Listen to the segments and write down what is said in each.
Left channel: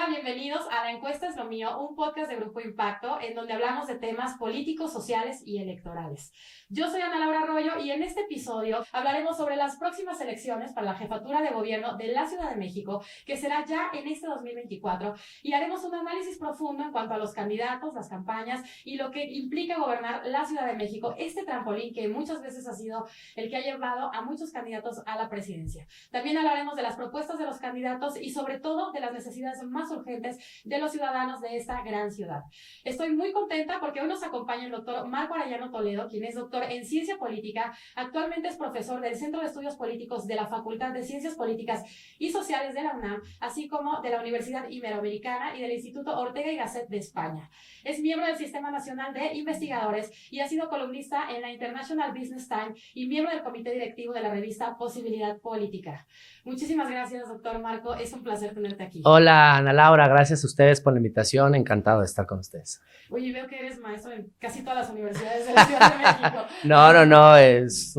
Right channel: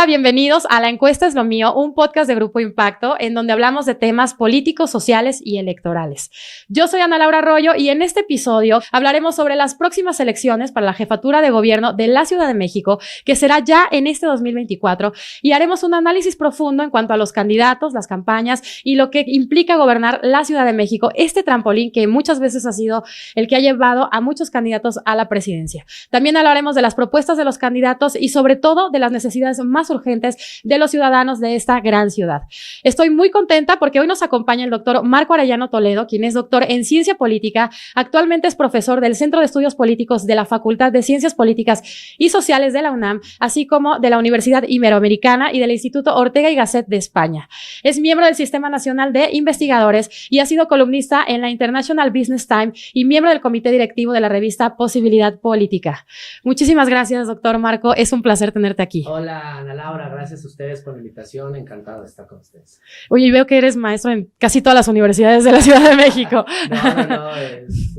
Hola, bienvenidos a La Encuesta es lo mío, un podcast de Grupo Impacto en donde hablamos de temas políticos, sociales y electorales. Yo soy Ana Laura Arroyo y en este episodio hablaremos sobre las próximas elecciones para la jefatura de gobierno de la Ciudad de México, que será ya en este 2024, y haremos un análisis profundo en cuanto a los candidatos, las campañas y lo que implica gobernar la Ciudad de México, este trampolín que muchas veces ha sido el que ha llevado a muchos candidatos a la presidencia. También hablaremos de las propuestas de los candidatos y sobre todo de las necesidades más urgentes de los ciudadanos de esta gran ciudad. Estoy muy contenta porque hoy nos acompaña el doctor Marco Arellano Toledo, quien es doctor en Ciencia Política, actualmente es profesor del Centro de Estudios Políticos de la Facultad de Ciencias Políticas y Sociales de la UNAM, así como de la Universidad Iberoamericana y del Instituto Ortega y Gasset de España. Es miembro del Sistema Nacional de Investigadores y ha sido columnista en la International Business Times y miembro del comité directivo de la revista Posibilidad Política. Muchísimas gracias, doctor Marco. Es un placer tenerte aquí. Hola, Ana Laura. Gracias a ustedes por la invitación. Encantado de estar con ustedes. Oye, veo que eres maestro en casi todas las universidades de la Ciudad de México. No. Es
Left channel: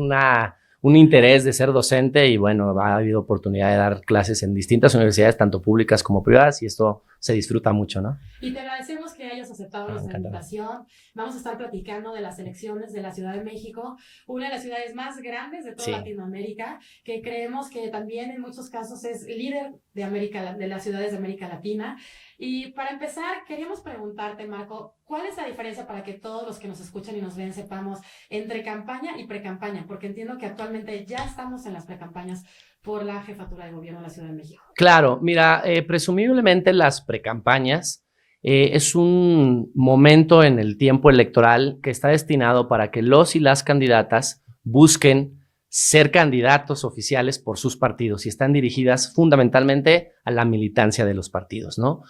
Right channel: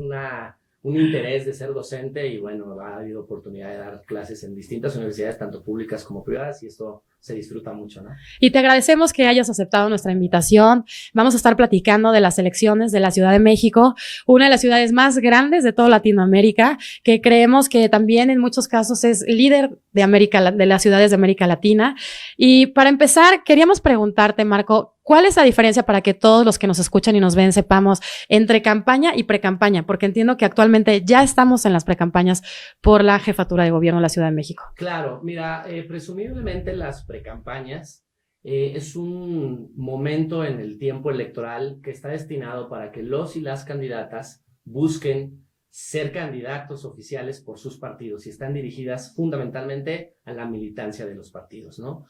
un interés de ser docente y bueno, ha habido oportunidad de dar clases en distintas universidades, tanto públicas como privadas, y esto se disfruta mucho, ¿no? Y te agradecemos que hayas aceptado nuestra invitación. Vamos a estar platicando de las elecciones de la Ciudad de México, una de las ciudades más grandes de toda Latinoamérica, que creemos que también en muchos casos es líder de las ciudades de América Latina. Y para empezar, queríamos preguntarte, Marco, ¿cuál es la diferencia para que todos los que nos escuchan y nos ven sepamos entre campaña y precampaña? Porque entiendo que actualmente ya estamos en las precampañas por la jefatura de gobierno de la Ciudad de México. Claro, mira, presumiblemente las precampañas es un momento en el tiempo electoral que está destinado para que los y las candidatas busquen ser candidatos oficiales por sus partidos y están dirigidas fundamentalmente a la militancia de los partidos, ¿no?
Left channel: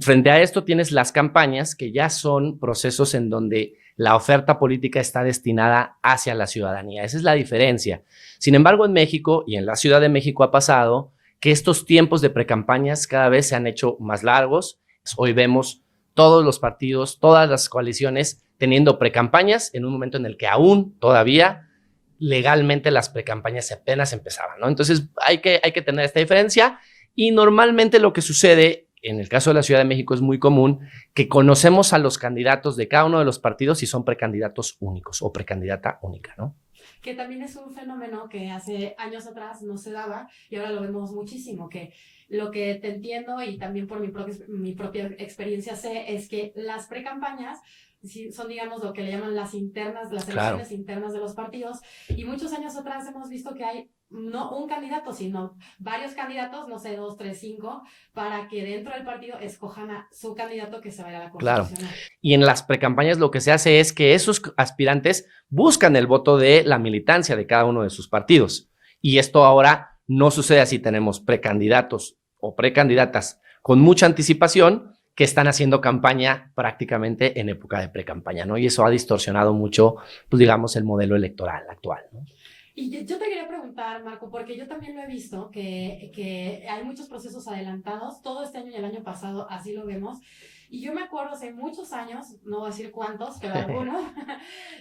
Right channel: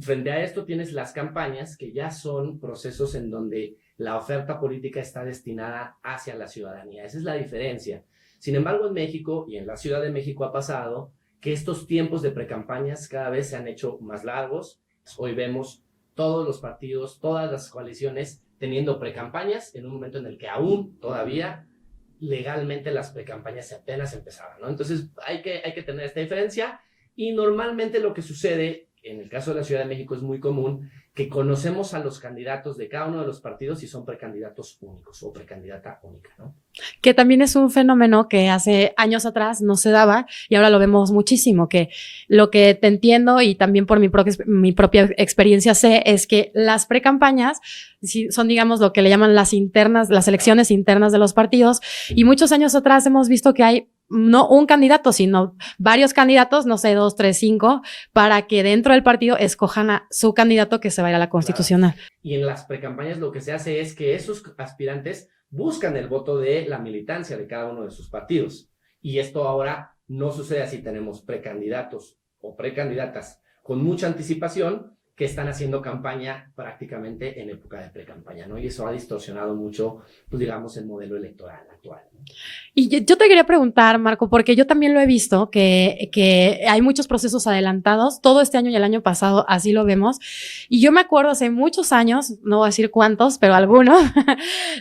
Frente a esto tienes las campañas, que ya son procesos en donde la oferta política está destinada hacia la ciudadanía. Esa es la diferencia. Sin embargo, en México y en la Ciudad de México ha pasado que estos tiempos de precampañas cada vez se han hecho más largos. Hoy vemos todos los partidos, todas las coaliciones teniendo precampañas en un momento en el que aún todavía legalmente las precampañas apenas empezaban, ¿no? Entonces hay que tener esta diferencia y normalmente lo que sucede en el caso de la Ciudad de México es muy común que conocemos a los candidatos de cada uno de los partidos y son precandidatos únicos o precandidata única, ¿no? Que también es un fenómeno que hace años atrás no se daba y ahora lo vemos muchísimo, que lo que te entiendo y también por mi propia experiencia sé es que las precampañas son, digamos, lo que le llaman las internas, las elecciones internas de los partidos, y muchos años atrás hemos visto que hay no un candidato, sino varios candidatos, no sé, 2, 3, 5, para que dentro del partido escojan a su candidato que se va a ir a la constitucional. Claro. Y en las precampañas lo que se hace es que esos aspirantes buscan el voto de la militancia de cada uno de sus partidos. Y esto ahora no sucede así. Tenemos precandidatos o precandidatas con mucha anticipación que están haciendo campaña prácticamente en época de precampaña, ¿no? Y eso ha distorsionado mucho, pues digamos, el modelo electoral actual, ¿no? Y yo te quería preguntar, Marco, porque yo también lo he visto, que hay muchos procesos adelantados, todo este año y el año pasado así lo vemos, y yo me acuerdo hace muchos años, no voy a decir cuántos, pero algunos,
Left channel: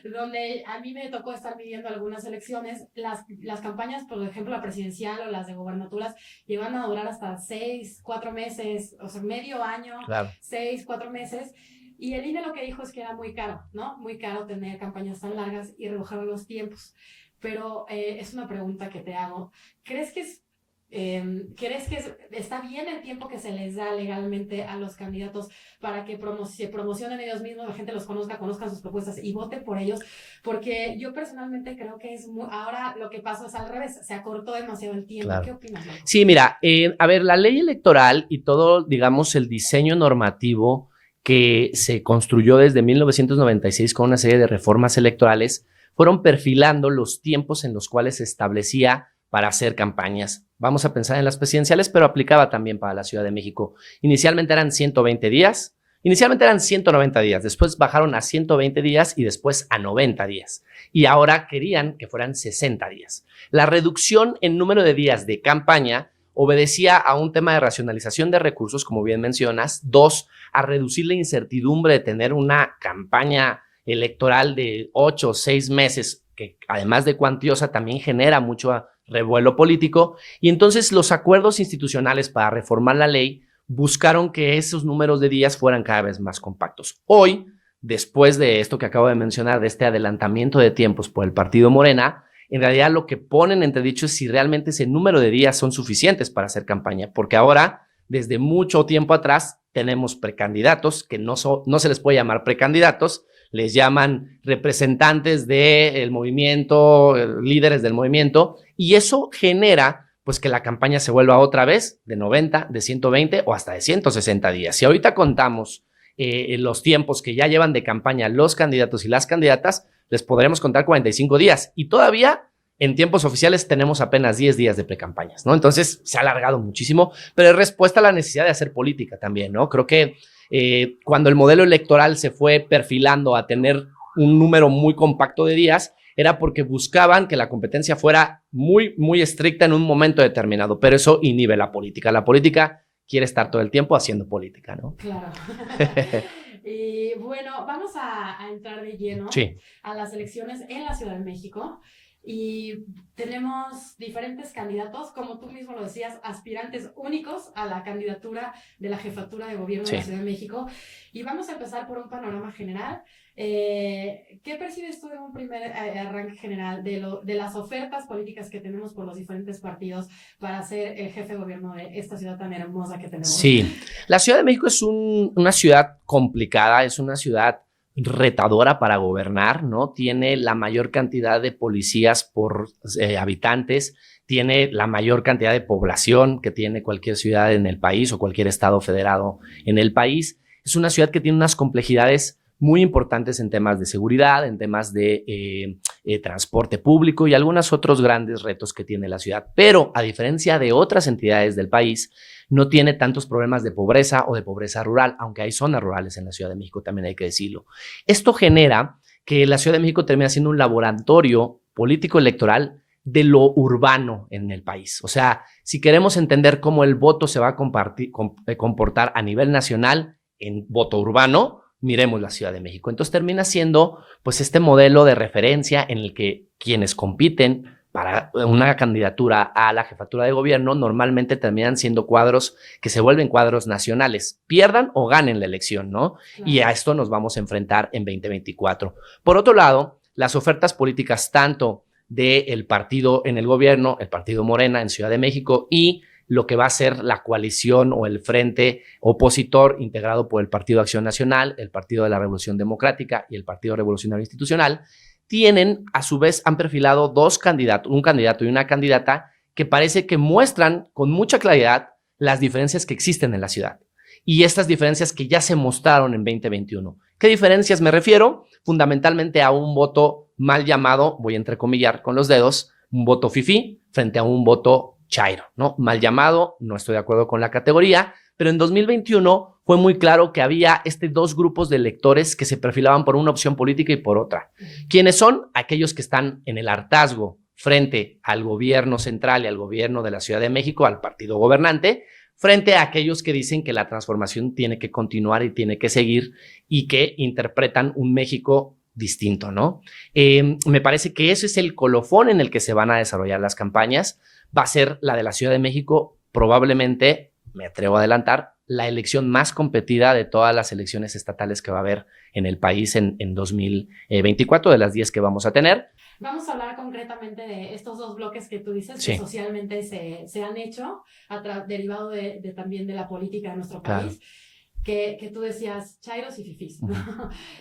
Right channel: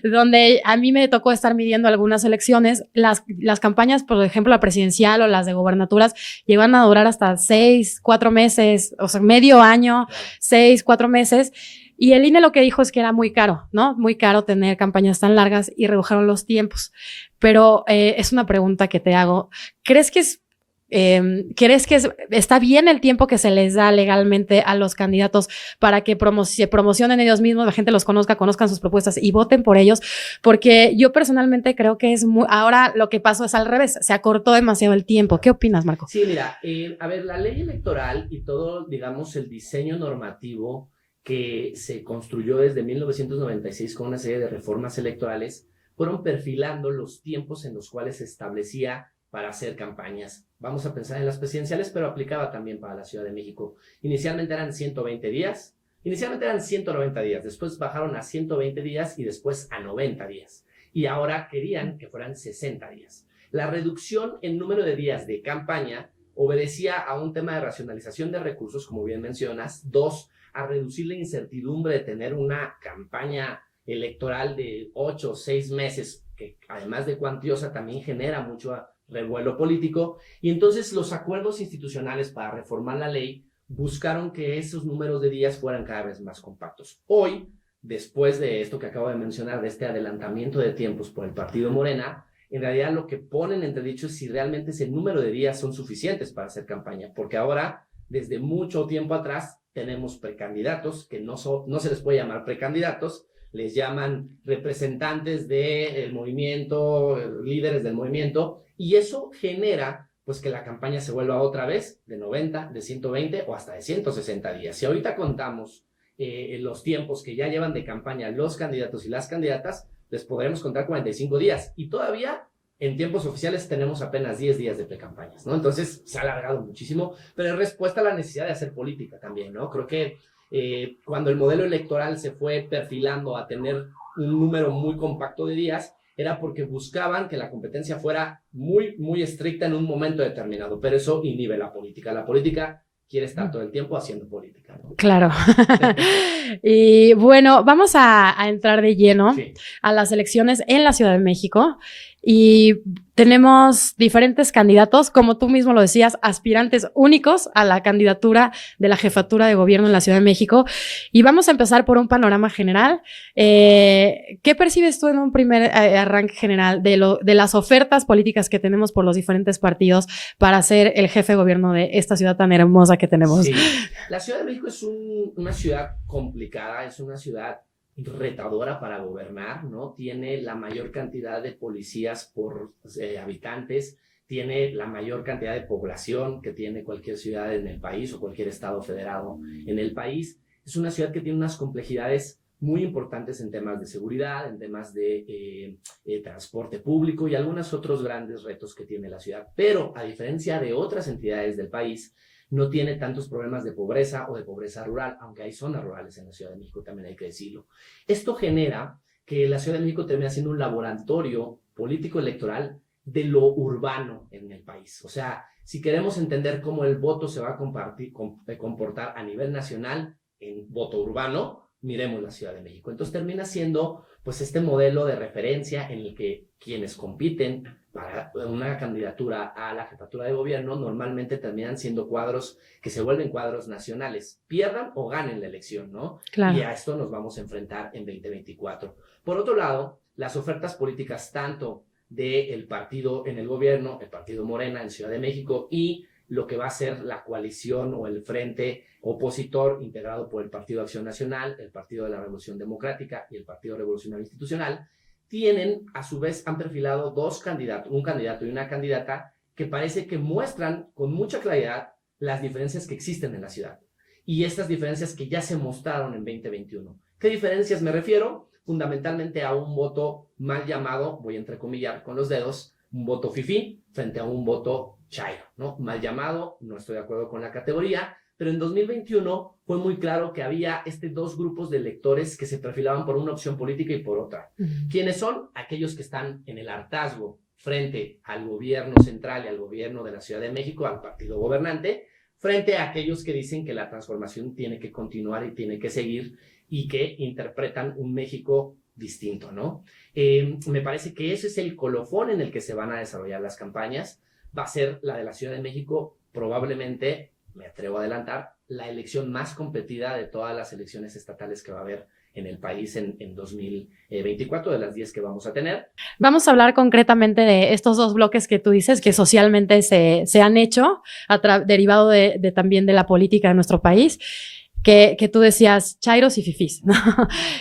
donde a mí me tocó estar midiendo algunas elecciones, las campañas, por ejemplo, la presidencial o las de gobernaturas, llevan a durar hasta 6, 4 meses, o sea, medio año, 6, 4 meses, y el INE lo que dijo es que era muy caro, ¿no? Muy caro tener campañas tan largas y redujeron los tiempos. Pero es una pregunta que te hago. ¿Crees que está bien el tiempo que se les da legalmente a los candidatos para que se promocionen ellos mismos, la gente los conozcan sus propuestas y voten por ellos? Porque yo personalmente creo que ahora lo que pasó es al revés, se acortó demasiado el tiempo. Claro. ¿Qué opinas, Marco? Sí, mira, a ver, la ley electoral y todo, digamos, el diseño normativo que se construyó desde 1996 con una serie de reformas electorales fueron perfilando los tiempos en los cuales se establecía para hacer campañas. Vamos a pensar en las presidenciales, pero aplicaba también para la Ciudad de México. Inicialmente eran 120 días, inicialmente eran 190 días, después bajaron a 120 días y después a 90 días. Y ahora querían que fueran 60 días. La reducción en número de días de campaña obedecía a un tema de racionalización de recursos, como bien mencionas. 2, a reducir la incertidumbre de tener una campaña electoral de 8 o 6 meses, que además de cuantiosa también genera mucho revuelo político. Y entonces los acuerdos institucionales para reformar la ley buscaron que esos números de días fueran cada vez más compactos. Hoy, después de esto que acabo de mencionar, de este adelantamiento de tiempos por el partido Morena, en realidad lo que ponen entredicho es si realmente ese número de días son suficientes para hacer campaña, porque ahora, desde mucho tiempo atrás, tenemos precandidatos que no se les puede llamar precandidatos, les llaman representantes del movimiento, líderes del movimiento, y eso genera pues que la campaña se vuelva otra vez de 90, de 120 o hasta de 160 días. Si ahorita contamos los tiempos que ya llevan de campaña los candidatos y las candidatas, les podremos contar 45 días y todavía en tiempos oficiales tenemos apenas 10 días de precampañas, ¿no? Entonces se ha alargado muchísimo, pero es respuesta a la necesidad de hacer política también, ¿no? Creo que cuando el modelo electoral se fue perfilando a tener un número muy compacto de días, era porque buscaban que la competencia fuera muy, muy estricta en un momento determinado, pero eso inhibe la política. La política quiere estar todo el tiempo haciendo política, ¿no? Claro. Y bueno, vamos a entrar de lleno a las elecciones en la Ciudad de México. Y tenemos diferentes candidatos, como tú mismo lo decías, aspirantes únicos a la candidatura de la jefatura de gobierno en la Ciudad de México. Y vamos a empezar por un panorama general. ¿Qué percibes tú en un primer arranque general de las ofertas políticas que tenemos por los diferentes partidos para ser el jefe de gobierno de esta ciudad tan hermosa que tenemos? Sí, la Ciudad de México es una ciudad complicada, es una ciudad retadora para gobernar, ¿no? Tiene la mayor cantidad de policías por habitantes, tiene la mayor cantidad de población que tiene cualquier ciudad en el país o cualquier estado federado en el país. Es una ciudad que tiene unas complejidades muy importantes en temas de seguridad, en temas de transporte público y algunos otros grandes retos que tiene la ciudad. Pero a diferencia de otras entidades del país, no tiene tantos problemas de pobreza o de pobreza rural, aunque hay zonas rurales en la Ciudad de México, también hay que decirlo. Esto genera que la Ciudad de México termina siendo un laboratorio político electoral de lo urbano en el país. O sea, si queremos entender cómo el voto se va a comportar a nivel nacional en voto urbano, miremos la Ciudad de México. Entonces termina siendo pues este modelo de referencia en el que quienes compiten para una candidatura a la jefatura de gobierno normalmente terminan siendo cuadros que se vuelven cuadros nacionales, pierdan o ganen la elección, ¿no? Claro. Y a esto nos vamos a enfrentar en 2024. Por otro lado, las ofertas políticas tanto del partido en el gobierno, el partido Morena en Ciudad de México y lo que va a ser la coalición o el frente opositor integrado por el Partido Acción Nacional, el Partido de la Revolución Democrática y el Partido Revolucionario Institucional, a su vez, han perfilado dos candidatos, un candidato y una candidata que parece que muestran con mucha claridad las diferencias que existen en la ciudad y estas diferencias que ya se mostraron en 2021. ¿Qué diferencias me refiero? Fundamentalmente a un voto mal llamado, voy a entrecomillar con los dedos, un voto fifí frente a un voto chairo, ¿no? Mal llamado, no estoy de acuerdo con la categoría, pero en 2021 fue muy claro que había dos grupos de electores que se perfilaban por una opción política y por otra. ¿Quiénes son? Aquellos que están en el hartazgo frente al gobierno central y al gobierno de la Ciudad de México, al partido gobernante, frente a aquellos que dicen que la transformación tiene que continuar y tiene que seguir y que interpretan un México distinto, ¿no? Me parece que ese es el colofón en el que se van a desarrollar las campañas. Va a ser la de la Ciudad de México, probablemente, me atrevo a adelantar, la elección más competida de todas las elecciones estatales que va a haber en el país en 2024, de las 10 que vamos a tener. Vamos a hablar concretamente de estos dos bloques que tú dices, que socialmente se han hecho, derivado también de la política de nuestro país. Que tú decías chairos y fifís, ¿no?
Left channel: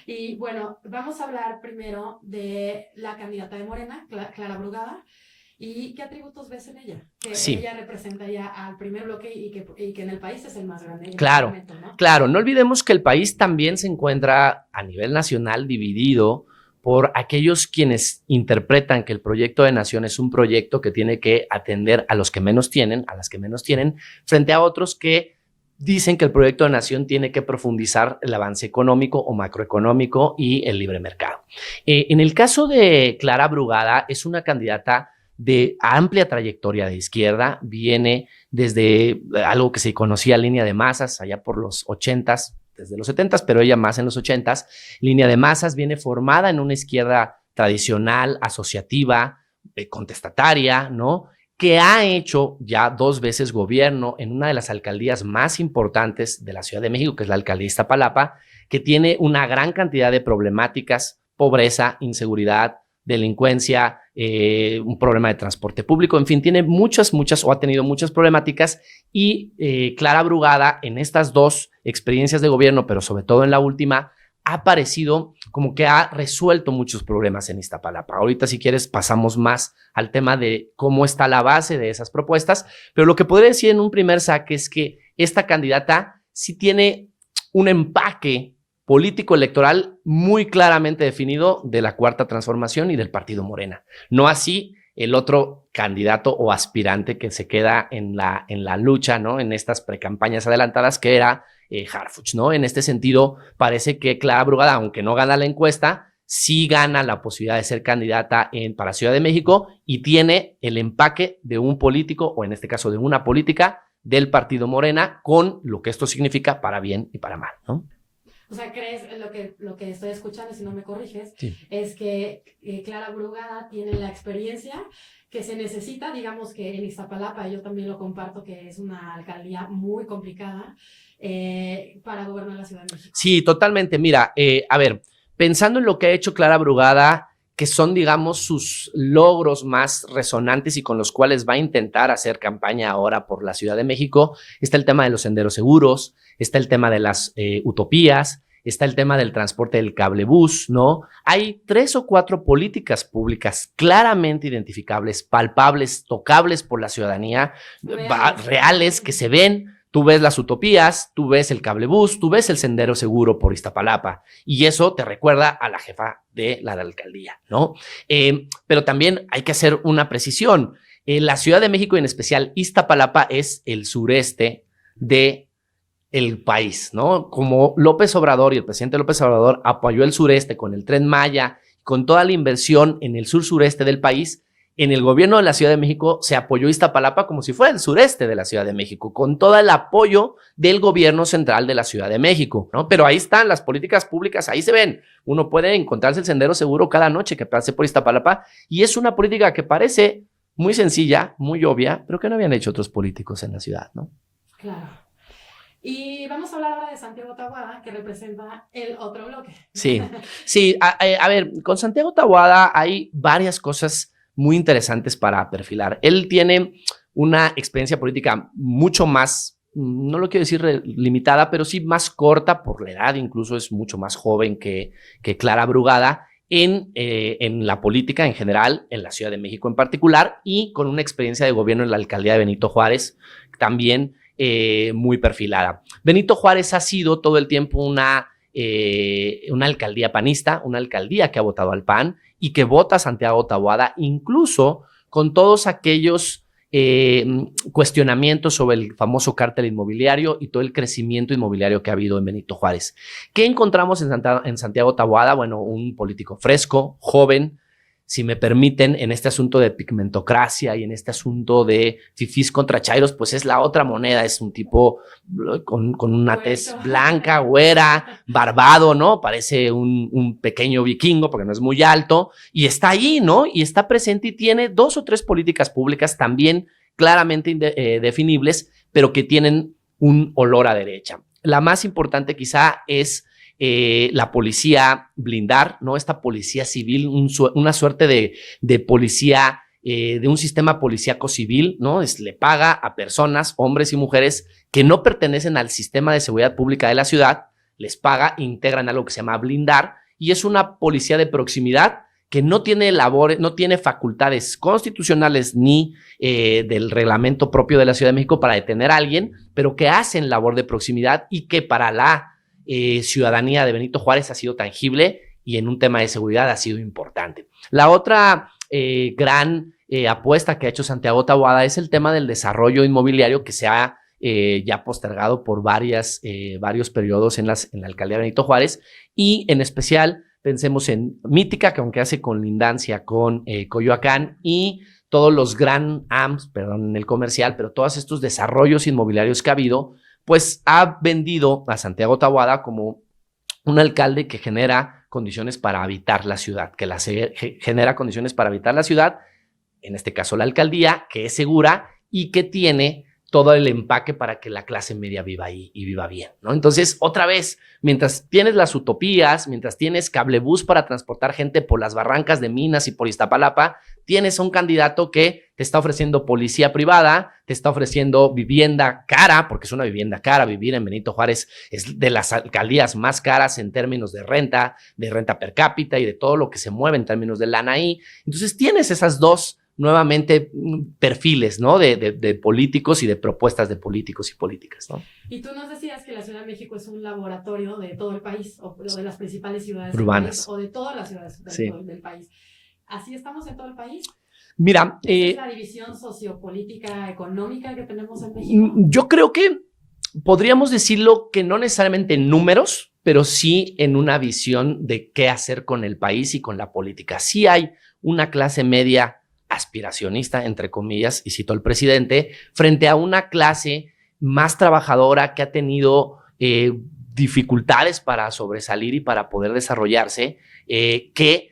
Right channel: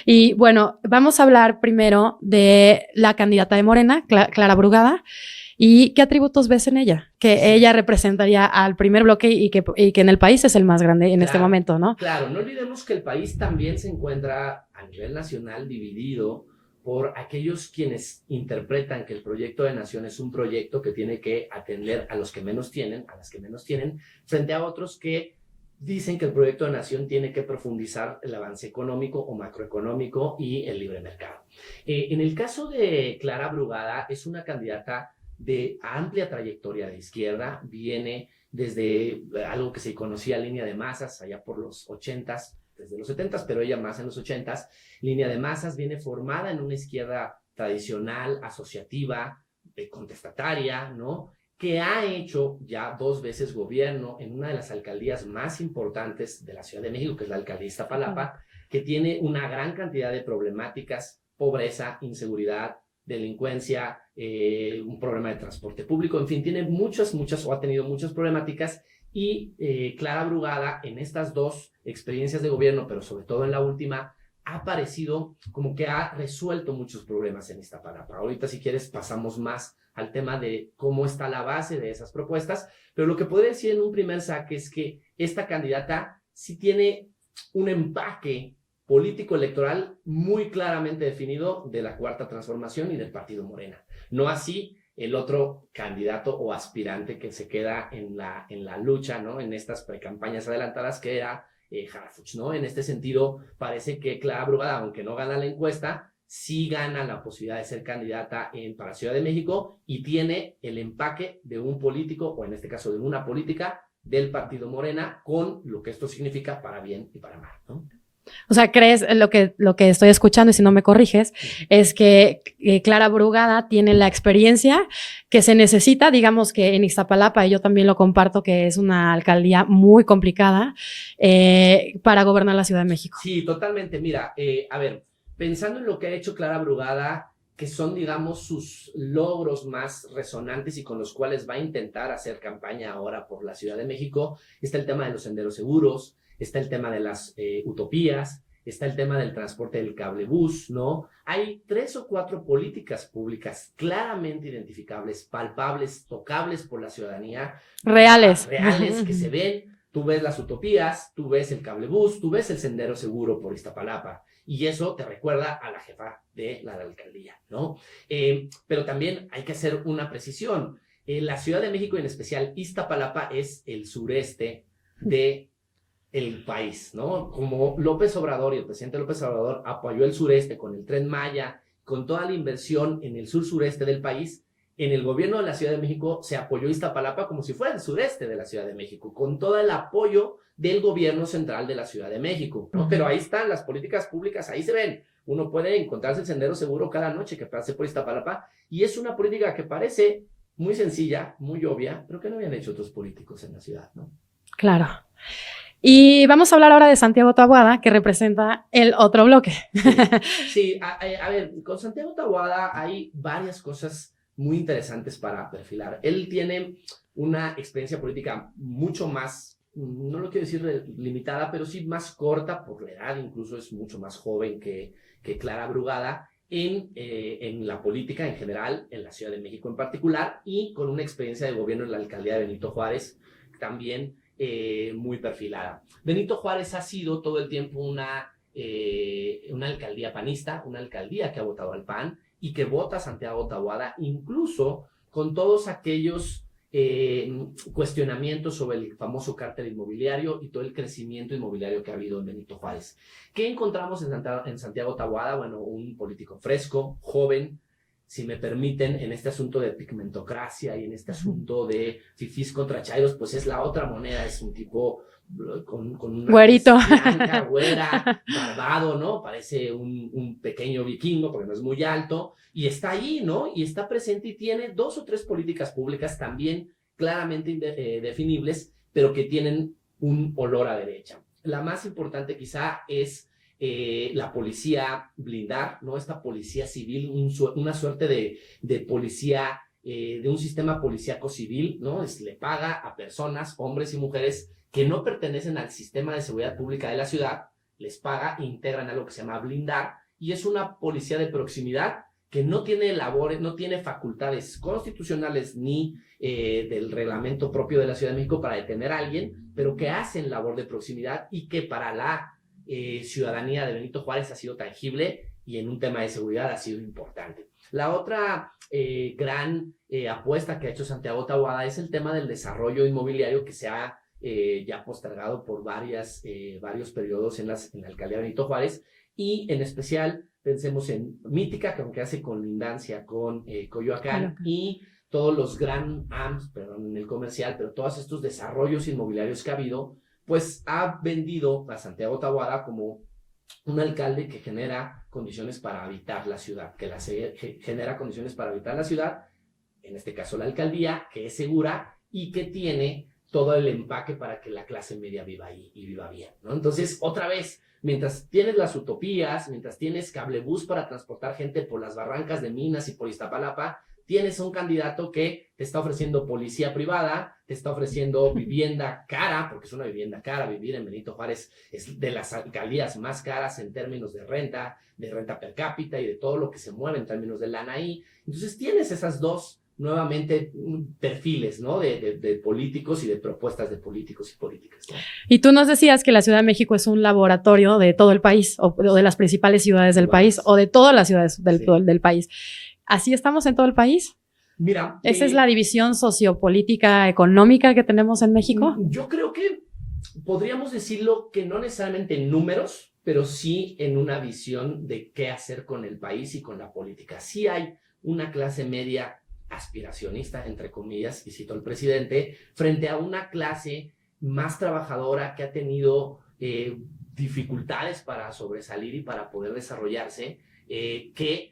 Y bueno, vamos a hablar primero de la candidata de Morena, Clara Brugada. ¿Y qué atributos ves en ella? Que ella representaría al primer bloque y que en el país es el más grande en este momento, ¿no? Claro, no olvidemos que el país también se encuentra a nivel nacional dividido por aquellos quienes interpretan que el proyecto de nación es un proyecto que tiene que atender a los que menos tienen, a las que menos tienen, frente a otros que dicen que el proyecto de nación tiene que profundizar el avance económico o macroeconómico y el libre mercado. En el caso de Clara Brugada, es una candidata de amplia trayectoria de izquierda, viene desde algo que se conocía línea de masas allá por los 80s, desde los 70s, pero ella más en los 80s. Línea de masas viene formada en una izquierda tradicional, asociativa, contestataria, ¿no? que ha hecho ya 2 veces gobierno en una de las alcaldías más importantes de la Ciudad de México, que es la alcaldía Iztapalapa, que tiene una gran cantidad de problemáticas: pobreza, inseguridad, delincuencia, un problema de transporte público, en fin, tiene muchas o ha tenido muchas problemáticas. Y Clara Brugada, en estas 2 experiencias de gobierno, pero sobre todo en la última, ha parecido como que ha resuelto muchos problemas en Iztapalapa. Ahorita, si quieres, pasamos más al tema de cómo está la base de esas propuestas, pero lo que podría decir en un primer saque es que esta candidata sí tiene un empaque político electoral muy claramente definido de la Cuarta Transformación y del Partido Morena. No así el otro candidato o aspirante que se queda en la lucha, ¿no? En estas precampañas adelantadas, que era Harfuch, ¿no? En este sentido, parece que Clara Brugada, aunque no gana la encuesta, sí gana la posibilidad de ser candidata para Ciudad de México y tiene el empaque de un político, o en este caso de una política del Partido Morena, con lo que esto significa para bien y para mal, ¿no? O sea, ¿crees lo que estoy escuchando, y si no me corriges, es que Clara Brugada tiene la experiencia que se necesita? Digamos que en Iztapalapa, y yo también lo comparto, que es una alcaldía muy complicada para gobernar la Ciudad de México. Sí, totalmente. Mira, a ver, pensando en lo que ha hecho Clara Brugada, que son, digamos, sus logros más resonantes y con los cuales va a intentar hacer campaña ahora por la Ciudad de México, está el tema de los senderos seguros, está el tema de las utopías, está el tema del transporte del cablebús, ¿no? Hay 3 o 4 políticas públicas claramente identificables, palpables, tocables por la ciudadanía, reales que se ven. Tú ves las utopías, tú ves el cablebús, tú ves el sendero seguro por Iztapalapa, y eso te recuerda a la jefa de la alcaldía, ¿no? Pero también hay que hacer una precisión. La Ciudad de México, y en especial Iztapalapa, es el sureste del país, ¿no? Como López Obrador y el presidente López Obrador apoyó el sureste con el Tren Maya, con toda la inversión en el sur-sureste del país, en el gobierno de la Ciudad de México se apoyó Iztapalapa como si fuera el sureste de la Ciudad de México, con todo el apoyo del gobierno central de la Ciudad de México, ¿no? Pero ahí están las políticas públicas, ahí se ven. Uno puede encontrarse el sendero seguro cada noche que pase por Iztapalapa, y es una política que parece muy sencilla, muy obvia, pero que no habían hecho otros políticos en la ciudad, ¿no? Claro. Y vamos a hablar ahora de Santiago Taboada, que representa el otro bloque. Sí. A ver, con Santiago Taboada hay varias cosas muy interesantes para perfilar. Él tiene una experiencia política mucho más, no lo quiero decir limitada, pero sí más corta por la edad, incluso es mucho más joven que Clara Brugada en la política en general, en la Ciudad de México en particular, y con una experiencia de gobierno en la alcaldía de Benito Juárez también muy perfilada. Benito Juárez ha sido todo el tiempo una alcaldía panista, una alcaldía que ha votado al PAN y que vota a Santiago Taboada, incluso con todos aquellos cuestionamientos sobre el famoso cártel inmobiliario y todo el crecimiento inmobiliario que ha habido en Benito Juárez. ¿Qué encontramos en Santiago Taboada? Bueno, un político fresco, joven, si me permiten, en este asunto de pigmentocracia y en este asunto de fifís contra chairos, pues es la otra moneda. Es un tipo con una tez blanca, güera, barbado, ¿no? Parece un pequeño vikingo porque no es muy alto, y está ahí, ¿no? Y está presente y tiene 2 o 3 políticas públicas también claramente definibles, pero que tienen un olor a derecha. La más importante quizá es la policía blindar, ¿no? Esta policía civil, una suerte de policía, de un sistema policíaco civil, ¿no? Le paga a personas, hombres y mujeres, que no pertenecen al sistema de seguridad pública de la ciudad, les paga, integran algo que se llama blindar, y es una policía de proximidad que no tiene labores, no tiene facultades constitucionales ni del reglamento propio de la Ciudad de México para detener a alguien, pero que hacen labor de proximidad y que para la ciudadanía de Benito Juárez ha sido tangible y en un tema de seguridad ha sido importante. La otra gran apuesta que ha hecho Santiago Taboada es el tema del desarrollo inmobiliario, que se ha ya postergado por varios periodos en la alcaldía de Benito Juárez, y en especial pensemos en Mítica, que aunque hace colindancia con Coyoacán, y todos los Grand Ams, perdón, en el comercial, pero todos estos desarrollos inmobiliarios que ha habido, pues ha vendido a Santiago Taboada como un alcalde que genera condiciones para habitar la ciudad, genera condiciones para habitar la ciudad en este caso la alcaldía, que es segura y que tiene todo el empaque para que la clase media viva ahí y viva bien, ¿no? Entonces, otra vez, mientras tienes las utopías, mientras tienes cablebús para transportar gente por las barrancas de Minas y por Iztapalapa, tienes un candidato que te está ofreciendo policía privada, te está ofreciendo vivienda cara, porque es una vivienda cara. Vivir en Benito Juárez es de las alcaldías más caras en términos de renta per cápita y de todo lo que se mueve en términos de lana ahí. Entonces, tienes esas dos nuevamente perfiles, ¿no? De políticos y de propuestas de políticos y políticas, ¿no? Y tú nos decías que la Ciudad de México es un laboratorio de todo el país, o de las principales ciudades del país, o de todas las ciudades del país. ¿Así estamos en todo el país? Mira, ¿esa es la división sociopolítica económica que tenemos en México? Yo creo que podríamos decirlo que no necesariamente en números, pero sí en una visión de qué hacer con el país y con la política. Sí hay una clase media aspiracionista, entre comillas, y cito al presidente, frente a una clase más trabajadora que ha tenido dificultades para sobresalir y para poder desarrollarse, que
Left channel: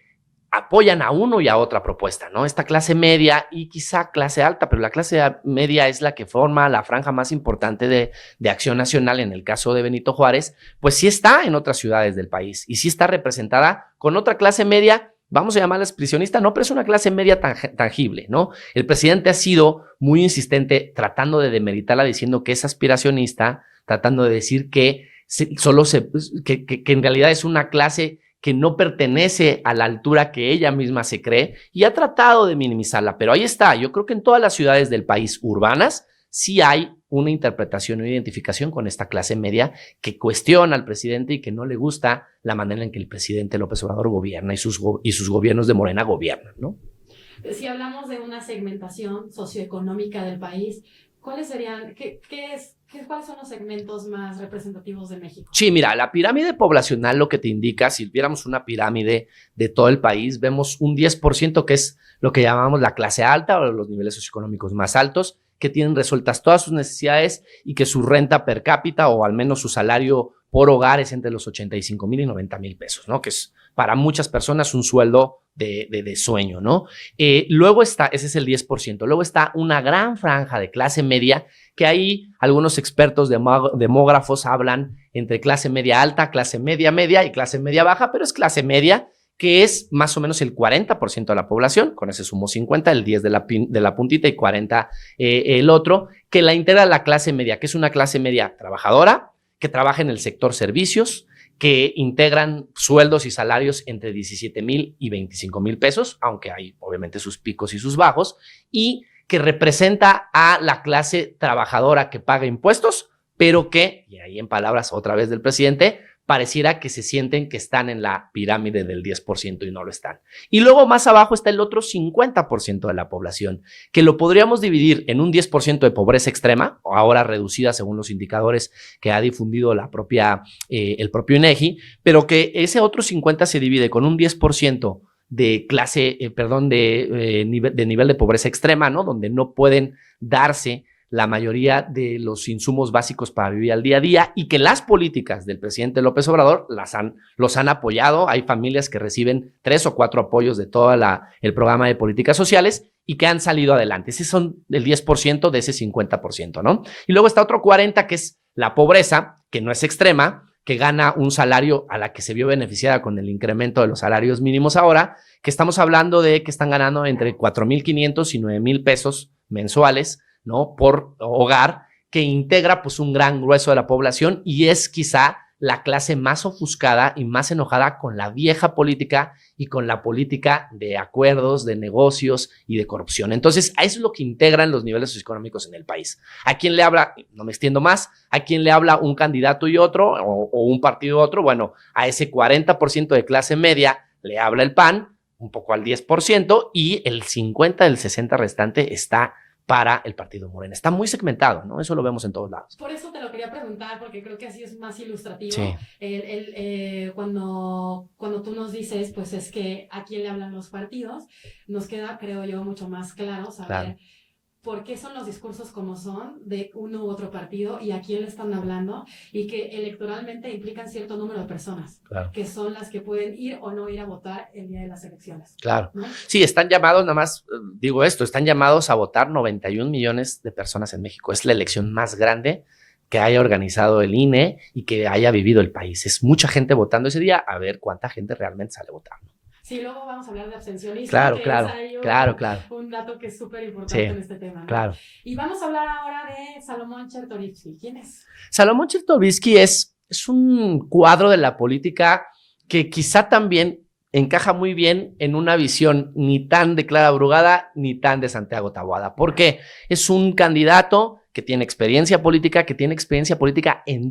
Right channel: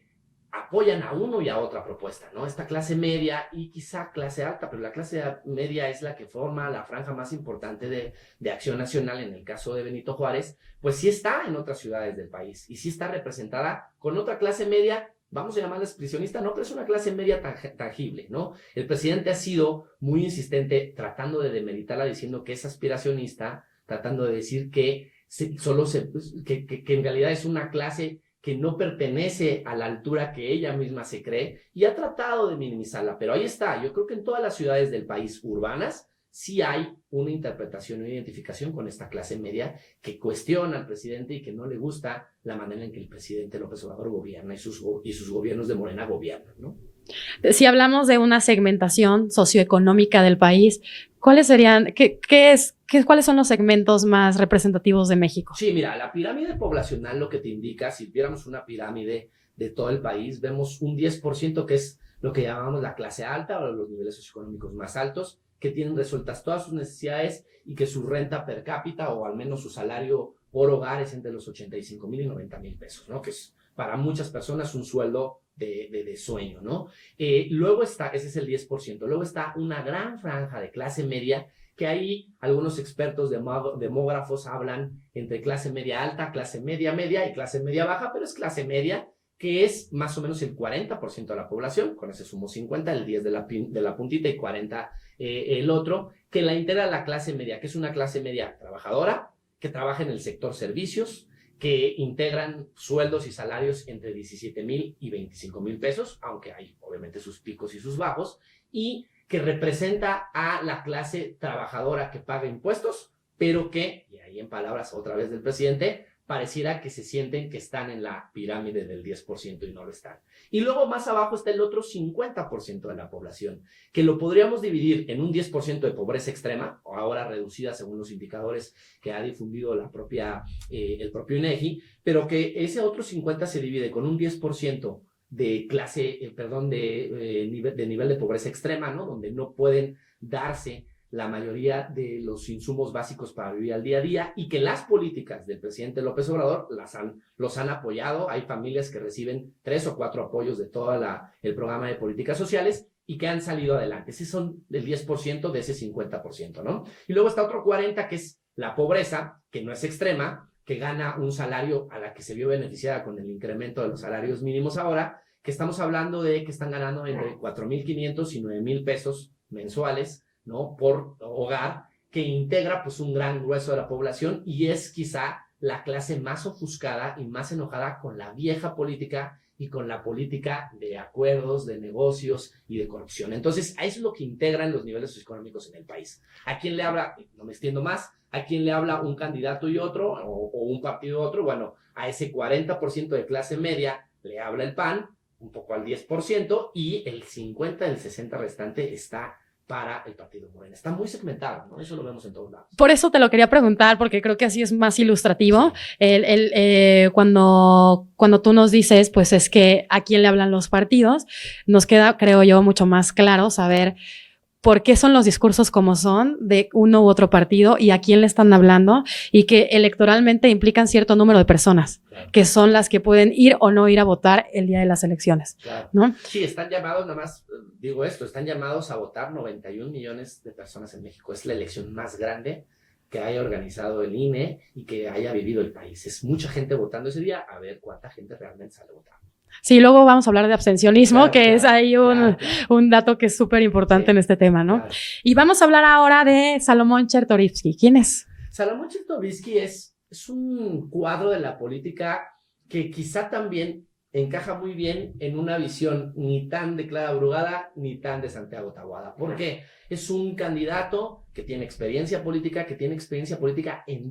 apoyan a uno y a otra propuesta, ¿no? Esta clase media y quizá clase alta, pero la clase media es la que forma la franja más importante de Acción Nacional en el caso de Benito Juárez, pues sí está en otras ciudades del país y sí está representada con otra clase media. Vamos a llamarla expresionista, no, pero es una clase media tangible, ¿no? El presidente ha sido muy insistente tratando de demeritarla, diciendo que es aspiracionista, tratando de decir que en realidad es una clase que no pertenece a la altura que ella misma se cree y ha tratado de minimizarla, pero ahí está. Yo creo que en todas las ciudades del país urbanas sí hay una interpretación o identificación con esta clase media que cuestiona al presidente y que no le gusta la manera en que el presidente López Obrador gobierna y sus gobiernos de Morena gobiernan, ¿no? Si hablamos de una segmentación socioeconómica del país, ¿cuáles serían, cuáles son los segmentos más representativos de México? Sí, mira, la pirámide poblacional lo que te indica, si viéramos una pirámide de todo el país, vemos un 10% que es lo que llamamos la clase alta o los niveles socioeconómicos más altos, que tienen resueltas todas sus necesidades y que su renta per cápita o al menos su salario por hogar es entre los 85,000 y 90,000 pesos, ¿no? Que es para muchas personas un sueldo de sueño, ¿no? Luego está, ese es el 10%, luego está una gran franja de clase media que ahí algunos expertos demógrafos hablan entre clase media alta, clase media media y clase media baja, pero es clase media que es más o menos el 40% de la población, con ese sumo 50, el 10 de la puntita y 40 el otro, que la integra la clase media, que es una clase media trabajadora, que trabaja en el sector servicios, que integran sueldos y salarios entre 17,000 y 25,000 pesos, aunque hay obviamente sus picos y sus bajos, y que representa a la clase trabajadora que paga impuestos, pero que, y ahí en palabras otra vez del presidente, pareciera que se sienten que están en la pirámide del 10% y no lo están. Y luego más abajo está el otro 50% de la población, que lo podríamos dividir en un 10% de pobreza extrema, o ahora reducida según los indicadores que ha difundido el propio INEGI, pero que ese otro 50% se divide con un 10% de nivel de pobreza extrema, ¿no? Donde no pueden darse la mayoría de los insumos básicos para vivir al día a día y que las políticas del presidente López Obrador los han apoyado. Hay familias que reciben 3 o 4 apoyos de todo el programa de políticas sociales y que han salido adelante. Ese son el 10% de ese 50%, ¿no? Y luego está otro 40% que es la pobreza, que no es extrema, que gana un salario a la que se vio beneficiada con el incremento de los salarios mínimos ahora, que estamos hablando de que están ganando entre 4,500 y 9,000 pesos mensuales, ¿no? Por hogar, que integra pues un gran grueso de la población y es quizá la clase más ofuscada y más enojada con la vieja política y con la política de acuerdos, de negocios y de corrupción. Entonces, a eso es lo que integran los niveles socioeconómicos en el país. ¿A quién le habla? No me extiendo más. ¿A quién le habla un candidato y otro o un partido y otro? Bueno, a ese 40% de clase media le habla el PAN, un poco al 10%, y el 50 del 60 restante está para el partido Morena. Está muy segmentado, ¿no? Eso lo vemos en todos lados. Por eso te lo quería preguntar, porque creo que así es más ilustrativo. Sí. Cuando tú nos dices, pues es que a quién le hablan los partidos, nos queda, creo yo, mucho más claro saber por qué son los discursos como son de uno u otro partido y a quién le están hablando, y que electoralmente implican cierto número de personas, claro, que son las que pueden ir o no ir a votar el día de las elecciones. Claro. ¿No? Sí, están llamados, nada más digo esto, están llamados a votar 91 millones de personas en México. Es la elección más grande que haya organizado el INE y que haya vivido el país. Es mucha gente votando ese día, a ver cuánta gente realmente sale votando. Sí, luego vamos a hablar de abstencionismo, claro, que claro, es ahí un dato que es súper importante, sí, en este tema, ¿no? Claro. Y vamos a hablar ahora de Salomón Chertorivsky. ¿Quién es? Salomón Chertorivsky es un cuadro de la política que quizá también encaja muy bien en una visión ni tan de Clara Brugada ni tan de Santiago Taboada, porque es un candidato que tiene experiencia política, en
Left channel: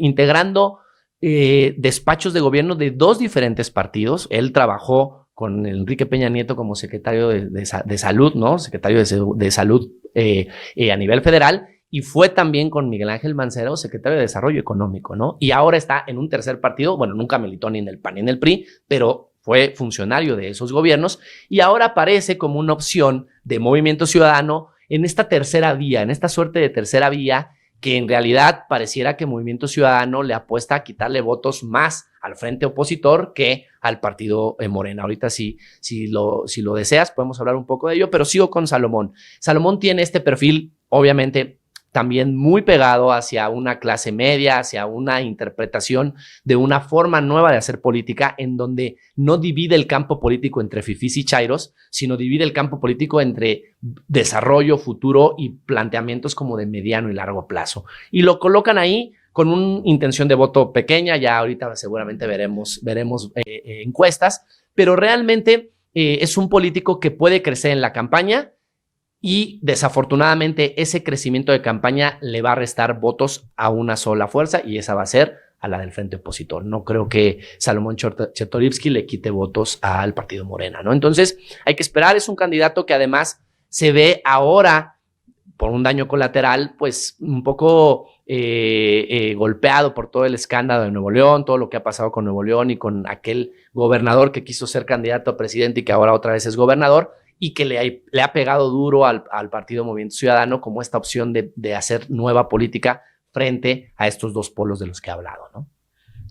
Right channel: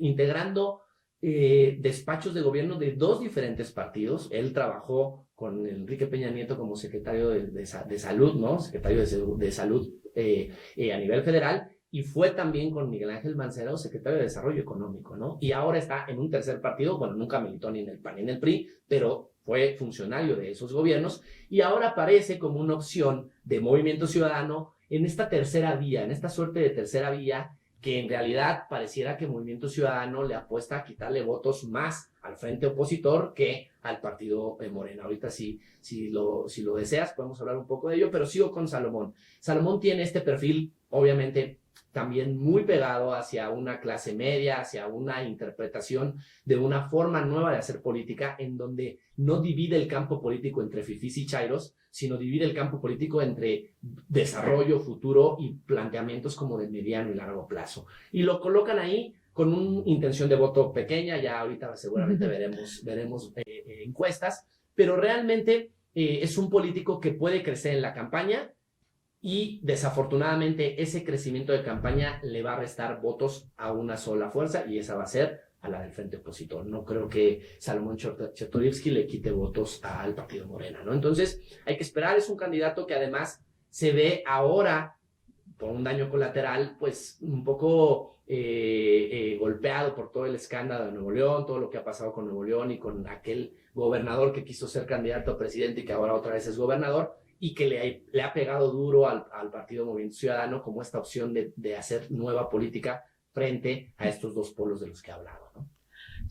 integrando despachos de gobierno de dos diferentes partidos. Él trabajó con Enrique Peña Nieto como secretario de salud, ¿no? Secretario de salud a nivel federal, y fue también con Miguel Ángel Mancera, secretario de Desarrollo Económico, ¿no? Y ahora está en un tercer partido, bueno, nunca militó ni en el PAN ni en el PRI, pero fue funcionario de esos gobiernos, y ahora aparece como una opción de Movimiento Ciudadano en esta tercera vía, en esta suerte de tercera vía, que en realidad pareciera que Movimiento Ciudadano le apuesta a quitarle votos más al frente opositor que al partido Morena. Ahorita si lo deseas podemos hablar un poco de ello, pero sigo con Salomón. Salomón tiene este perfil, obviamente, también muy pegado hacia una clase media, hacia una interpretación de una forma nueva de hacer política, en donde no divide el campo político entre fifís y chairos, sino divide el campo político entre desarrollo, futuro y planteamientos como de mediano y largo plazo. Y lo colocan ahí con una intención de voto pequeña, ya ahorita seguramente veremos encuestas, pero realmente es un político que puede crecer en la campaña, y desafortunadamente ese crecimiento de campaña le va a restar votos a una sola fuerza, y esa va a ser a la del frente opositor. No creo que Salomón Chertorivsky le quite votos al partido Morena, ¿no? Entonces hay que esperar. Es un candidato que además se ve ahora por un daño colateral, pues un poco golpeado por todo el escándalo de Nuevo León, todo lo que ha pasado con Nuevo León y con aquel gobernador que quiso ser candidato a presidente y que ahora otra vez es gobernador, y que le ha pegado duro al partido Movimiento Ciudadano como esta opción de hacer nueva política frente a estos dos polos de los que he hablado, ¿no?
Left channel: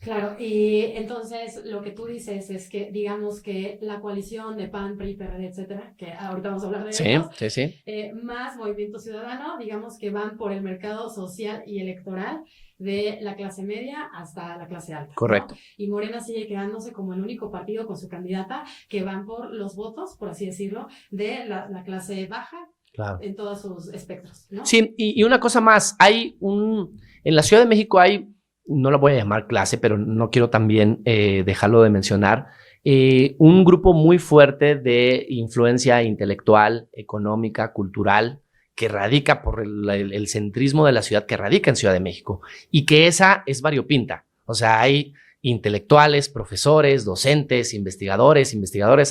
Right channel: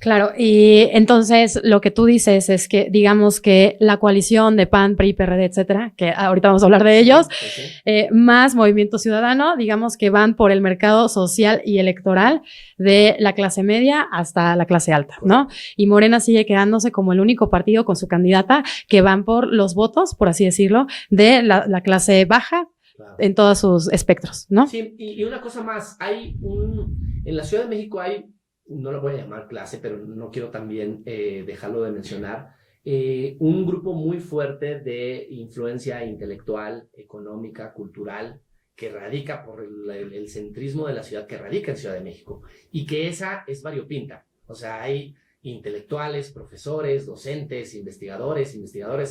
Claro, y entonces lo que tú dices es que digamos que la coalición de PAN, PRI, PRD, etcétera, que ahorita vamos a hablar de ellos, sí. Más Movimiento Ciudadano, digamos que van por el mercado social y electoral de la clase media hasta la clase alta, correcto, ¿no? Y Morena sigue quedándose como el único partido con su candidata que van por los votos, por así decirlo, de la clase baja, claro, en todos sus espectros, ¿no? Sí, y una cosa más, en la Ciudad de México hay, no la voy a llamar clase, pero no quiero también dejarlo de mencionar, un grupo muy fuerte de influencia intelectual, económica, cultural, que radica por el centrismo de la ciudad, que radica en Ciudad de México, y que esa es variopinta. O sea, hay intelectuales, profesores, docentes, investigadores,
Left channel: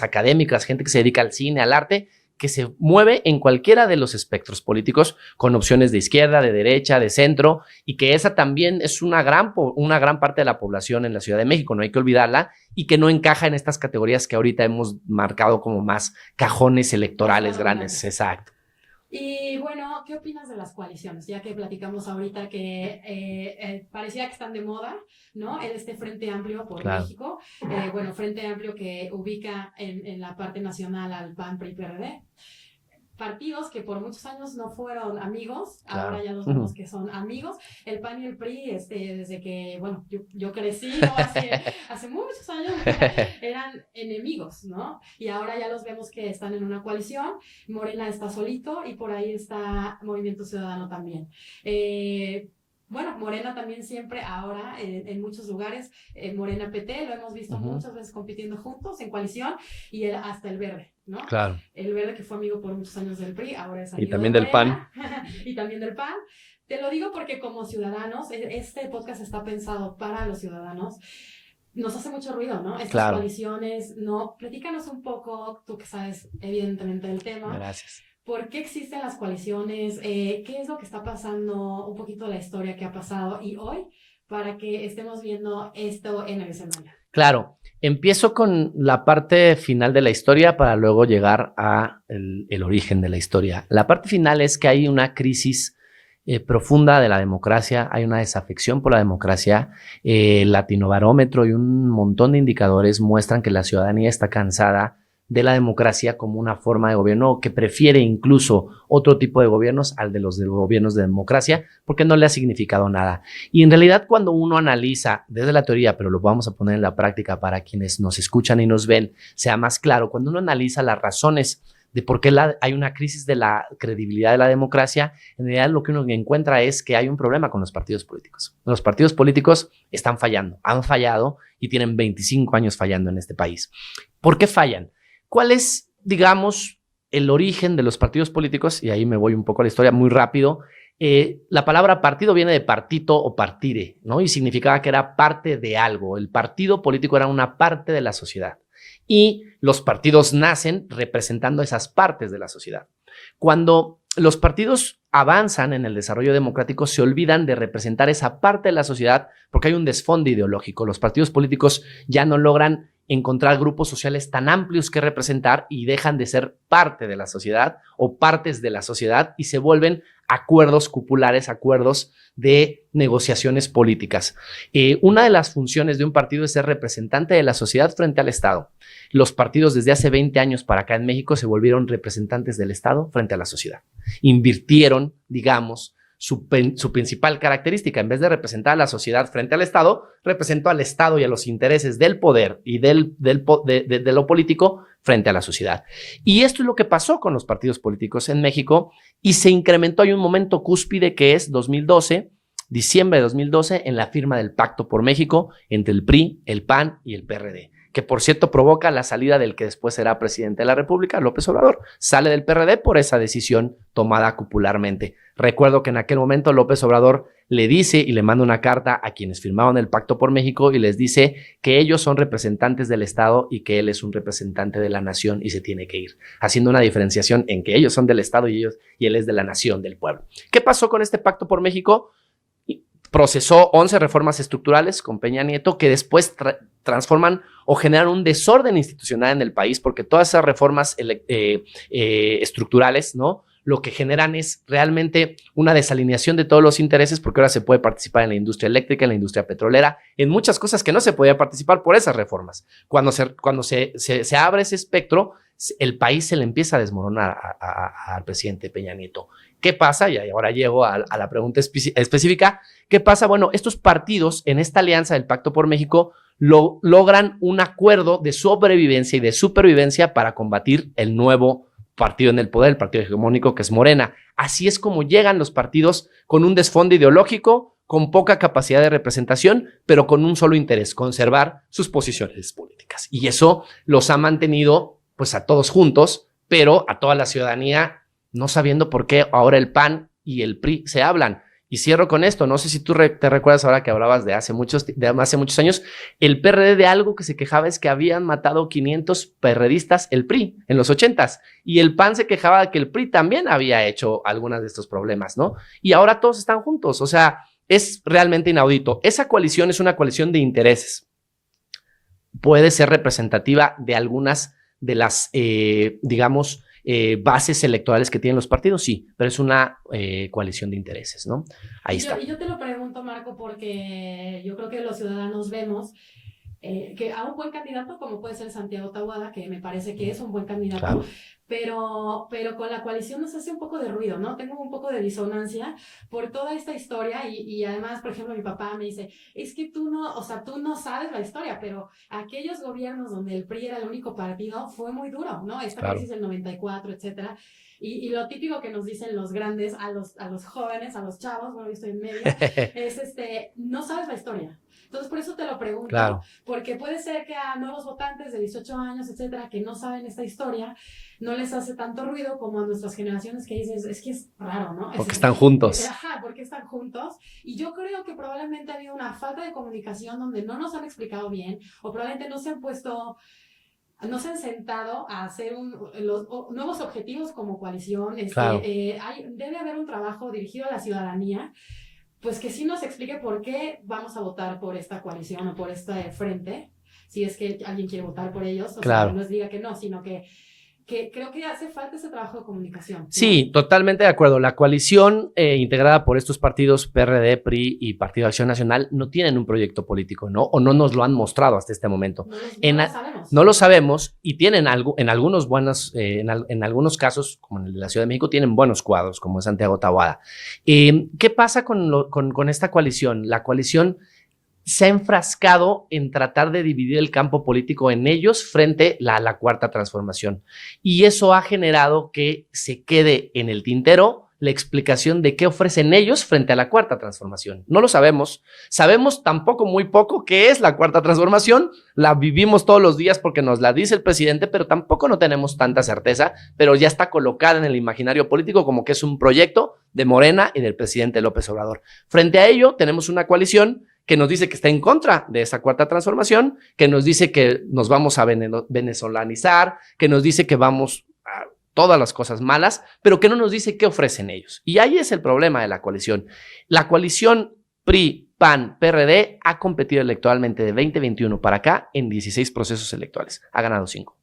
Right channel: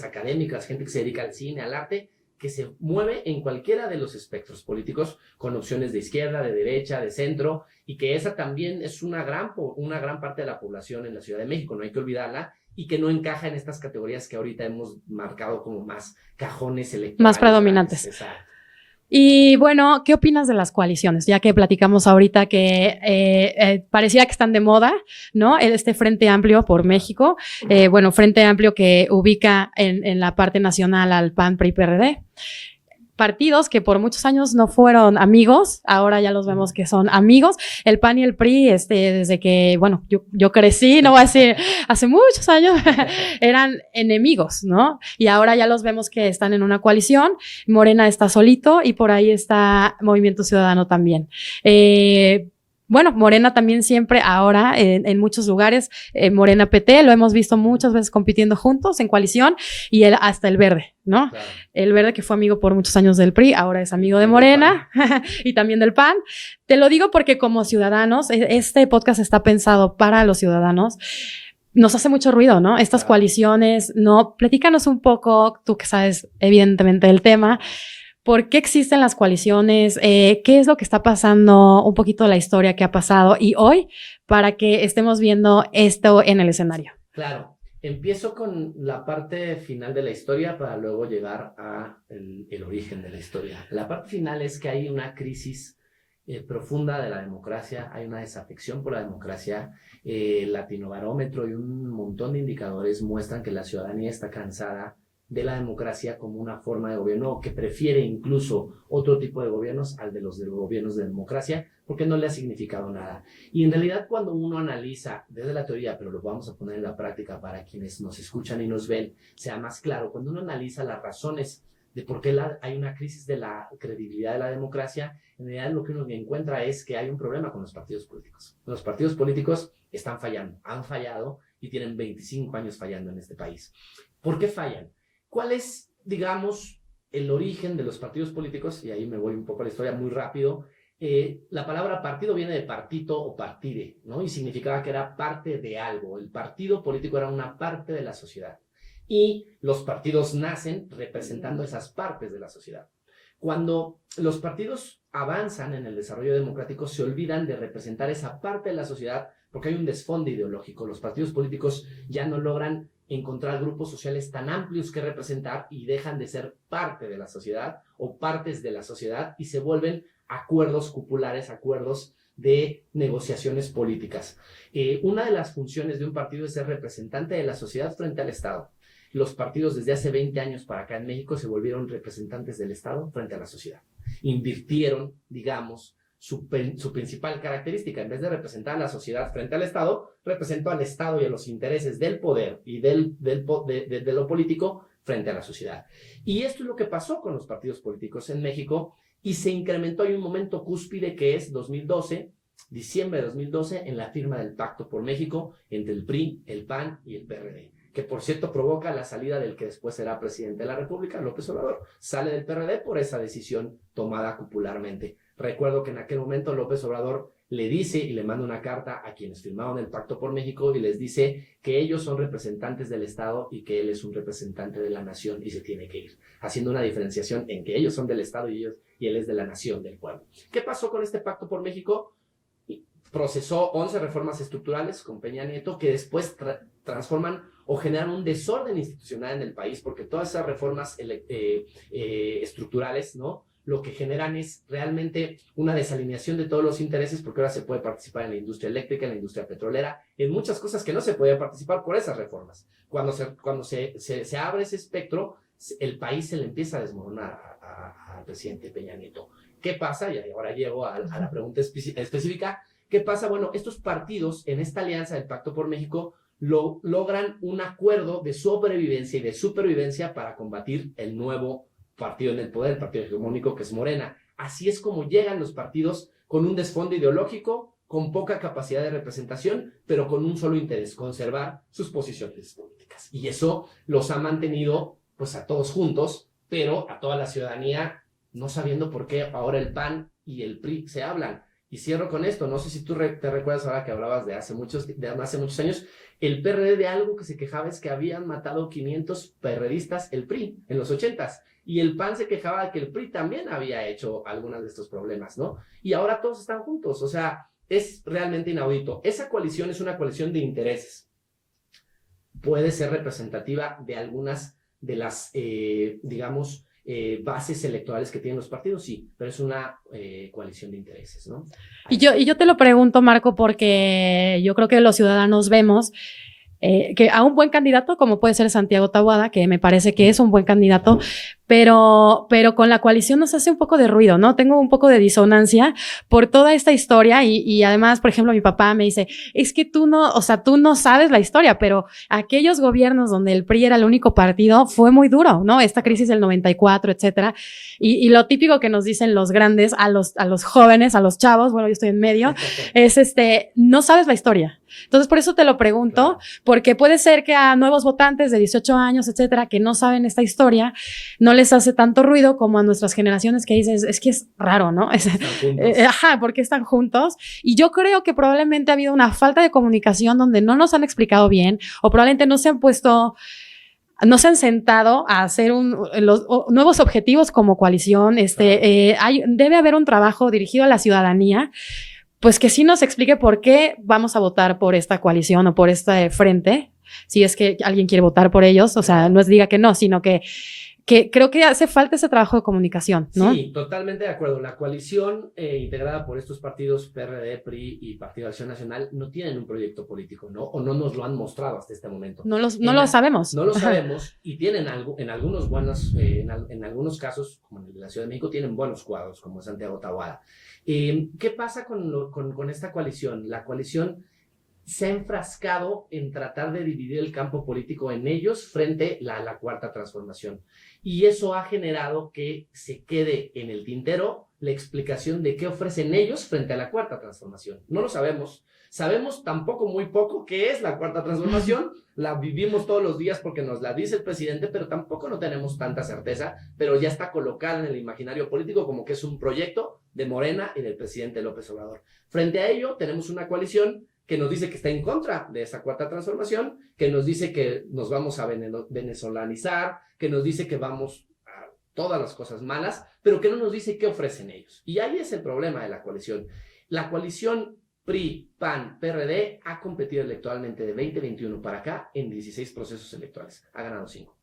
académicas, gente que se dedica al cine, al arte, que se mueve en cualquiera de los espectros políticos, con opciones de izquierda, de derecha, de centro, y que esa también es una gran parte de la población en la Ciudad de México, no hay que olvidarla, y que no encaja en estas categorías que ahorita hemos marcado como más cajones electorales. Más predominantes. Grandes. Exacto. Y bueno, ¿qué opinas de las coaliciones? Ya que platicamos ahorita que parecía que están de moda, ¿no? Este Frente Amplio por claro, México, bueno, Frente Amplio que ubica en la parte nacional al PAN, PRI, PRD. Partidos que por muchos años no fueron amigos, ahora ya los vemos que son amigos. El PAN y el PRI, desde que, bueno, yo crecí, no voy a decir, hace muchos años, eran enemigos, ¿no? Y ahora ya los vemos que están en una coalición. Morena está solito y por ahí está Movimiento Ciudadano también. Bueno, Morena también siempre ahora en muchos lugares, Morena PT, lo hemos visto muchas veces compitiendo juntos en coalición, y hasta el Verde, ¿no? Claro. El Verde, que fue amigo por muchos años del PRI, ahora es amigo de Morena y también del PAN. Te lo digo porque como ciudadanos, este podcast está pensado para los ciudadanos. Nos hace mucho ruido, ¿no? Estas claro, coaliciones, ¿no? Platícanos un poco, tú que sabes evidentemente del tema. Gracias. ¿Por qué existen las coaliciones? ¿Qué es lo que está pasando? Un poquito de la historia que ha pasado y hoy para que estemos viendo esto en el escenario. Claro. Empiezo con la parte final de la historia para luego llegar a el origen de la historia. La parte final es que hay una crisis profunda de la democracia, hay una desafección por la democracia. El Latinobarómetro y un montón de indicadores muestran que la ciudadanía está cansada de la democracia como una forma de gobierno, que prefiere incluso otro tipo de gobiernos al de los gobiernos de democracia, porque no le ha significado nada. Y en realidad, cuando uno analiza desde la teoría, pero lo vamos a poner en la práctica para quienes nos escuchan y nos ven, sea más claro, cuando uno analiza las razones de por qué hay una crisis de la credibilidad de la democracia, en realidad lo que uno encuentra es que hay un problema con los partidos políticos. Los partidos políticos están fallando, han fallado y tienen 25 años fallando en este país. ¿Por qué fallan? ¿Cuál es, digamos, el origen de los partidos políticos? Y ahí me voy un poco a la historia muy rápido. La palabra partido viene de partito o partire, ¿no? Y significaba que era parte de algo. El partido político era una parte de la sociedad. Y los partidos nacen representando esas partes de la sociedad. Cuando los partidos avanzan en el desarrollo democrático, se olvidan de representar esa parte de la sociedad porque hay un desfonde ideológico. Los partidos políticos ya no logran encontrar grupos sociales tan amplios que representar y dejan de ser parte de la sociedad o partes de la sociedad y se vuelven acuerdos cupulares, acuerdos de negociaciones políticas. Una de las funciones de un partido es ser representante de la sociedad frente al Estado. Los partidos desde hace 20 años para acá en México se volvieron representantes del Estado frente a la sociedad. Invirtieron, digamos, su principal característica. En vez de representar a la sociedad frente al Estado, representó al Estado y a los intereses del poder y de lo político frente a la sociedad. Y esto es lo que pasó con los partidos políticos en México y se incrementó. Hay un momento cúspide que es 2012, diciembre de 2012, en la firma del Pacto por México entre el PRI, el PAN y el PRD, que por cierto provoca la salida del que después será presidente de la República, López Obrador. Sale del PRD por esa decisión tomada cupularmente. Recuerdo que en aquel momento López Obrador le dice y le manda una carta a quienes firmaron el Pacto por México y les dice que ellos son representantes del Estado y que él es un representante de la nación y se tiene que ir, haciendo una diferenciación en que ellos son del Estado y él es de la nación, del pueblo. ¿Qué pasó con este Pacto por México? Procesó 11 reformas estructurales con Peña Nieto que después transforman o generan un desorden institucional en el país, porque todas esas reformas estructurales, ¿no?, lo que generan es realmente una desalineación de todos los intereses, porque ahora se puede participar en la industria eléctrica, en la industria petrolera, en muchas cosas que no se podía participar por esas reformas. Cuando se abre ese espectro, el país se le empieza a desmoronar al presidente Peña Nieto. ¿Qué pasa? Y ahora llego a la pregunta específica. ¿Qué pasa? Bueno, estos partidos en esta alianza del Pacto por México logran un acuerdo de sobrevivencia y de supervivencia para combatir el nuevo partido en el poder, el partido hegemónico que es Morena. Así es como llegan los partidos con un desfonde ideológico, con poca capacidad de representación, pero con un solo interés: conservar sus posiciones políticas. Y eso los ha mantenido pues a todos juntos, pero a toda la ciudadanía no sabiendo por qué ahora el PAN y el PRI se hablan. Y cierro con esto, no sé si tú te recuerdas ahora que hablabas de hace muchos años, el PRD de algo que se quejaba es que habían matado 500 perredistas el PRI en los 80s, y el PAN se quejaba de que el PRI también había hecho algunos de estos problemas, ¿no? Y ahora todos están juntos, o sea, es realmente inaudito. Esa coalición es una coalición de intereses. Puede ser representativa de algunas de las, digamos, bases electorales que tienen los partidos, sí, pero es una coalición de intereses, ¿no? Y yo te lo pregunto, Marco, porque yo creo que los ciudadanos vemos que a un buen candidato, como puede ser Santiago Taboada, que me parece que es un buen candidato, claro, pero con la coalición nos hace un poco de ruido, ¿no? Tengo un poco de disonancia por toda esta historia y además, por ejemplo, mi papá me dice, es que tú no sabes la historia, pero aquellos gobiernos donde el PRI era el único partido fue muy duro, ¿no? Esta crisis del 94, etcétera. Y lo típico que nos dicen los grandes a los jóvenes, a los chavos, bueno, yo estoy en medio, es no sabes la historia. Entonces, por eso te lo pregunto, claro, porque puede ser que a nuevos votantes de 18 años, etcétera, que no saben esta historia, no les hace tanto ruido como a nuestras generaciones que dices, es que es raro, ¿no? Porque están juntos. Porque están juntos. Y yo creo que probablemente ha habido una falta de comunicación donde no nos han explicado bien o probablemente no se han sentado a hacer los nuevos objetivos como coalición. Claro. Debe haber un trabajo dirigido a la ciudadanía, pues que sí nos explique por qué vamos a votar por esta coalición o por este frente, si es que alguien quiere votar por ellos, o sea, no es diga que no, sino que creo que hace falta ese trabajo de comunicación, ¿no? Sí, totalmente de acuerdo. La coalición integrada por estos partidos PRD, PRI y Partido Acción Nacional no tienen un proyecto político, ¿no? O no nos lo han mostrado hasta este momento. No lo sabemos. No lo sabemos y tienen algo, en algunos casos, como en el de la Ciudad de México, tienen buenos cuadros, como Santiago Taboada. ¿Qué pasa con esta coalición? La coalición se ha enfrascado en tratar de dividir el campo político en ellos frente a la Cuarta Transformación. Y eso ha generado que se quede en el tintero la explicación de qué ofrecen ellos frente a la Cuarta Transformación. No lo sabemos. Sabemos tampoco muy poco qué es la Cuarta Transformación. La vivimos todos los días porque nos la dice el presidente, pero tampoco no tenemos tanta certeza, pero ya está colocada en el imaginario político como que es un proyecto de Morena y del presidente López Obrador. Frente a ello, tenemos una coalición que nos dice que está en contra de esa Cuarta Transformación, que nos dice que nos vamos a venezolanizar, que nos dice que vamos a todas las cosas malas, pero que no nos dice qué ofrecen ellos. Y ahí es el problema de la coalición. La coalición PRI, PAN, PRD ha competido electoralmente de 2021 para acá en 16 procesos electorales. Ha ganado 5.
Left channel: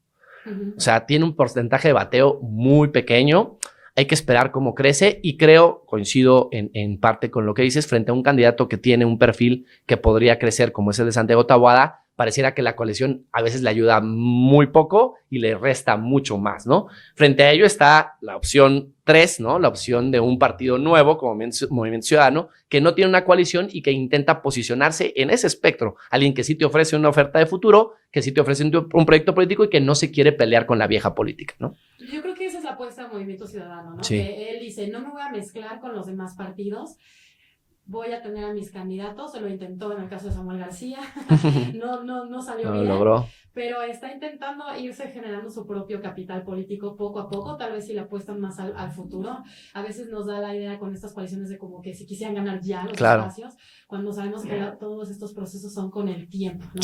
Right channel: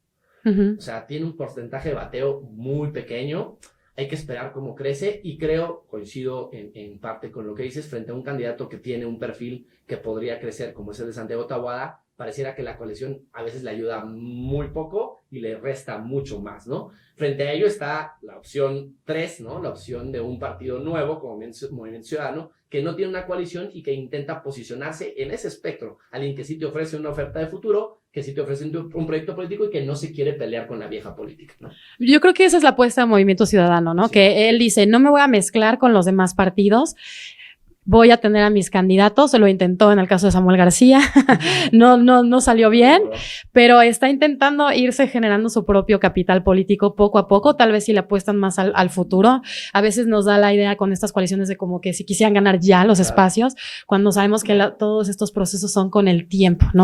O sea, tiene un porcentaje de bateo muy pequeño. Hay que esperar cómo crece y coincido en parte con lo que dices, frente a un candidato que tiene un perfil que podría crecer como es el de Santiago Taboada, pareciera que la coalición a veces le ayuda muy poco y le resta mucho más, ¿no? Frente a ello está la opción 3, ¿no? La opción de un partido nuevo como Movimiento Ciudadano, que no tiene una coalición y que intenta posicionarse en ese espectro. Alguien que sí te ofrece una oferta de futuro, que sí te ofrece un proyecto político y que no se quiere pelear con la vieja política, ¿no? Yo creo que esa es la apuesta de Movimiento Ciudadano, ¿no? Sí. Que él dice, no me voy a mezclar con los demás partidos. Voy a tener a mis candidatos, se lo intentó en el caso de Samuel García, no salió bien, pero está intentando irse generando su propio capital político poco a poco, tal vez si le apuestan más al futuro. A veces nos da la idea con estas coaliciones de como que si quisieran ganar ya los espacios, cuando sabemos que todos estos procesos son con el tiempo, ¿no?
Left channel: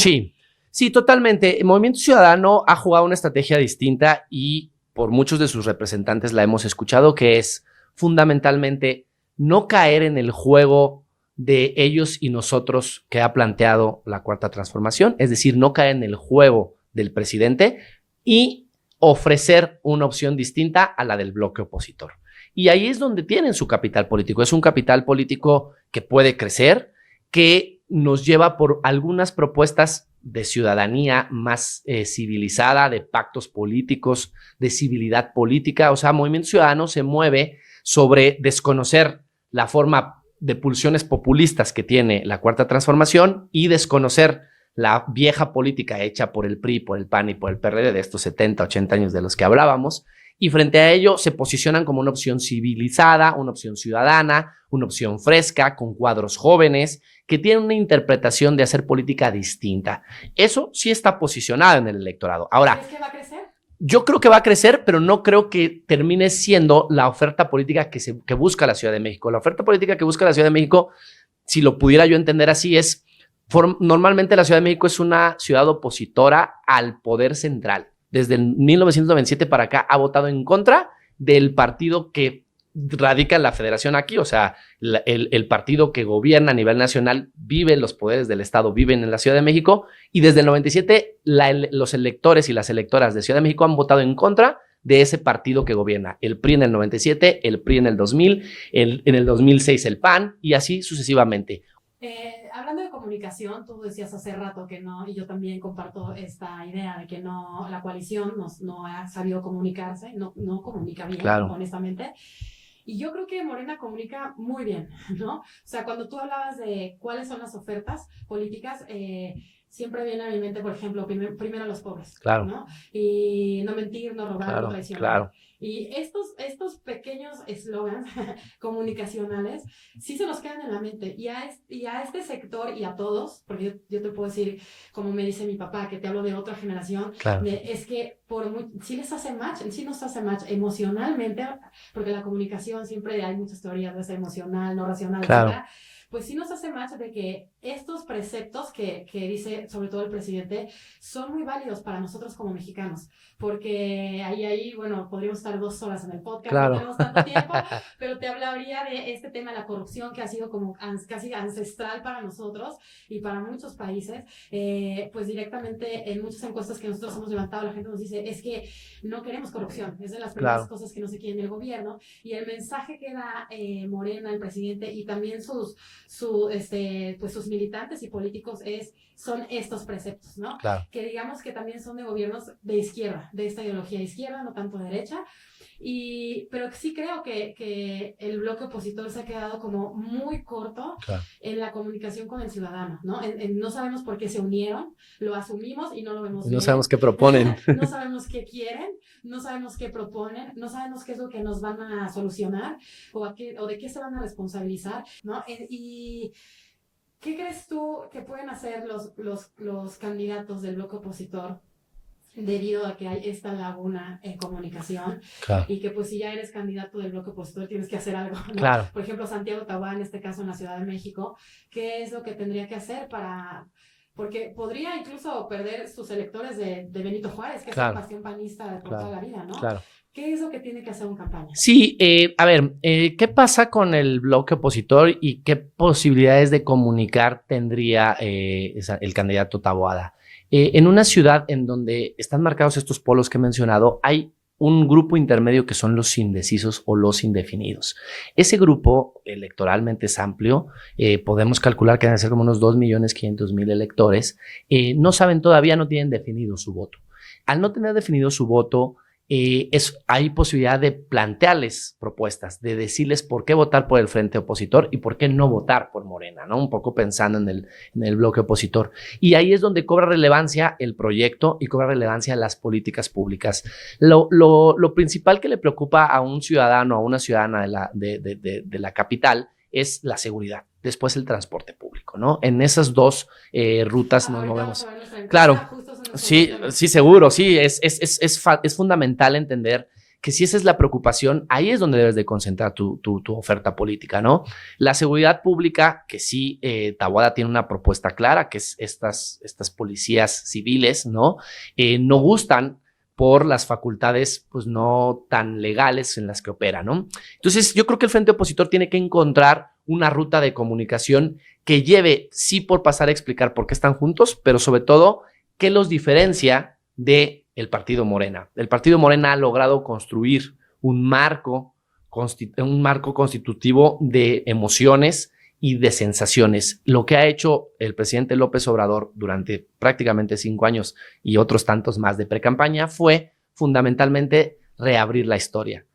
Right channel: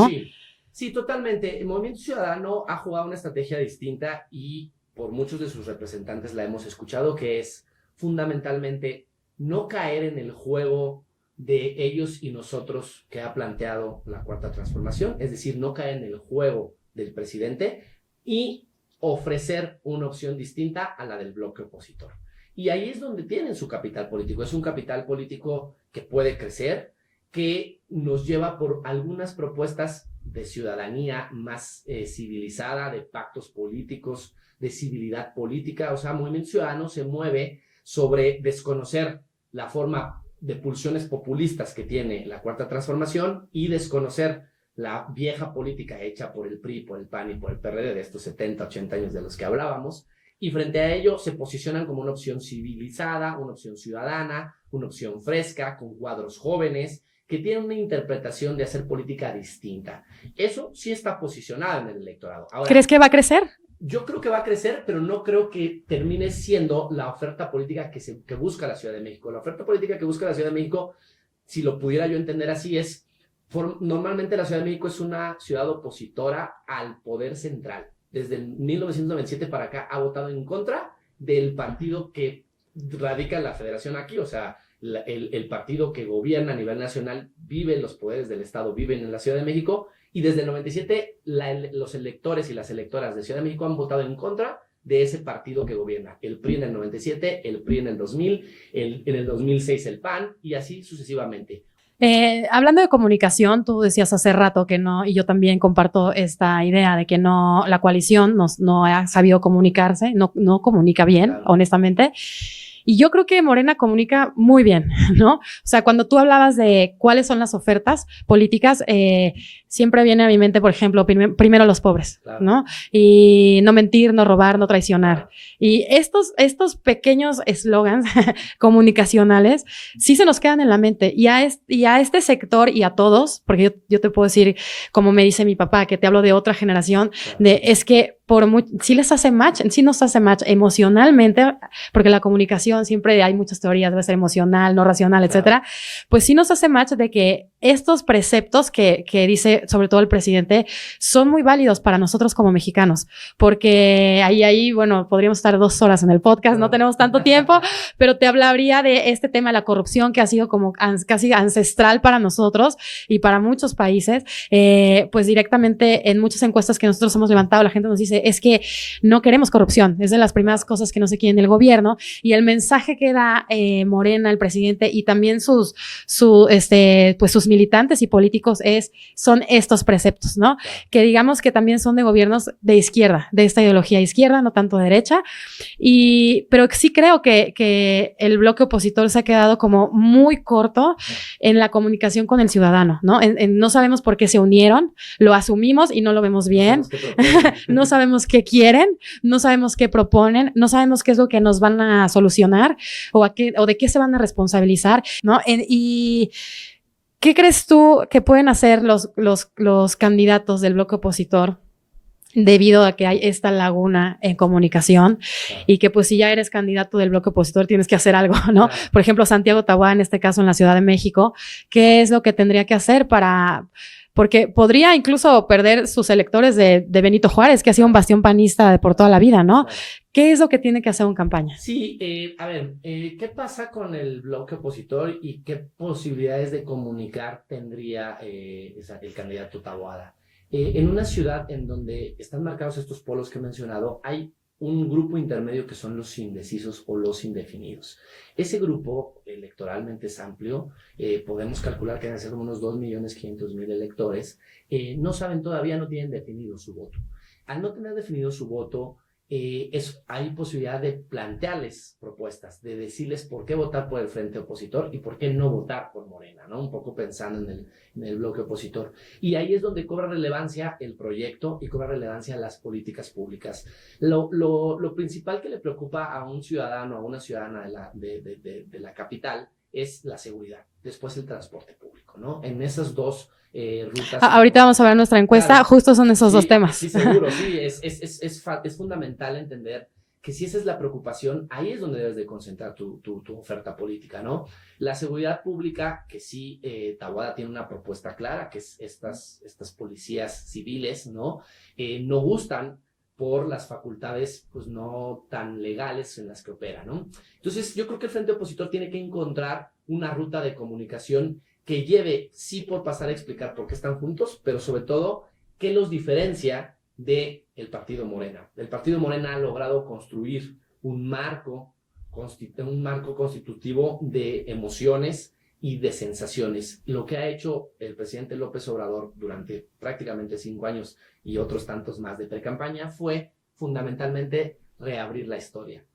Sí, totalmente. El Movimiento Ciudadano ha jugado una estrategia distinta y por muchos de sus representantes la hemos escuchado, que es fundamentalmente no caer en el juego de ellos y nosotros que ha planteado la Cuarta Transformación, es decir, no caer en el juego del presidente y ofrecer una opción distinta a la del bloque opositor. Y ahí es donde tienen su capital político. Es un capital político que puede crecer, que nos lleva por algunas propuestas de ciudadanía más civilizada, de pactos políticos, de civilidad política. O sea, Movimiento Ciudadano se mueve sobre desconocer la forma de pulsiones populistas que tiene la Cuarta Transformación y desconocer la vieja política hecha por el PRI, por el PAN y por el PRD de estos 70, 80 años de los que hablábamos. Y frente a ello se posicionan como una opción civilizada, una opción ciudadana, una opción fresca, con cuadros jóvenes, que tienen una interpretación de hacer política distinta. Eso sí está posicionado en el electorado. Ahora, ¿crees que va a crecer? Yo creo que va a crecer, pero no creo que termine siendo la oferta política que busca la Ciudad de México. La oferta política que busca la Ciudad de México, si lo pudiera yo entender así, es normalmente la Ciudad de México es una ciudad opositora al poder central. Desde el 1997 para acá ha votado en contra del partido que radica en la federación aquí, o sea, el partido que gobierna a nivel nacional vive los poderes del Estado, viven en la Ciudad de México, y desde el 97 los electores y las electoras de Ciudad de México han votado en contra de ese partido que gobierna. El PRI en el 97, el PRI en el 2000, en el 2006 el PAN y así sucesivamente. Hablando de comunicación, tú decías hace rato que no, y yo también comparto esta idea de que no, la coalición no ha sabido comunicarse, no comunica bien, claro, honestamente. Y yo creo que Morena comunica muy bien, ¿no? O sea, cuando tú hablabas de cuáles son las ofertas políticas, siempre viene a mi mente, por ejemplo, primero los pobres, claro, ¿no? Y no mentir, no robar, claro, no traicionar. Claro. Y estos pequeños eslogans comunicacionales sí se nos quedan en la mente. Y a este sector y a todos, porque yo te puedo decir, como me dice mi papá, que te hablo de otra generación, claro, es que sí les hace match, sí nos hace match emocionalmente, porque la comunicación siempre hay muchas teorías, debe ser emocional, no racional, Claro. etcétera. Pues sí nos hace match de que estos preceptos que dice sobre todo el presidente son muy válidos para nosotros como mexicanos, porque ahí, bueno, podríamos estar 2 horas en el podcast, Claro. no tenemos tanto tiempo, pero te hablaría de este tema de la corrupción que ha sido como casi ancestral para nosotros y para muchos países. Pues directamente en muchas encuestas que nosotros hemos levantado, la gente nos dice, es que no queremos corrupción, es de las primeras cosas que no se quieren del gobierno, y el mensaje que da Morena, el presidente, y también sus militantes y políticos son estos preceptos, ¿no? Claro. Que digamos que también son de gobiernos de izquierda, de esta ideología izquierda, no tanto de derecha, pero sí creo que el bloque opositor se ha quedado como muy corto en la comunicación con el ciudadano, ¿no? No sabemos por qué se unieron, lo asumimos y no lo vemos bien. No sabemos qué proponen. No sabemos qué quieren, no sabemos qué proponen, no sabemos qué es lo que nos van a solucionar o de qué se van a responsabilizar, ¿no? Y ¿qué crees tú que pueden hacer los candidatos del bloque opositor debido a que hay esta laguna en comunicación? Claro. Y que pues si ya eres candidato del bloque opositor tienes que hacer algo, ¿no? Claro. Por ejemplo, Santiago Taboada, en este caso en la Ciudad de México, ¿qué es lo que tendría que hacer porque podría incluso perder sus electores de Benito Juárez, que ha sido un bastión panista por toda la vida, ¿no? Claro. ¿Qué es lo que tiene que hacer en campaña? Sí, a ver, ¿qué pasa con el bloque opositor y qué posibilidades de comunicar tendría el candidato Taboada? En una ciudad en donde están marcados estos polos que he mencionado, hay un grupo intermedio que son los indecisos o los indefinidos. Ese grupo electoralmente es amplio, podemos calcular que deben ser como unos 2.500.000 electores, no saben todavía, no tienen definido su voto. Al no tener definido su voto, hay posibilidad de plantearles propuestas, de decirles por qué votar por el frente opositor y por qué no votar por Morena, ¿no? Un poco pensando en el bloque opositor. Y ahí es donde cobra relevancia el proyecto y cobra relevancia las políticas públicas. Lo principal que le preocupa a un ciudadano, a una ciudadana de la capital, es la seguridad, después el transporte público, ¿no? En esas dos rutas. Ahorita vamos a ver nuestra encuesta, claro, justo son esos dos temas. Sí, seguro, sí, es fundamental entender que si esa es la preocupación, ahí es donde debes de concentrar tu oferta política, ¿no? La seguridad pública, que sí, Taboada tiene una propuesta clara, que es estas policías civiles, ¿no? No gustan por las facultades pues no tan legales en las que opera, ¿no? Entonces yo creo que el frente opositor tiene que encontrar una ruta de comunicación que lleve, sí, por pasar a explicar por qué están juntos, pero sobre todo, qué los diferencia del partido Morena. El partido Morena ha logrado construir un marco constitutivo de emociones y de sensaciones. Lo que ha hecho el presidente López Obrador durante prácticamente 5 años y otros tantos más de precampaña fue fundamentalmente reabrir la historia.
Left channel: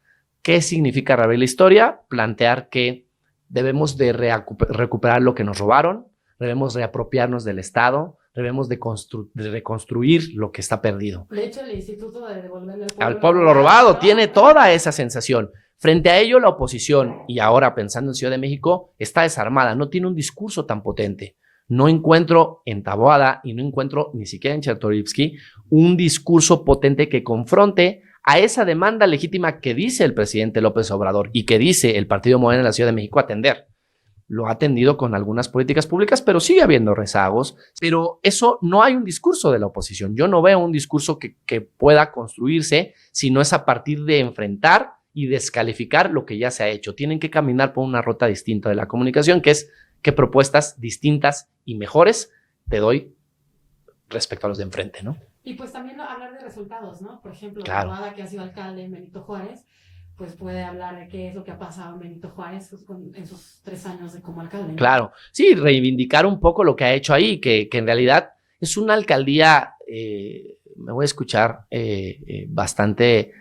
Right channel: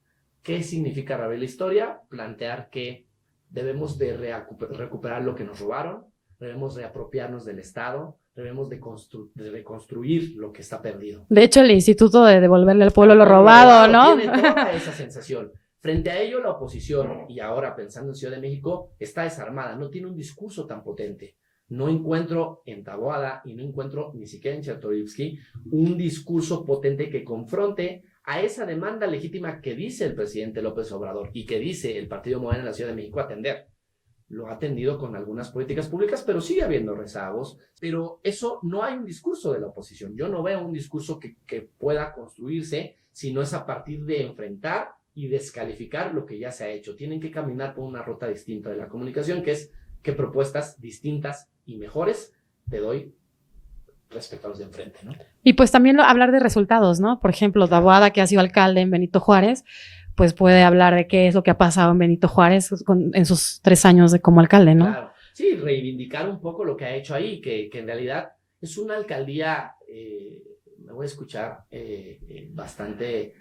¿Qué significa reabrir la historia? Plantear que debemos de recuperar lo que nos robaron, debemos reapropiarnos del Estado, debemos de reconstruir lo que está perdido. De hecho, el Instituto de Devolverle al Pueblo lo robado, ¿no? Tiene toda esa sensación. Frente a ello, la oposición, y ahora pensando en Ciudad de México, está desarmada, no tiene un discurso tan potente. No encuentro en Taboada y no encuentro ni siquiera en Chertorivsky un discurso potente que confronte a esa demanda legítima que dice el presidente López Obrador y que dice el partido Morena en la Ciudad de México atender. Lo ha atendido con algunas políticas públicas, pero sigue habiendo rezagos. Pero eso no hay un discurso de la oposición. Yo no veo un discurso que pueda construirse si no es a partir de enfrentar y descalificar lo que ya se ha hecho. Tienen que caminar por una ruta distinta de la comunicación, que es qué propuestas distintas y mejores te doy respecto a los de enfrente, ¿no? Y pues también hablar de resultados, ¿no? Por ejemplo, claro. Taboada, que ha sido alcalde en Benito Juárez, pues puede hablar de qué es lo que ha pasado en Benito Juárez en sus 3 años como alcalde, ¿no? Claro, sí, reivindicar un poco lo que ha hecho ahí, que en realidad es una alcaldía, me voy a escuchar bastante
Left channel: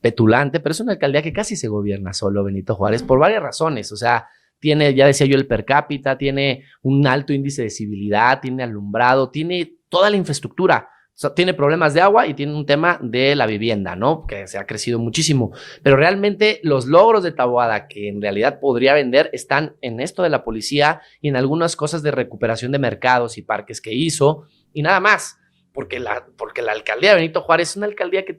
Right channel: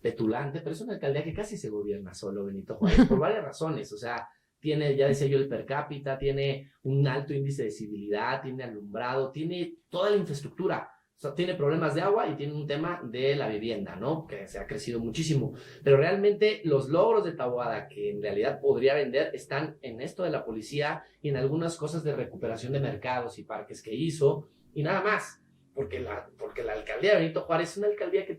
petulante, pero es una alcaldía que casi se gobierna solo, Benito Juárez, por varias razones. O sea, tiene, ya decía yo, el per cápita, tiene un alto índice de civilidad, tiene alumbrado, tiene toda la infraestructura. O sea, tiene problemas de agua y tiene un tema de la vivienda, ¿no? Que se ha crecido muchísimo. Pero realmente los logros de Taboada, que en realidad podría vender, están en esto de la policía y en algunas cosas de recuperación de mercados y parques que hizo y nada más. porque la alcaldía de Benito Juárez es una alcaldía que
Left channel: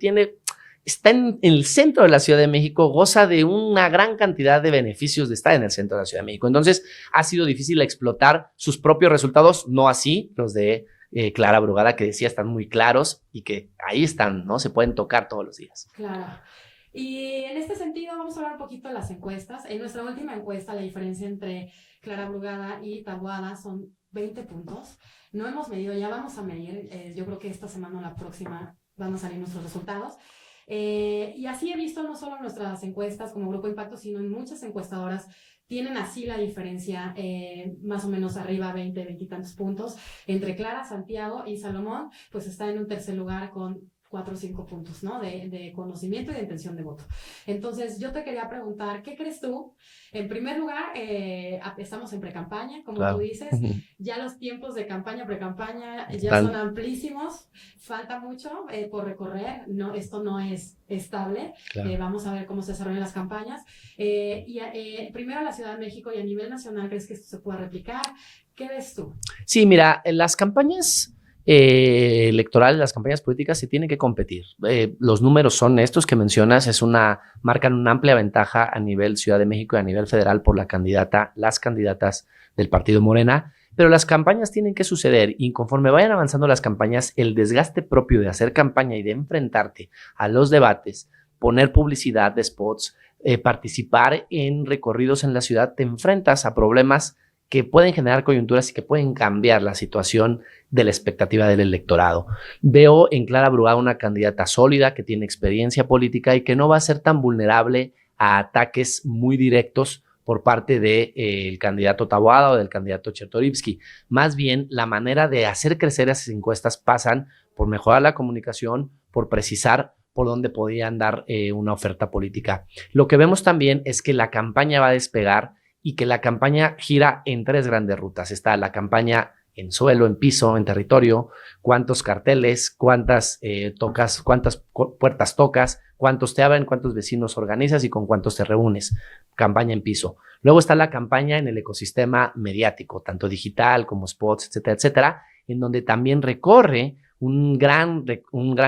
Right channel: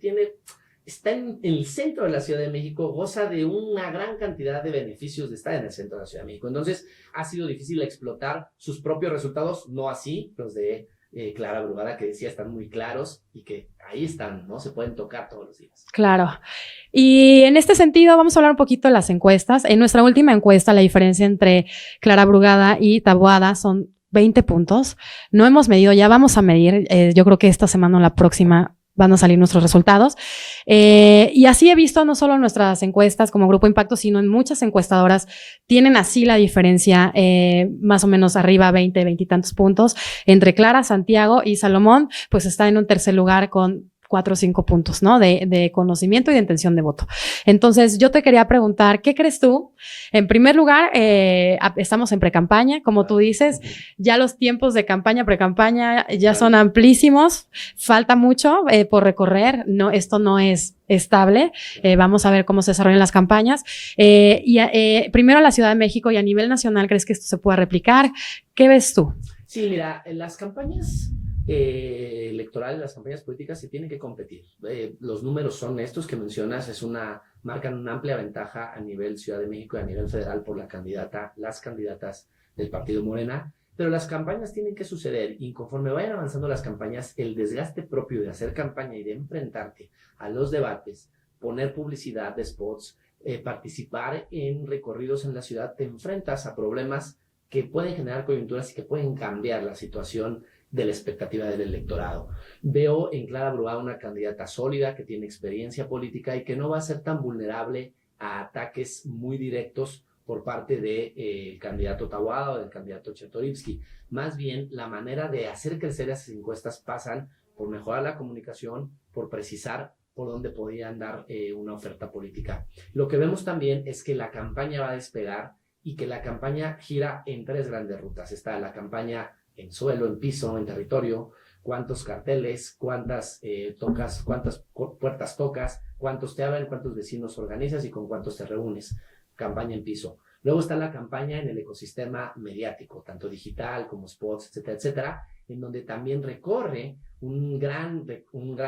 está en el centro de la Ciudad de México, goza de una gran cantidad de beneficios de estar en el centro de la Ciudad de México. Entonces, ha sido difícil explotar sus propios resultados, no así los de Clara Brugada, que decía están muy claros y que ahí están, ¿no? Se pueden tocar todos los días. Claro. Y en este sentido, vamos a hablar un poquito de las encuestas. En nuestra última encuesta, la diferencia entre Clara Brugada y Taboada son 20 puntos. No hemos medido, ya vamos a medir. Yo creo que esta semana o la próxima van a salir nuestros resultados. Y así he visto no solo en nuestras encuestas como Grupo Impacto, sino en muchas encuestadoras tienen así la diferencia, más o menos arriba 20 y tantos puntos. Entre Clara, Santiago y Salomón, pues está en un tercer lugar con 4 o 5 puntos, ¿no? De conocimiento y de intención de voto. Entonces, yo te quería preguntar, ¿qué crees tú? En primer lugar, estamos en precampaña, como tú dices, ya los tiempos de campaña, precampaña, ya son amplísimos, falta mucho por recorrer, no, esto no es estable, vamos a ver cómo se desarrollan las campañas. Primero a la Ciudad de México y a nivel nacional, ¿crees que esto se pueda replicar? ¿Qué ves tú? Sí, mira, en las campañas electorales, las campañas políticas se tienen que competir. Los números son estos que mencionas, marcan una amplia ventaja a nivel Ciudad de México y a nivel federal por las candidatas del partido Morena, pero las campañas tienen que suceder y conforme vayan avanzando las campañas, el desgaste propio de hacer campaña y de enfrentarte a los debates, poner publicidad de spots, participar en recorridos en la ciudad, te enfrentas a problemas que pueden generar coyunturas y que pueden cambiar la situación de la expectativa del electorado. Veo en Clara Brugada una candidata sólida que tiene experiencia política y que no va a ser tan vulnerable a ataques muy directos por parte del candidato Taboada o del candidato Chertorivsky. Más bien, la manera de hacer crecer esas encuestas pasan por mejorar la comunicación, por precisar por dónde podían dar una oferta política. Lo que vemos también es que la campaña va a despegar y que la campaña gira en 3 grandes rutas. Está la campaña en suelo, en piso, en territorio, cuántos carteles, cuántas puertas tocas, cuántos te abren, cuántos vecinos organizas y con cuántos te reúnes. Campaña en piso. Luego está la campaña en el ecosistema mediático, tanto digital como spots, etcétera, etcétera, en donde también recorre un gran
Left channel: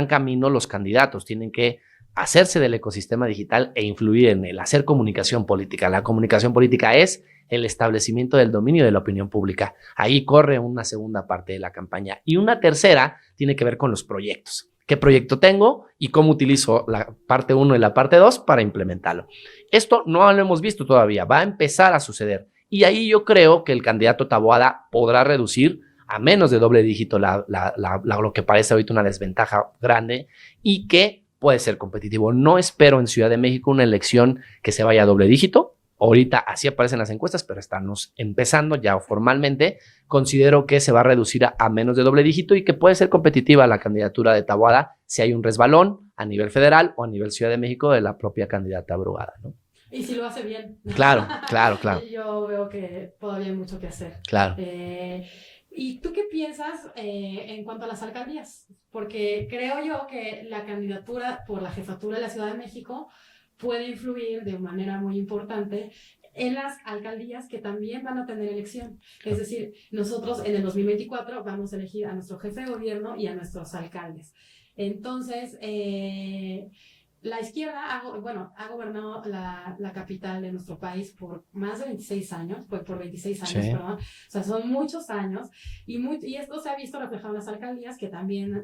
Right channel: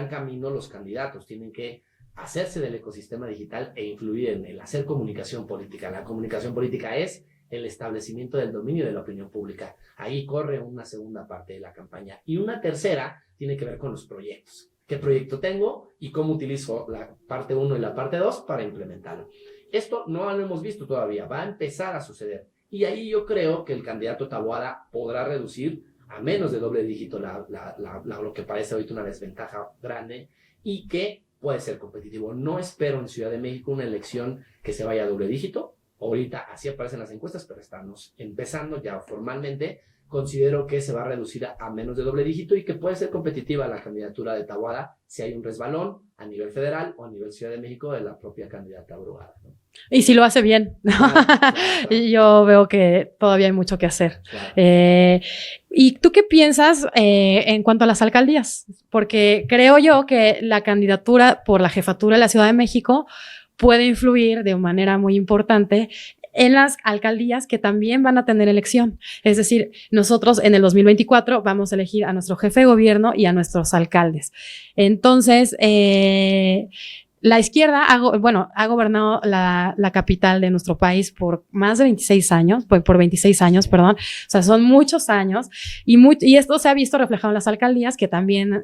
camino los candidatos. Tienen que hacerse del ecosistema digital e influir en el hacer comunicación política. La comunicación política es el establecimiento del dominio de la opinión pública. Ahí corre una segunda parte de la campaña. Y una tercera tiene que ver con los proyectos. ¿Qué proyecto tengo y cómo utilizo la parte 1 y la parte 2 para implementarlo? Esto no lo hemos visto todavía, va a empezar a suceder. Y ahí yo creo que el candidato Taboada podrá reducir a menos de doble dígito lo que parece ahorita una desventaja grande y que puede ser competitivo. No espero en Ciudad de México una elección que se vaya a doble dígito. Ahorita así aparecen las encuestas, pero estamos empezando ya formalmente. Considero que se va a reducir a menos de doble dígito y que puede ser competitiva la candidatura de Taboada si hay un resbalón a nivel federal o a nivel Ciudad de México de la propia candidata Brugada, ¿no? Y si lo hace bien. Claro. Yo veo que todavía hay mucho que hacer. Claro. ¿Y tú qué piensas en cuanto a las alcaldías? Porque creo yo que la candidatura por la jefatura de la Ciudad de México puede influir de manera muy importante en las alcaldías que también van a tener elección. Es decir, nosotros en el 2024 vamos a elegir a nuestro jefe de gobierno y a nuestros alcaldes. Entonces, la izquierda ha gobernado la capital de nuestro país por más de 26 años, por 26 años, sí. Perdón. O sea, son muchos años y esto se ha visto reflejado en las alcaldías, que también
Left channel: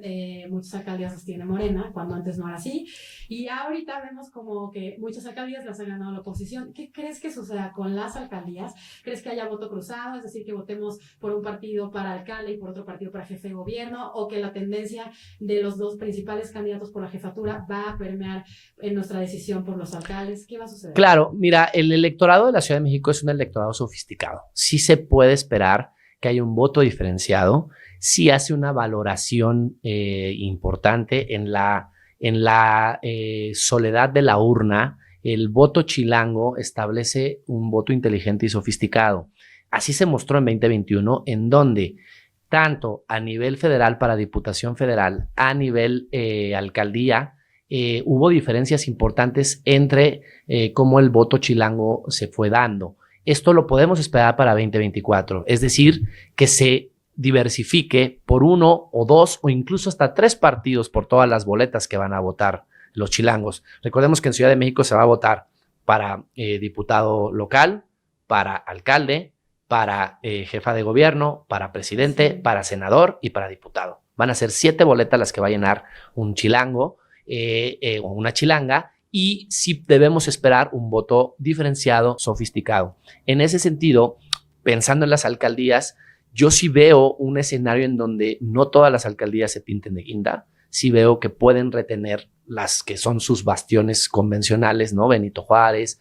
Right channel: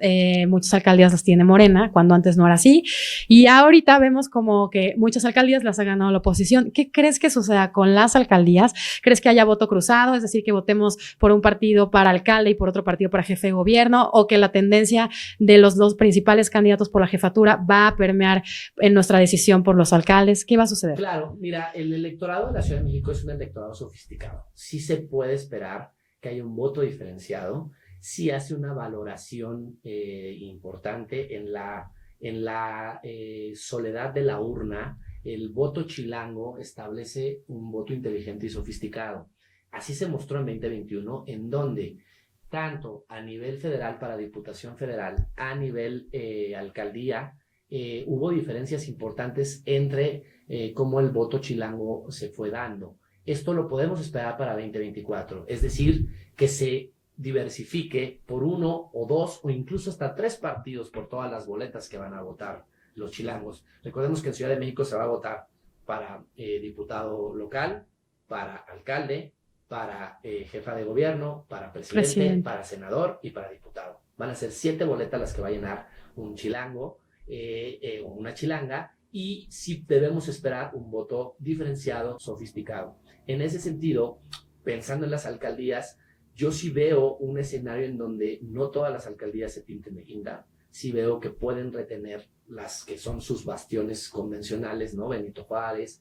muchas alcaldías las tiene Morena, cuando antes no era así. Y ahorita vemos como que muchas alcaldías las ha ganado la oposición. ¿Qué crees que suceda con las alcaldías? ¿Crees que haya voto cruzado? Es decir, que votemos por un partido para alcalde y por otro partido para jefe de gobierno, o que la tendencia de los 2 principales candidatos por la jefatura va a permear en nuestra decisión por los alcaldes. ¿Qué va a suceder? Claro, mira, el electorado de la Ciudad de México es un electorado sofisticado. Sí se puede esperar que haya un voto diferenciado, sí hace una valoración importante en la soledad de la urna. El voto chilango establece un voto inteligente y sofisticado. Así se mostró en 2021, en donde tanto a nivel federal para Diputación Federal, a nivel alcaldía, hubo diferencias importantes entre cómo el voto chilango se fue dando. Esto lo podemos esperar para 2024, es decir, que se diversifique por 1 o 2 o incluso hasta 3 partidos por todas las boletas que van a votar los chilangos. Recordemos que en Ciudad de México se va a votar para diputado local, para alcalde, para jefa de gobierno, para presidente, para senador y para diputado. Van a ser 7 boletas las que va a llenar un chilango o una chilanga, y sí debemos esperar un voto diferenciado, sofisticado. En ese sentido, pensando en las alcaldías, yo sí veo un escenario en donde no todas las alcaldías se pinten de guinda. Sí veo que pueden retener las que son sus bastiones convencionales, ¿no? Benito Juárez,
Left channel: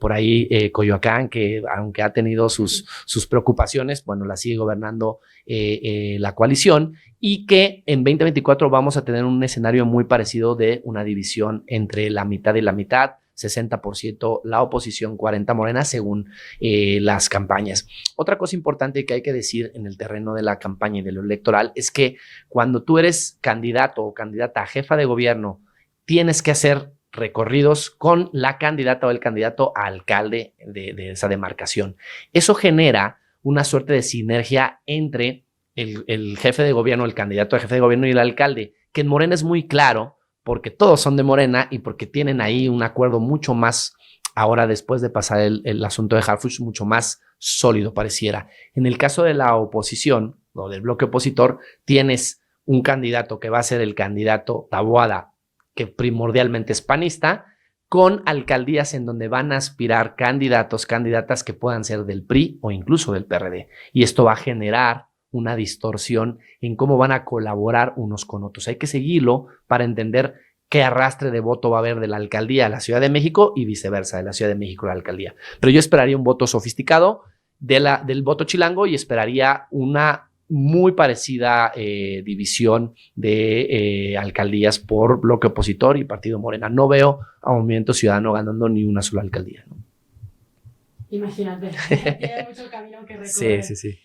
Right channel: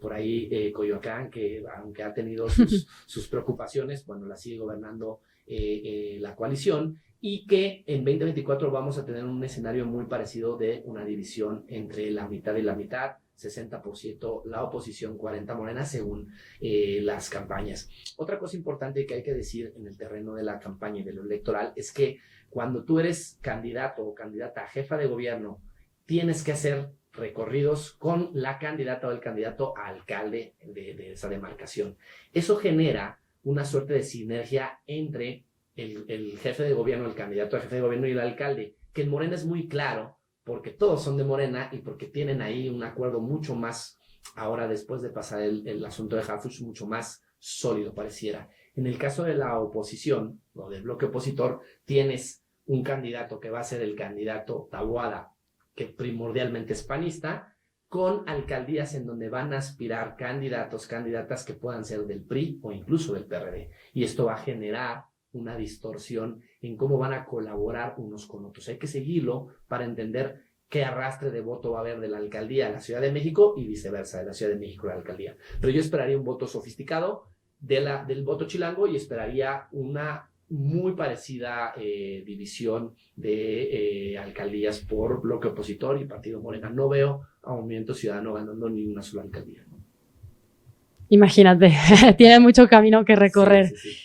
por ahí Coyoacán, que aunque ha tenido sus preocupaciones, bueno, la sigue gobernando la coalición, y que en 2024 vamos a tener un escenario muy parecido de una división entre la mitad y la mitad, 60% la oposición, 40% Morena, según las campañas. Otra cosa importante que hay que decir en el terreno de la campaña y de lo electoral es que cuando tú eres candidato o candidata a jefa de gobierno, tienes que hacer recorridos con la candidata o el candidato a alcalde de esa demarcación. Eso genera una suerte de sinergia entre el jefe de gobierno, el candidato a jefe de gobierno y el alcalde, que en Morena es muy claro, porque todos son de Morena y porque tienen ahí un acuerdo mucho más, ahora después de pasar el asunto de Harfuch, mucho más sólido pareciera. En el caso de la oposición o del bloque opositor, tienes un candidato que va a ser el candidato Taboada, que primordialmente es panista, con alcaldías en donde van a aspirar candidatos, candidatas que puedan ser del PRI o incluso del PRD. Y esto va a generar una distorsión en cómo van a colaborar unos con otros. Hay que seguirlo para entender qué arrastre de voto va a haber de la alcaldía a la Ciudad de México y viceversa, de la Ciudad de México a la alcaldía. Pero yo esperaría un voto sofisticado del voto chilango y esperaría una muy parecida división de alcaldías por bloque opositor y partido Morena. No veo a Movimiento Ciudadano ganando ni una sola alcaldía, ¿no? Imagínate, tiene mucho camino que recorrer. Sí.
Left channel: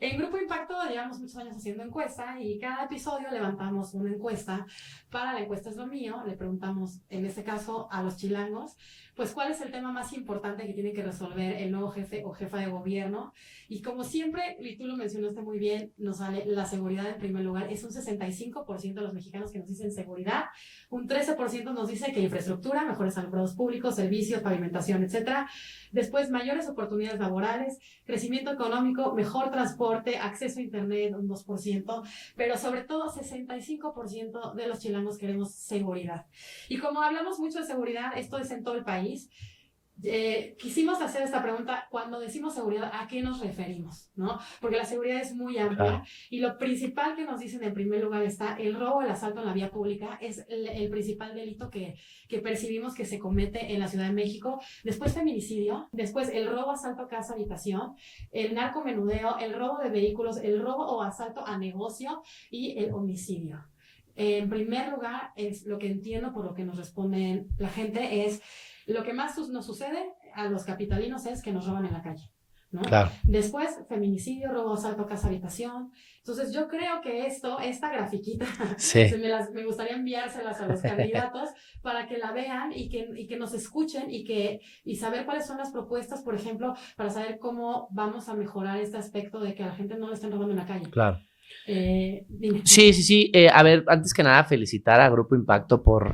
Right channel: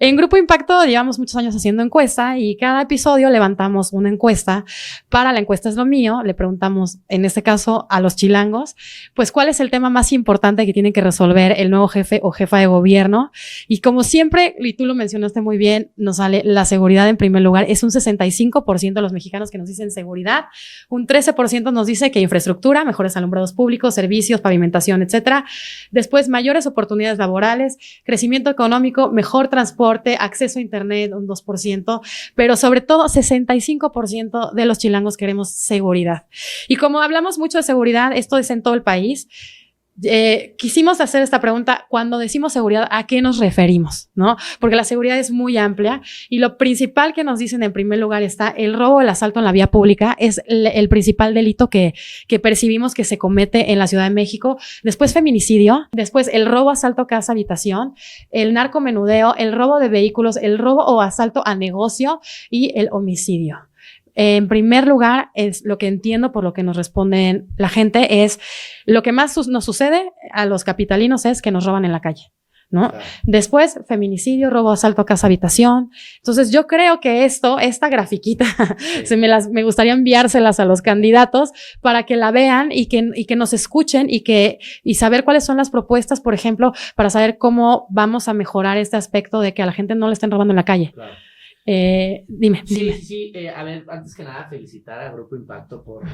En Grupo Impacto llevamos muchos años haciendo encuesta y cada episodio levantamos una encuesta. Para La Encuesta es lo mío, le preguntamos, en este caso, a los chilangos, pues, ¿cuál es el tema más importante que tiene que resolver el nuevo jefe o jefa de gobierno? Y como siempre, y tú lo mencionaste muy bien, nos sale la seguridad en primer lugar. Es un 65% de los mexicanos que nos dicen seguridad, un 13% nos dice que infraestructura, mejores alumbrados públicos, servicios, pavimentación, etcétera. Después, mayores oportunidades laborales, crecimiento económico, mejor transporte, acceso a internet, un 2%, pero sobre todo 65% de los chilangos queremos seguridad. Y como hablamos mucho de seguridad, esto es en todo el país, quisimos hacer esta pregunta: cuando decimos seguridad, ¿a qué nos referimos? ¿No? Porque la seguridad es muy amplia, y lo principal que nos dicen en primer lugar está el robo, el asalto en la vía pública, es el principal delito que percibimos que se comete en la Ciudad de México. Después feminicidio, después el robo, asalto, casa, habitación, el narcomenudeo, el robo de vehículos, el robo o asalto a negocio y el homicidio. En primer lugar, es lo que entiendo por lo que nos responden la gente, es lo que más nos sucede a los capitalinos es que nos roban en la calle, ¿no? Claro. Después, feminicidio, robo, asalto, casa, habitación. Entonces, yo creo que esta grafiquita, sí, me gustaría enviárselas a los candidatos para que la vean y que nos escuchen y saber cuáles son las propuestas, por ejemplo, para saber cómo vamos a mejorar este aspecto de que a la gente no le estén robando en la calle. Claro. Dime. Sí. A ver, antes que nada, felicitar a Grupo Impacto por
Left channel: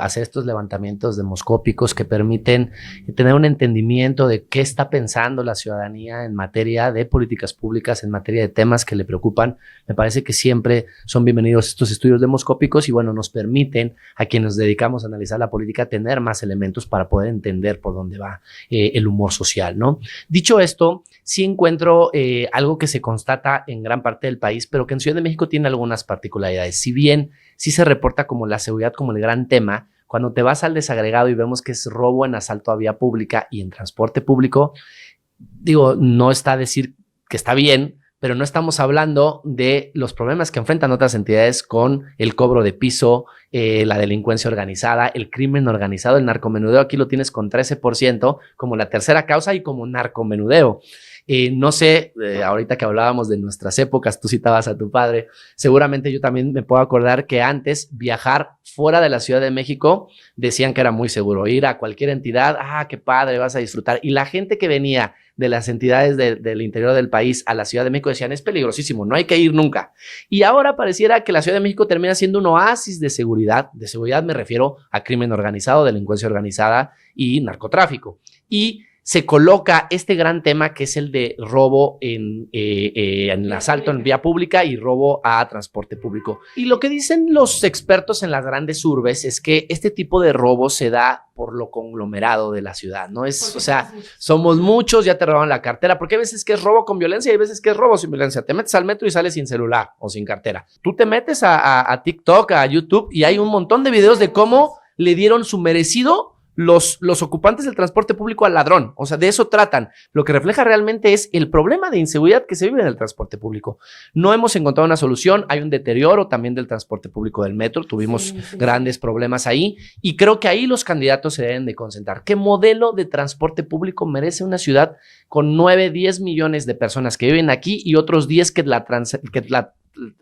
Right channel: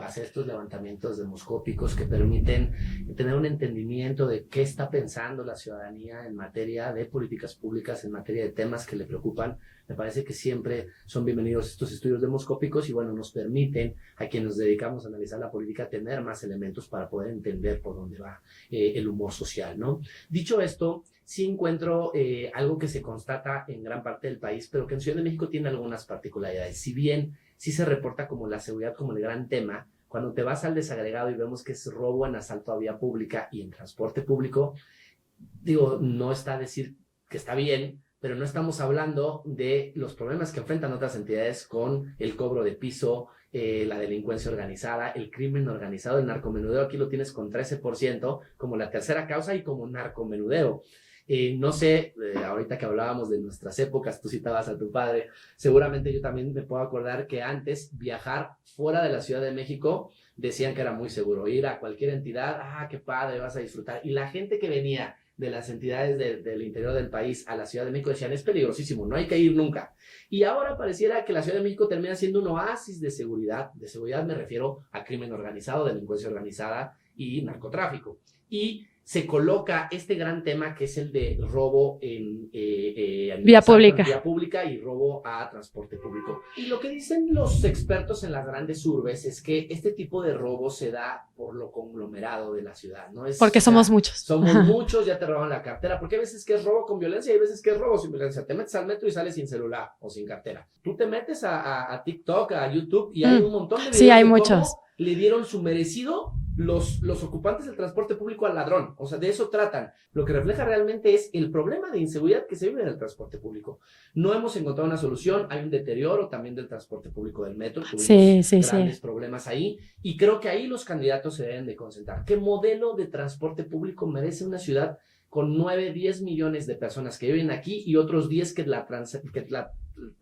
hacer estos levantamientos demoscópicos que permiten tener un entendimiento de qué está pensando la ciudadanía en materia de políticas públicas, en materia de temas que le preocupan. Me parece que siempre son bienvenidos estos estudios demoscópicos y, bueno, nos permiten a quienes nos dedicamos a analizar la política tener más elementos para poder entender por dónde va el humor social, ¿no? Dicho esto, sí encuentro algo que se constata en gran parte del país, pero que en Ciudad de México tiene algunas particularidades. Si bien sí se reporta como la seguridad como el gran tema, cuando te vas al desagregado y vemos que es robo en asalto a vía pública y en transporte público, digo, no está a decir que está bien, pero no estamos hablando de los problemas que enfrentan otras entidades con el cobro de piso, la delincuencia organizada, el crimen organizado, el narcomenudeo. Aquí lo tienes con 13% como la tercera causa y como narcomenudeo. No sé, ahorita que hablábamos de nuestras épocas, tú citabas a tu padre, seguramente yo también me puedo acordar que antes viajar fuera de la Ciudad de México decían que era muy seguro, ir a cualquier entidad, qué padre, vas a disfrutar. Y la gente que venía de las entidades del interior del país a la Ciudad de México decían, es peligrosísimo, no hay que ir nunca. Y ahora pareciera que la Ciudad de México termina siendo un oasis de seguridad. De seguridad me refiero a crimen organizado, delincuencia organizada y narcotráfico. Y se coloca este gran tema que es el de robo en vía pública y robo a transporte público. Y lo que dicen los expertos en las grandes urbes es que este tipo de robo se da por lo conglomerado de la ciudad, ¿no? Porque somos muchos. Somos muchos, ya te roban la cartera, porque hay veces que es robo con violencia y hay veces que es robo sin violencia. Te metes al metro y sales sin celular o sin cartera. Tú te metes a TikTok, a YouTube y hay un montón de videos de cómo le dieron su merecido los ocupantes del transporte público al ladrón. O sea, de eso tratan. Lo que refleja realmente es el problema de inseguridad que se vive en el transporte público. No hemos encontrado una solución. Hay un deterioro también del transporte público del metro. Tuvimos grandes problemas ahí. Y creo que ahí los candidatos se deben de concentrar. ¿Qué modelo de transporte público merece una ciudad con 9, 10 millones de personas que viven aquí y otros 10 que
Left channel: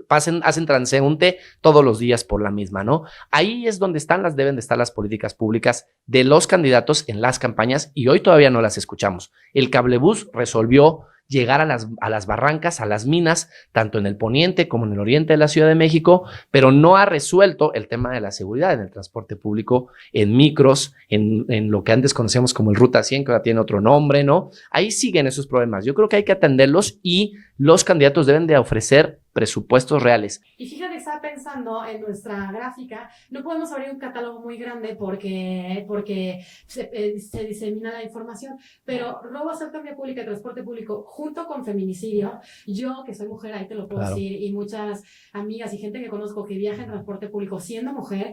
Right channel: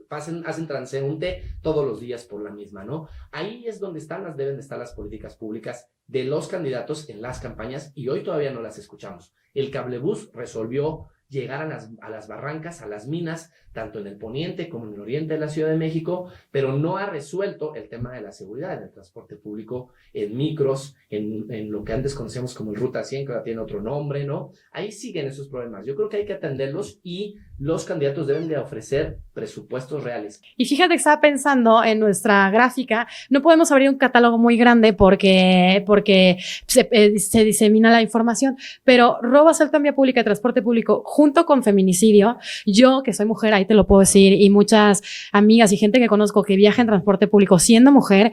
hacen transeúnte todos los días por la misma, ¿no? Ahí es donde deben de estar las políticas públicas de los candidatos en las campañas y hoy todavía no las escuchamos. El cablebús resolvió llegar a las barrancas, a las minas, tanto en el poniente como en el oriente de la Ciudad de México, pero no ha resuelto el tema de la seguridad en el transporte público, en micros, en lo que antes conocíamos como el Ruta 100, que ahora tiene otro nombre, ¿no? Ahí siguen esos problemas. Yo creo que hay que atenderlos y los candidatos deben de ofrecer presupuestos reales. Y fíjate que estaba pensando en nuestra gráfica, no podemos abrir un catálogo muy grande porque se disemina la información, pero robo, asalto en vía pública y transporte público junto con feminicidio, yo que soy mujer, ahí te lo puedo decir, y muchas amigas y gente que conozco que viaja en transporte público siendo mujer,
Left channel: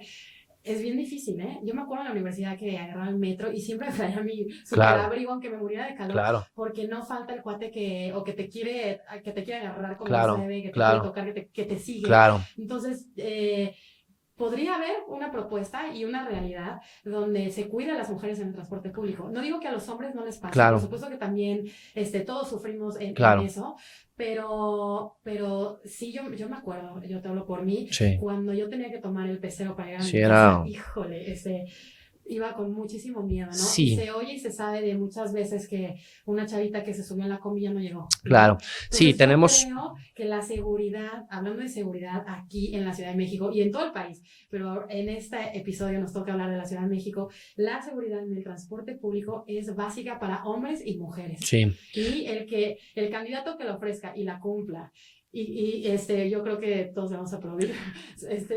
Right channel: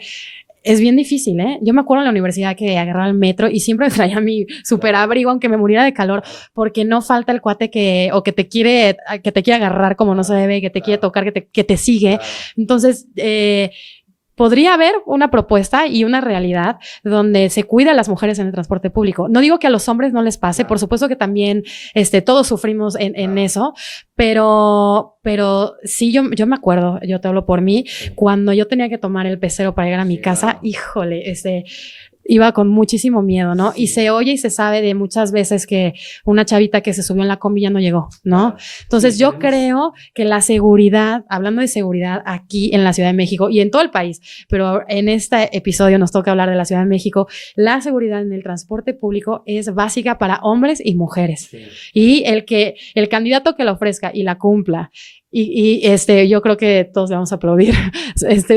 es bien difícil, ¿eh? Yo me acuerdo en la universidad que agarraba el metro y siempre me traía mi super abrigo, aunque me muriera de calor, porque no falta el cuate que te quiere agarrar como no se debe, que te quiere tocar, que te sigue. Entonces, podría haber una propuesta y una realidad donde se cuida a las mujeres en el transporte público. No digo que a los hombres no les pase, por supuesto que también todos sufrimos en eso, pero sí, yo me acuerdo, yo te hablo por mí, cuando yo tenía que tomar el pecero para llegar a mi casa, híjole, iba con muchísimo miedo, ¿no? Sí. Y se oye y se sabe de muchas veces que una chavita que se subió en la combi ya no llegó, ¿no? Entonces yo creo que la seguridad, hablando de seguridad aquí en la Ciudad de México y en todo el país, pero en este episodio nos toca hablar de la Ciudad de México, la seguridad en el transporte público es básica para hombres y mujeres. Sí. Y el candidato que la ofrezca y la cumpla, y yo creo que todos le vamos a aplaudir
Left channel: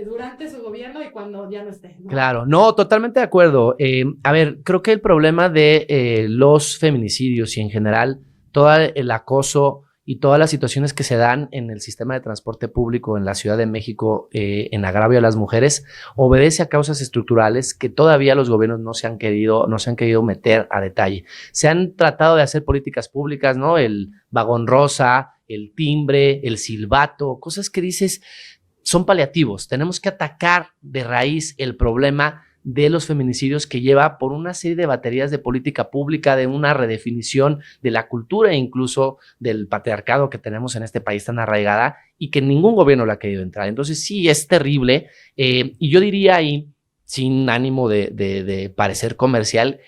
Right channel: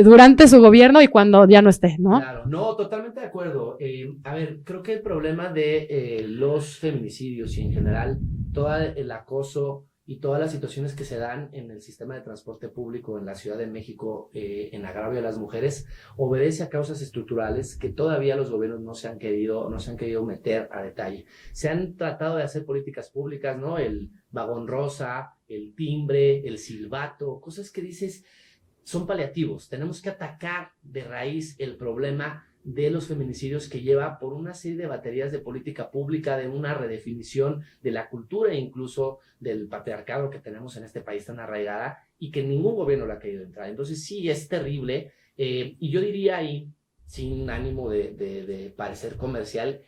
durante su gobierno y cuando ya no esté, ¿no? Claro, no, totalmente de acuerdo. A ver, creo que el problema de los feminicidios y en general todo el acoso y todas las situaciones que se dan en el sistema de transporte público en la Ciudad de México en agravio a las mujeres obedece a causas estructurales que todavía los gobiernos no se han querido meter a detalle. Se han tratado de hacer políticas públicas, ¿no? El vagón rosa, el timbre, el silbato, cosas que dices son paliativos. Tenemos que atacar de raíz el problema de los feminicidios que lleva por una serie de baterías de política pública, de una redefinición de la cultura e incluso del patriarcado que tenemos en este país tan arraigada y que ningún gobierno le ha querido entrar. Entonces sí, es terrible y yo diría ahí, sin ánimo de parecer comercial,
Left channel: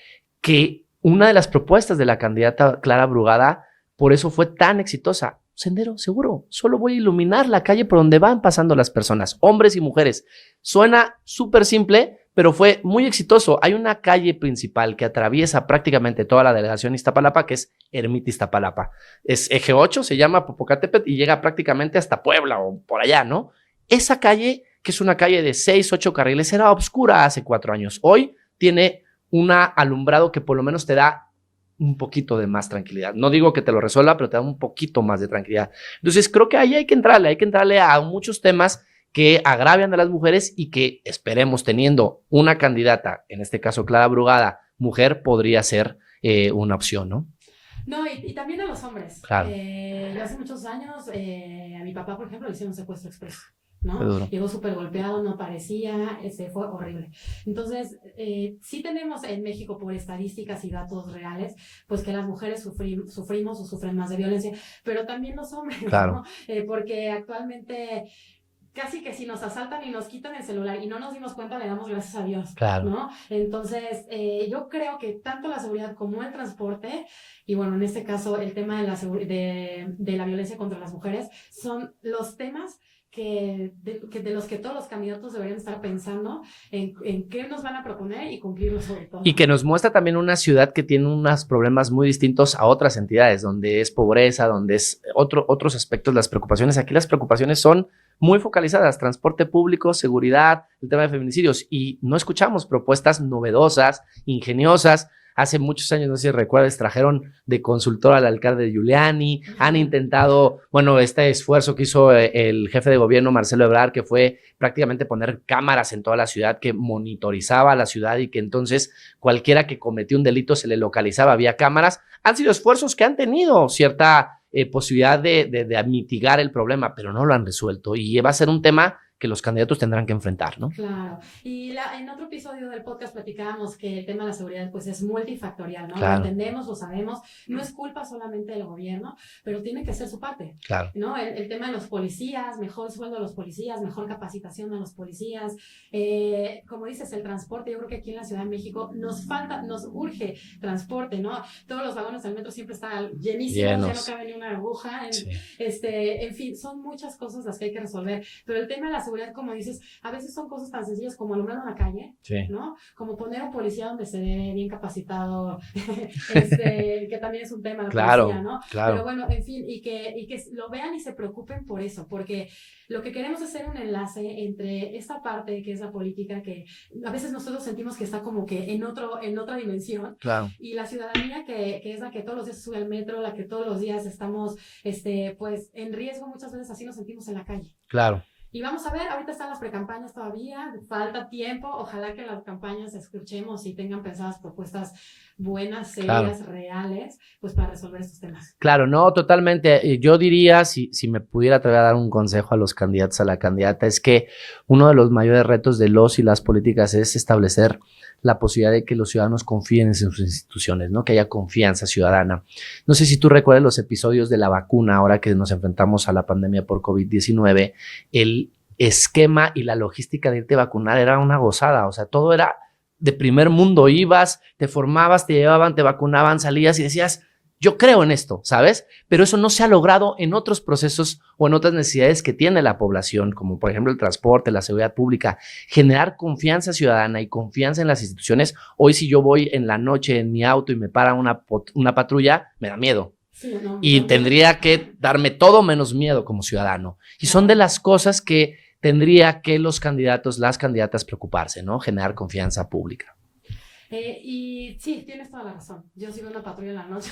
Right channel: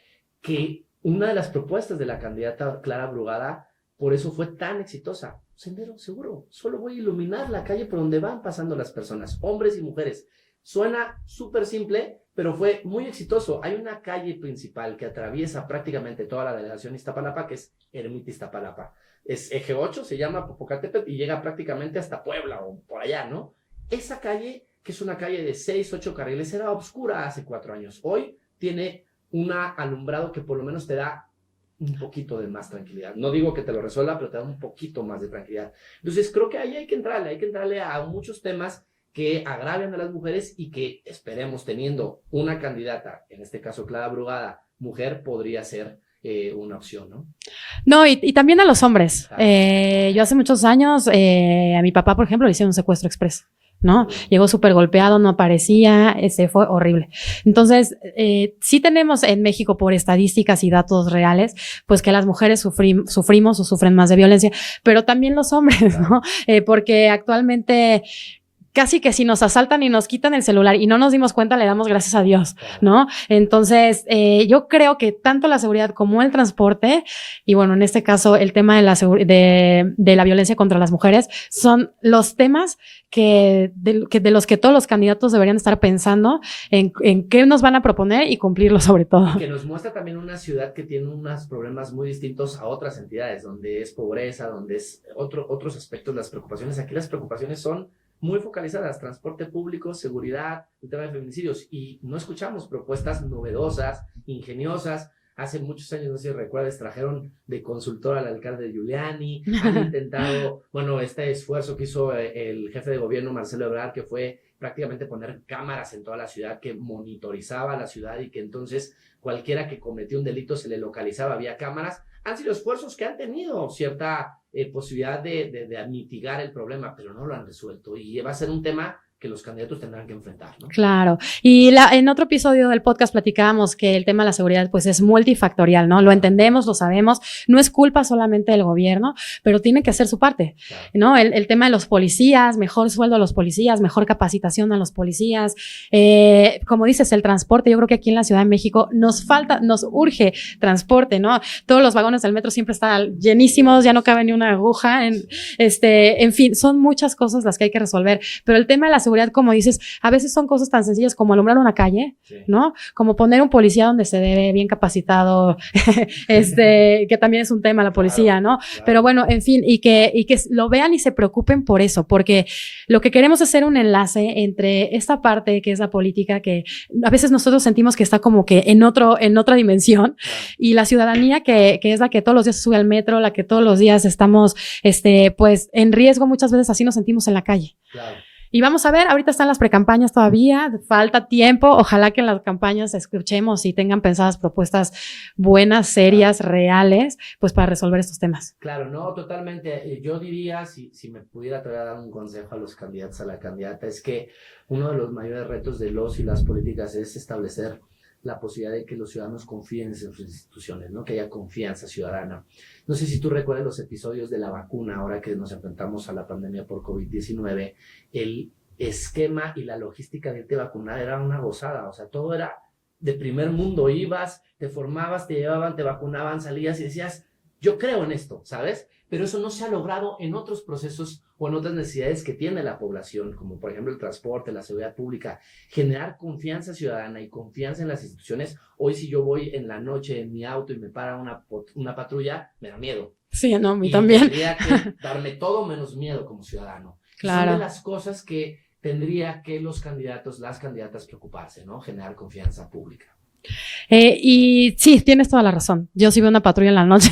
que una de las propuestas de la candidata Clara Brugada por eso fue tan exitosa. Sendero seguro, solo voy a iluminar la calle por donde van pasando las personas, hombres y mujeres. Suena súper simple, pero fue muy exitoso. Hay una calle principal que atraviesa prácticamente toda la delegación Iztapalapa, que es Ermita Iztapalapa. Es eje 8, se llama Popocatépetl y llega prácticamente hasta Puebla o por allá, ¿no? Esa calle, que es una calle de 6, 8 carriles, era oscura hace 4 años. Hoy tiene un alumbrado que por lo menos te da un poquito de más tranquilidad. No digo que te lo resuelva, pero te da un poquito más de tranquilidad. Entonces creo que ahí hay que entrarle a muchos temas que agravian a las mujeres y que esperemos teniendo una candidata, en este caso Clara Brugada, mujer, podría ser una opción, ¿no? No, y también a los hombres. Claro. Yo hace muchos años, a mi papá, por ejemplo, le hicieron un secuestro expreso, ¿no? Llegó súper golpeado, no aparecía, fue horrible. Entonces, sí tenemos en México, por estadísticas y datos reales, pues que las mujeres sufrimos o sufren más de violencia, pero también los hombres, claro, ¿no? Porque actualmente casi que si nos asaltan y nos quitan el celular y no nos dimos cuenta, le damos gracias a Dios, Claro. ¿no? Entonces, yo creo que tanto la seguridad como el transporte, y bueno, en este caso el tema de la violencia contra las mujeres, son los temas de los que todos los candidatos deberían estar pensando en qué nos van a proponer y cumplirlo sobre todo. Y que nos muestra también una ciudad que tiene unos problemas muy distintos a otras entidades, donde es pobreza, donde es otros aspectos, las preocupaciones. Aquí las preocupaciones son muy focalizadas, transporte público, seguridad, el tema de feminicidios, y no escuchamos propuestas novedosas, ingeniosas. Hace muchos años, no sé si recuerdas, trajeron de consultor al alcalde Giuliani, han intentado, bueno, este esfuerzo que hizo el jefe de gobierno, Marcelo Ebrard, que fue prácticamente poner cámaras en toda la ciudad que monitorizaba la ciudad y que entonces cualquiera que cometió un delito se le localizaba, había cámaras. Han sido esfuerzos que han tenido cierta posibilidad de mitigar el problema, pero no lo han resuelto y va a ser un tema que los candidatos tendrán que enfrentar, ¿no? Claro. Y en otro episodio del podcast platicábamos que el tema de la seguridad pues es multifactorial, ¿no? Claro. Lo entendemos, lo sabemos, no es culpa solamente del gobierno, pero tiene que hacer su parte, Claro. ¿no? El tema de los policías, mejor sueldo a los policías, mejor capacitación a los policías, como dices, el transporte, yo creo que aquí en la Ciudad de México nos urge transporte, ¿no? Todos los vagones del metro siempre están llenísimos, ya no cabe ni una aguja, Sí. en fin, son muchas cosas las que hay que resolver, pero el tema de la seguridad, como dices, a veces son cosas tan sencillas como alumbrar una calle, Sí. ¿no? Como poner un policía donde se debe, bien capacitado, que también es un tema la Claro, policía, ¿no? claro. Pero bueno, en fin, y que lo vean y se preocupen por eso, porque lo que queremos es hacer un enlace entre esta parte que es la política, que a veces nosotros sentimos que está como que en otra dimensión, Claro. y la ciudadanía que es la que todos los días sube al metro, la que todos los días estamos, pues en riesgo, muchas veces así nos sentimos en la calle. Claro. Y vamos a ver, ahorita están las precampañas todavía, falta tiempo, ojalá que en las campañas escuchemos y tengan pensadas propuestas buenas, serias, reales, pues para resolver estos temas. Claro, no, totalmente. Yo diría, si me pudiera atrever a dar un consejo a los candidatos, a la candidata, es que uno de los mayores retos de los y las políticas es establecer la posibilidad de que los ciudadanos confíen en sus instituciones, ¿no? Que haya confianza ciudadana. No sé si tú recuerdas los episodios de la vacuna, ahora que nos enfrentamos a la pandemia por COVID-19, el esquema y la logística de irte a vacunar era una gozada, o sea, todo era de primer mundo, ibas, te formabas, te llevaban, te vacunaban, salías y decías, yo creo en esto, ¿sabes? Pero eso no se ha logrado en otros procesos o en otras necesidades que tiene la población, como por ejemplo el transporte, la seguridad pública. Generar confianza ciudadana y confianza en las instituciones. Hoy si yo voy en la noche en mi auto y me para una patrulla, me da miedo. Sí, no, Y también. tendría que darme todo menos miedo como ciudadano. Y Claro. son de las cosas que tendría que los candidatos, las candidatas preocuparse, ¿no? Generar confianza pública. Y sí, tienes toda la razón. Yo si veo una patrulla en la noche,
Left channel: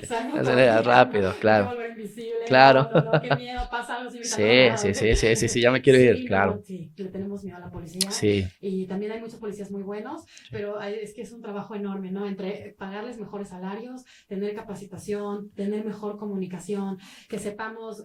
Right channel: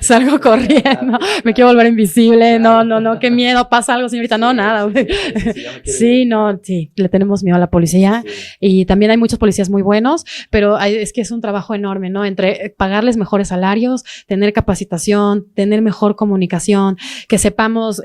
salgo corriendo, Rápido, me claro. quiero volver invisible, Claro. no, qué miedo, pasa algo, señorita, Sí, no, nada. Sí, ya me quiero Sí, ir. no, Claro. sí, le tenemos miedo a la policía. Sí. Y también hay muchos policías muy buenos, pero es que es un trabajo enorme, ¿no? Entre pagarles mejores salarios, tener capacitación, tener mejor comunicación, que sepamos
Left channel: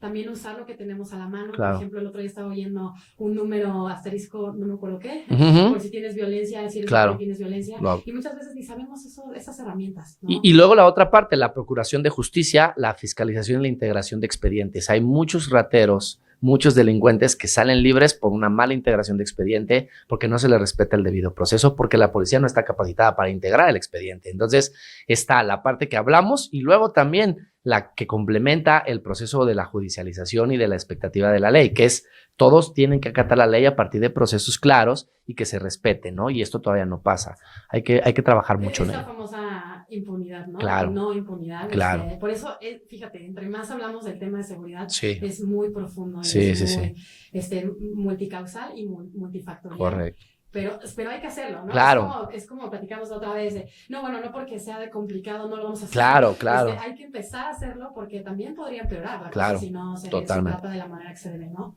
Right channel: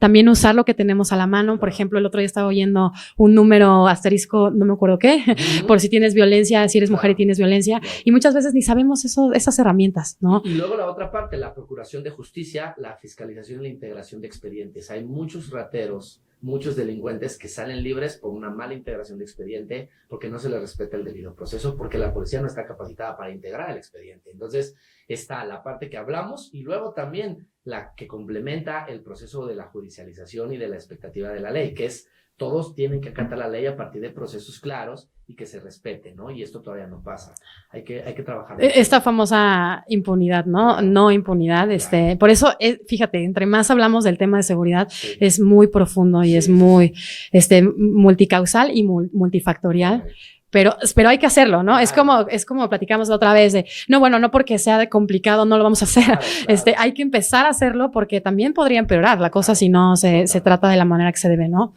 también usar lo que tenemos a la mano. Claro. Por ejemplo, el otro día estaba oyendo un número asterisco, no me acuerdo qué, Ujú. por si tienes violencia, si eres Claro. mujer y tienes violencia. Wow. Y muchas veces ni sabemos esas herramientas, ¿no? Y luego la otra parte, la procuración de justicia, la fiscalización y la integración de expedientes. Hay muchos rateros, muchos delincuentes que salen libres por una mala integración de expediente, porque no se les respeta el debido proceso, porque la policía no está capacitada para integrar el expediente. Entonces está la parte que hablamos y luego también la que complementa el proceso de la judicialización y de la expectativa de la ley, que es todos tienen que acatar la ley a partir de procesos claros y que se respeten, ¿no? Y esto todavía no pasa. Hay que trabajar mucho. Esta famosa impunidad, ¿no? Claro. No impunidad. Claro. Por eso, fíjate, entre más hablamos del tema de seguridad, Sí. es muy profundo y Sí, es sí, muy multicausal y multifactorial. Correcto. Pero hay que hacerlo, ¿no? Claro. Es como platicamos la otra vez de, no porque sea de complicado no lo vamos a hacer. Claro, claro. Hay que empezar a hacerlo porque también podría empeorar la cosa Claro, si no se totalmente. trata de la manera que se debe, ¿no?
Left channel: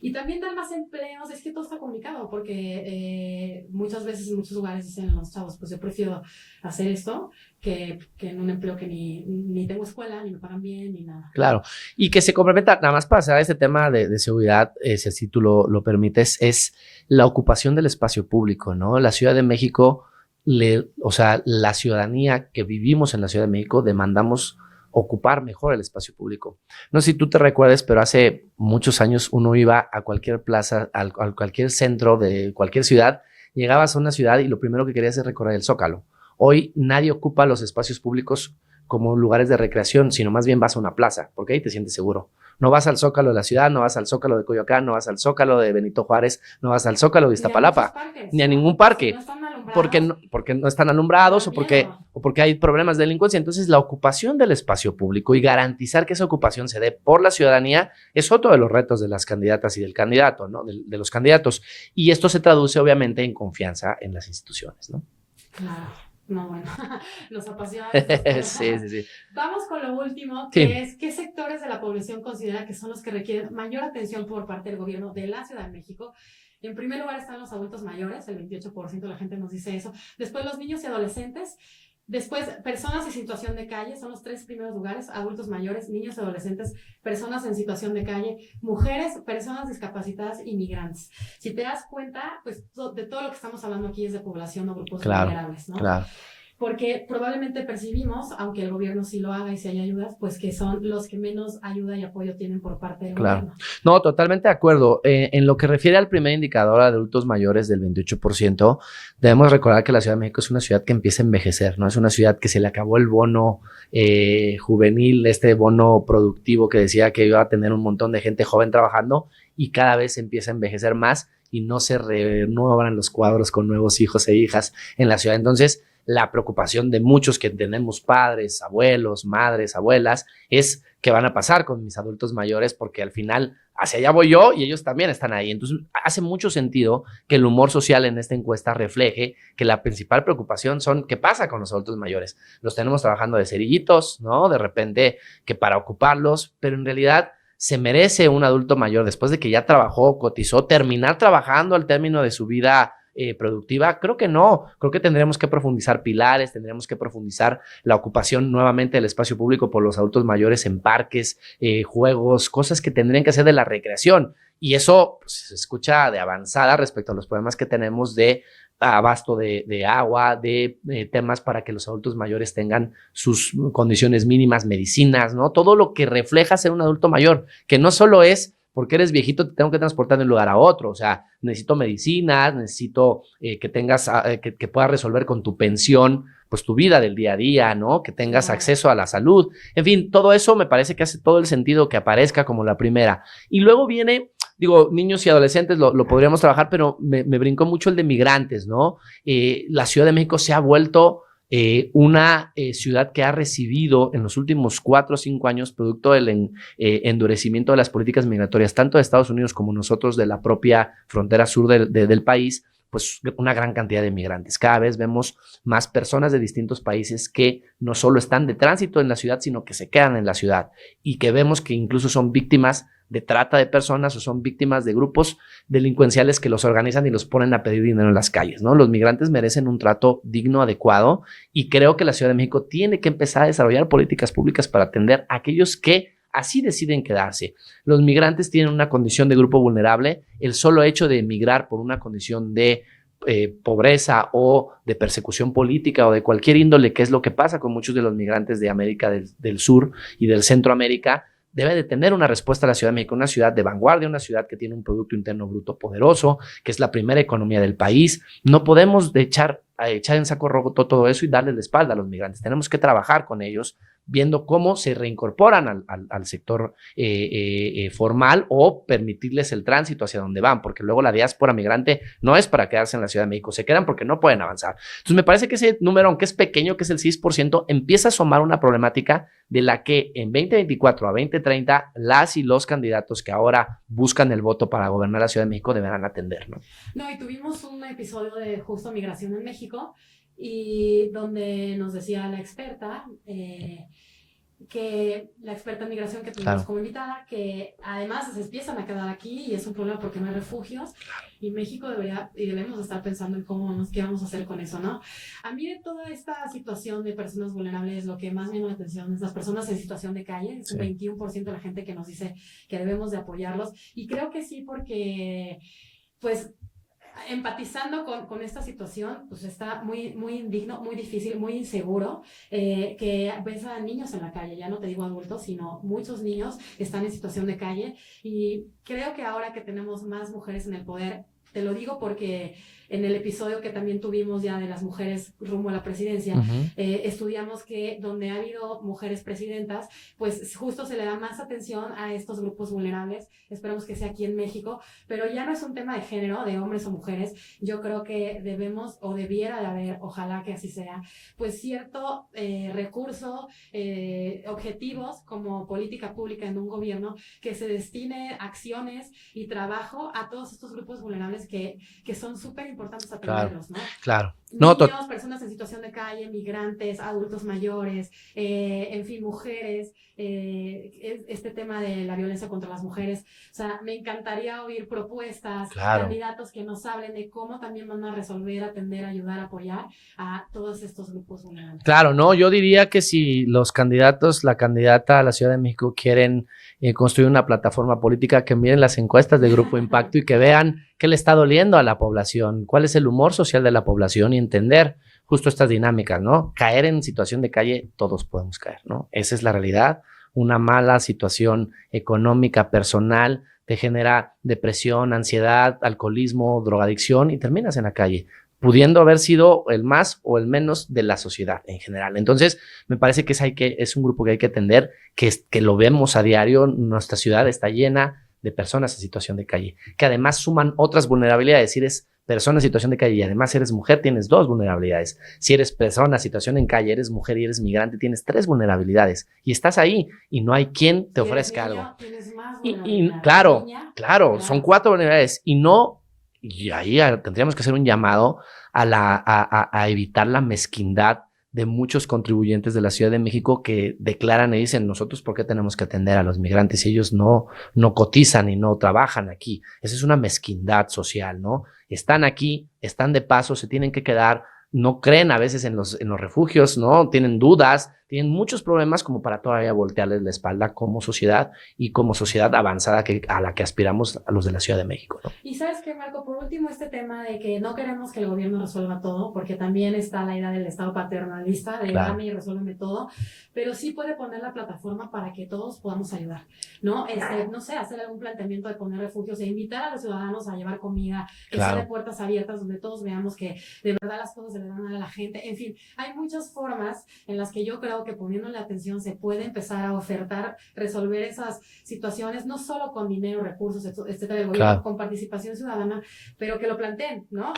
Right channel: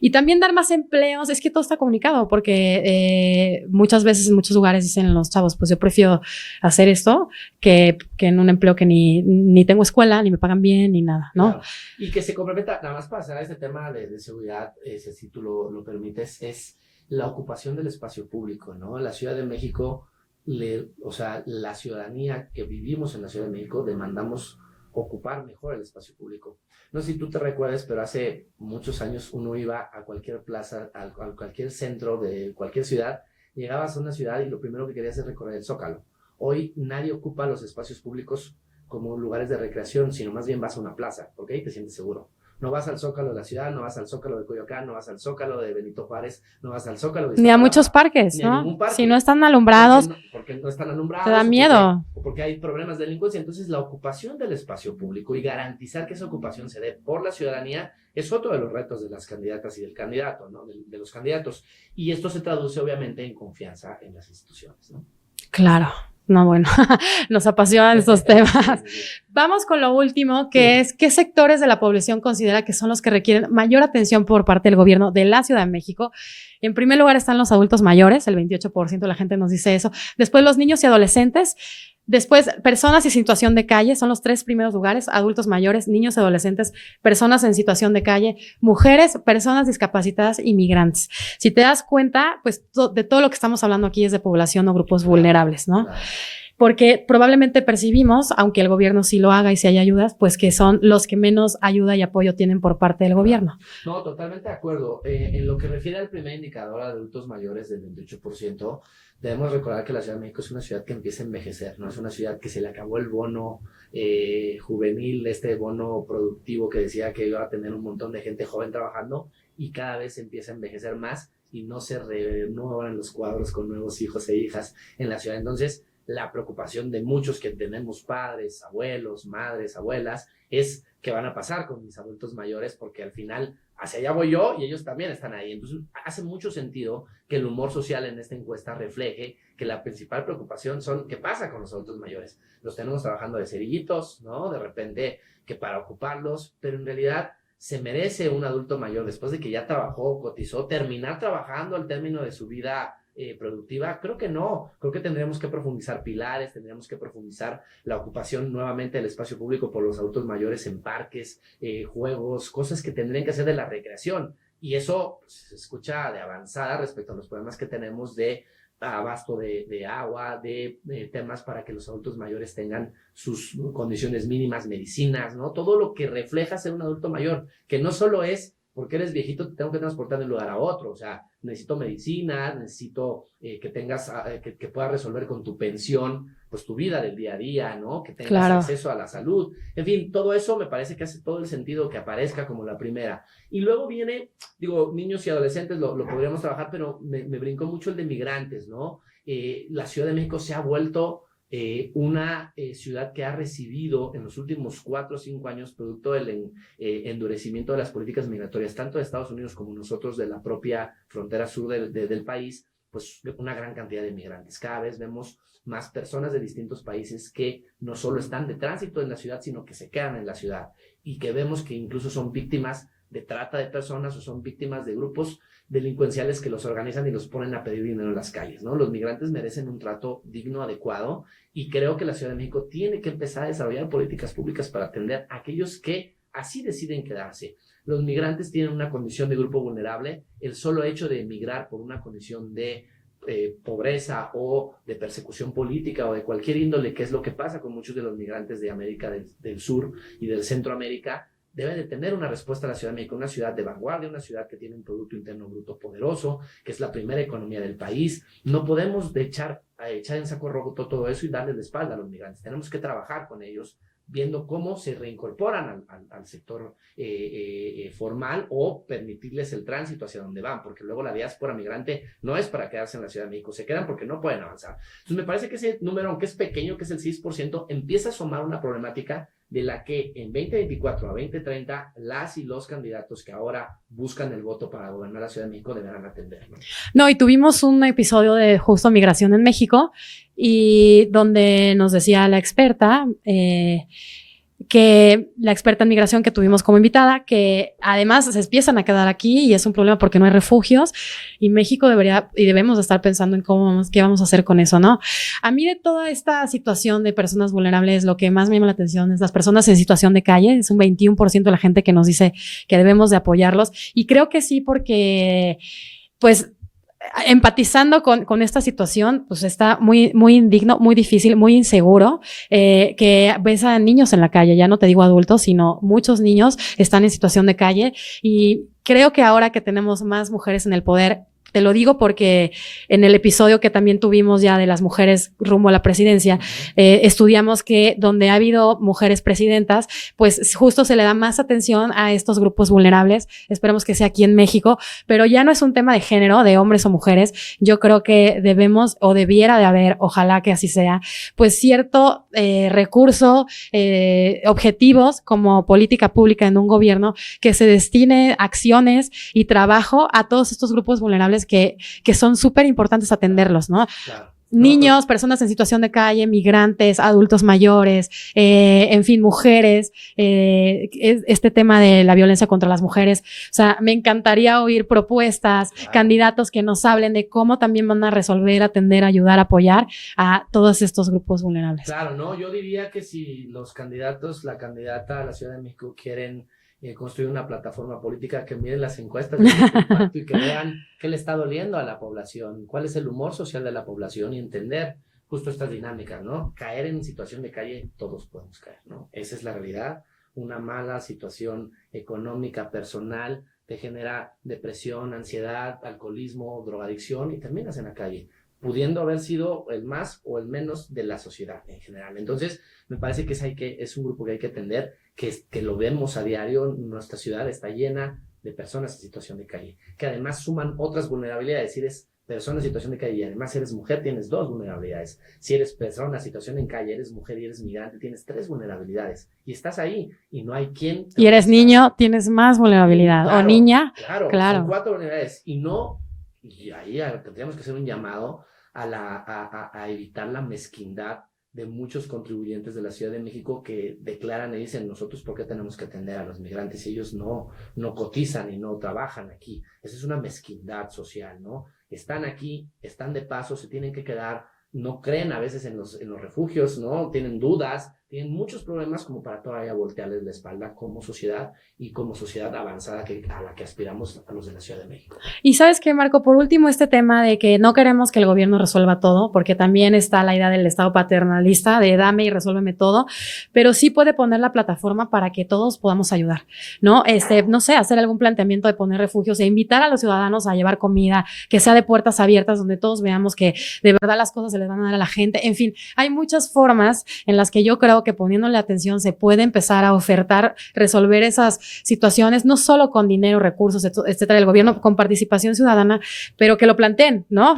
Y también dar más empleos, es que todo está comunicado porque muchas veces en muchos lugares dicen los chavos, pues yo prefiero hacer esto que en un empleo que ni tengo escuela, ni me pagan bien, ni nada, ¿no? Claro. Y que se complementa, nada más para cerrar este tema de seguridad, si tú lo permites, es la ocupación del espacio público, ¿no? La Ciudad de México, la ciudadanía que vivimos en la Ciudad de México demandamos ocupar mejor el espacio público. No sé si tú te recuerdes, pero hace muchos años uno iba a cualquier plaza, a cualquier centro de cualquier ciudad, llegabas a una ciudad y lo primero que querías es recorrer el Zócalo. Hoy nadie ocupa los espacios públicos como lugares de recreación, sino más bien vas a una plaza, porque ahí te sientes seguro. No vas al Zócalo de la ciudad, no vas al Zócalo de Coyoacán, no vas al Zócalo de Benito Juárez, no vas al Zócalo de Iztapalapa. Ni a muchos parques, ni a ningún parque. Si no están alumbrados. Porque no están alumbrados. Te da miedo. O porque hay problemas de delincuencia. Entonces, la ocupación del espacio público y garantizar que esa ocupación se dé por la ciudadanía es otro de los retos de las candidatas y del candidato, ¿no? De los candidatos. Y esto se traduce, obviamente, en confianza en las instituciones, ¿no? Claro. No, bueno, nos apasionan estos temas. Sí. Vamos con lo último, que es ¿qué sectores de la población considera que son los que requieren mayor atención por parte del gobierno de la Ciudad de México? En primer lugar están los adultos mayores, el 28% de la gente nos dice eso. Después los niños y adolescentes. Después, personas en situación de calle, son los 3 primeros lugares: adultos mayores, niños y adolescentes, personas en situación de calle, mujeres, personas discapacitadas y migrantes. Si te das cuenta, pues de todo lo que estamos hablando aquí es de población o grupos vulnerables, ¿no? Claro. Porque probablemente percibimos, aunque el gobierno sí lo haga y si hay ayudas, pues que son los que menos ayuda y apoyo tienen por parte del gobierno. No, totalmente de acuerdo. En lo que refiere al primer indicador de adultos mayores del 28%, debemos recordar que la Ciudad de México es una ciudad que empieza a envejecer, ¿no? Es una ciudad que se le acabó el bono juvenil, este bono productivo que decía que iba a tener un montón de gente joven trabajando, y cada vez empieza a envejecer más y no se renuevan los cuadros con nuevos hijos e hijas en la ciudad. Entonces, la preocupación de muchos que tenemos padres, abuelos, madres, abuelas, es qué van a pasar con mis adultos mayores, porque al final hacia allá voy yo y ellos también están ahí. Entonces hace mucho sentido que el humor social en esta encuesta refleje que la principal preocupación son qué pasa con los adultos mayores. Los tenemos trabajando de cerillitos, ¿no? De repente que para ocuparlos, pero en realidad se merece un adulto mayor después de que ya trabajó, cotizó, terminar trabajando al término de su vida productiva. Creo que no, creo que tendríamos que profundizar pilares, tendríamos que profundizar la ocupación nuevamente del espacio público por los adultos mayores en parques, juegos, cosas que tendrían que ser de la recreación, y eso pues, se escucha de avanzada respecto a los problemas que tenemos de abasto de agua, de temas para que los adultos mayores tengan sus condiciones mínimas, medicinas, ¿no? Todo lo que refleja ser un adulto mayor, que no solo es porque eres viejito, te tengo que transportar de un lugar a otro. O sea, necesito medicinas, necesito que tengas, que puedas resolver con tu pensión, pues tu vida del día a día, ¿no? Que tengas acceso a la salud. En fin, todo eso me parece que hace todo el sentido que aparezca como la primera. Y luego viene, digo, niños y adolescentes lo podríamos trabajar, pero me brincó mucho el de migrantes, ¿no? La Ciudad de México se ha vuelto una ciudad que ha recibido en los últimos 4 o 5 años, producto del endurecimiento de las políticas migratorias, tanto de Estados Unidos como nosotros de la propia frontera sur del país, pues una gran cantidad de migrantes. Cada vez vemos más personas de distintos países que no solo están de tránsito en la ciudad, sino que se quedan en la ciudad, y que vemos que incluso son víctimas de trata de personas o son víctimas de grupos delincuenciales que los organizan y los ponen a pedir dinero en las calles, ¿no? Los migrantes merecen un trato digno, adecuado, y creo que la Ciudad de México tiene que empezar a desarrollar políticas públicas para atender a aquellos que así deciden quedarse. Los migrantes tienen una condición de grupo vulnerable. El solo hecho de emigrar por una condición de pobreza o de persecución política o de cualquier índole, que es lo que pasa con muchos de los migrantes de América del Sur y del Centroamérica, debe de tener una respuesta a la Ciudad de México, una ciudad de vanguardia, una ciudad que tiene un Producto Interno Bruto poderoso, que es la primera economía del país. No podemos echar en saco roto todo eso y darles la espalda a los migrantes. Tenemos que trabajar con ellos, viendo cómo se reincorporan al sector formal, o permitirles el tránsito hacia donde van, porque luego la diáspora migrante no es para quedarse en la Ciudad de México, se quedan porque no pueden avanzar. Entonces me parece que ese número, aunque es pequeño, que es el 6%, empieza a asomar una problemática de la que en 2024 a 2030 las y los candidatos que ahora buscan el voto para gobernar la Ciudad de México deberán atender, ¿no? No, y tuvimos un episodio de justo migración en México, y donde nos decía la experta, que la experta en migración que tuvimos como invitada, que además se empiezan a quedar aquí y es un problema porque no hay refugios, y México debería y debemos estar pensando en qué vamos a hacer con eso, ¿no? A mí, de toda esta situación de personas vulnerables, lo que más me llama la atención es las personas en situación de calle. Es un 21% de la gente que nos dice que debemos de apoyarlos, y creo que sí, porque pues empatizando con esta situación, pues está muy, muy indigno, muy difícil, muy inseguro, que ves a niños en la calle, ya no te digo adultos, sino muchos niños están en situación de calle, y creo que ahora que tenemos más mujeres en el poder, te lo digo porque en el episodio que también tuvimos ya de las mujeres rumbo a la presidencia, estudiamos que donde ha habido mujeres presidentas, pues justo se le da más atención a estos grupos vulnerables. Esperemos que sea aquí en México, pero ya no es un tema de género, de hombres o mujeres. Yo creo que debemos, o debiera de haber, ojalá que así sea, pues cierto recurso, objetivos como política pública en un gobierno que se destine acciones y trabajo a todos estos grupos vulnerables que son súper importantes atenderlos, ¿no? Claro. Niños, personas en situación de calle, migrantes, adultos mayores, en fin, mujeres, este tema de la violencia contra las mujeres. O sea, me encantaría oír propuestas, candidatos que nos hablen de cómo también van a resolver, atender, ayudar, apoyar a todos estos grupos vulnerables. Claro, no, yo diría que si los candidatos, la candidata a la Ciudad de México quieren construir una plataforma política, que miren las encuestas del Grupo Impacto y que vean qué le está doliendo a la población, cuál es el humor social de la población y entender justo estas dinámicas, ¿no? Caer en situación de calle, todos podemos caer, ¿no? Esa es la realidad. Una mala situación económica, personal, te genera depresión, ansiedad, alcoholismo, drogadicción y terminas en la calle, pudiendo haber sido el más o el menos de la sociedad en general. Entonces, me parece que es un grupo que hay que atender, que lo vemos a diario. Nuestra ciudad está llena de personas en situación de calle, que además suman otras vulnerabilidades. Si eres persona en situación de calle y además eres mujer, tienes 2 vulnerabilidades. Si eres persona en situación en calle, eres mujer y eres migrante, tienes 3 vulnerabilidades. Y estás ahí y no hay quien te y eres niño, algo. Tienes más vulnerabilidad. Claro, o niña. Claro, son 4 vulnerabilidades. Y ahí tendríamos que hacer un llamado a evitar la mezquindad de muchos contribuyentes de la Ciudad de México que declaran y dicen: nosotros ¿por qué tenemos que atender a los migrantes si ellos no cotizan y no trabajan aquí? Esa es una mezquindad social, ¿no? Están aquí, están de paso, se tienen que quedar, no creen a veces en los refugios, ¿no? Tienen dudas, tienen muchos problemas como para todavía voltearles la espalda como sociedad y como sociedad avanzada a la que aspiramos a los de la Ciudad de México, ¿no? Y ¿sabes qué, Marco? Por último, este tema de que no queremos que el gobierno resuelva todo, porque también está la idea del Estado paternalista de dame y resuélveme todo, pero sí puede poner la plataforma para que todos podamos ayudar, ¿no? No sé, hacer algún planteamiento de poner refugios e invitar a los ciudadanos a llevar comida, que sea de puertas abiertas, donde todos veamos que de verdad las cosas se les van a dar a la gente. En fin, hay muchas formas en las que yo creo que poniéndole atención se puede empezar a ofertar, resolver esas situaciones, no solo con dinero, recursos, etcétera, del gobierno, con participación ciudadana, pero que lo planteen, ¿no?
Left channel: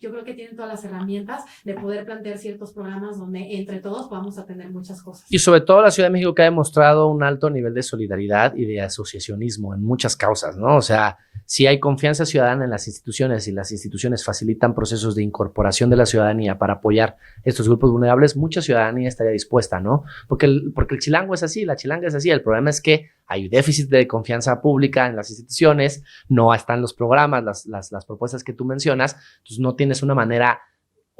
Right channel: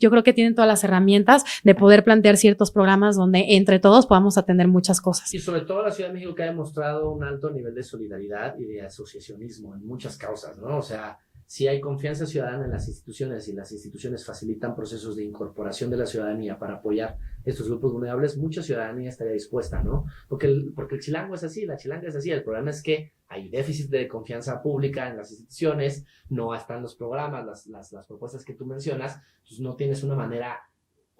Yo creo que tienen todas las herramientas de poder plantear ciertos programas donde entre todos podamos atender muchas cosas. Y sobre todo la Ciudad de México, que ha demostrado un alto nivel de solidaridad y de asociacionismo en muchas causas, ¿no? O sea, si hay confianza ciudadana en las instituciones y las instituciones facilitan procesos de incorporación de la ciudadanía para apoyar estos grupos vulnerables, mucha ciudadanía estaría dispuesta, ¿no? Porque el chilango es así, la chilanga es así. El problema es que hay déficit de confianza pública en las instituciones, no están los programas, las propuestas que tú mencionas, entonces no tienes una manera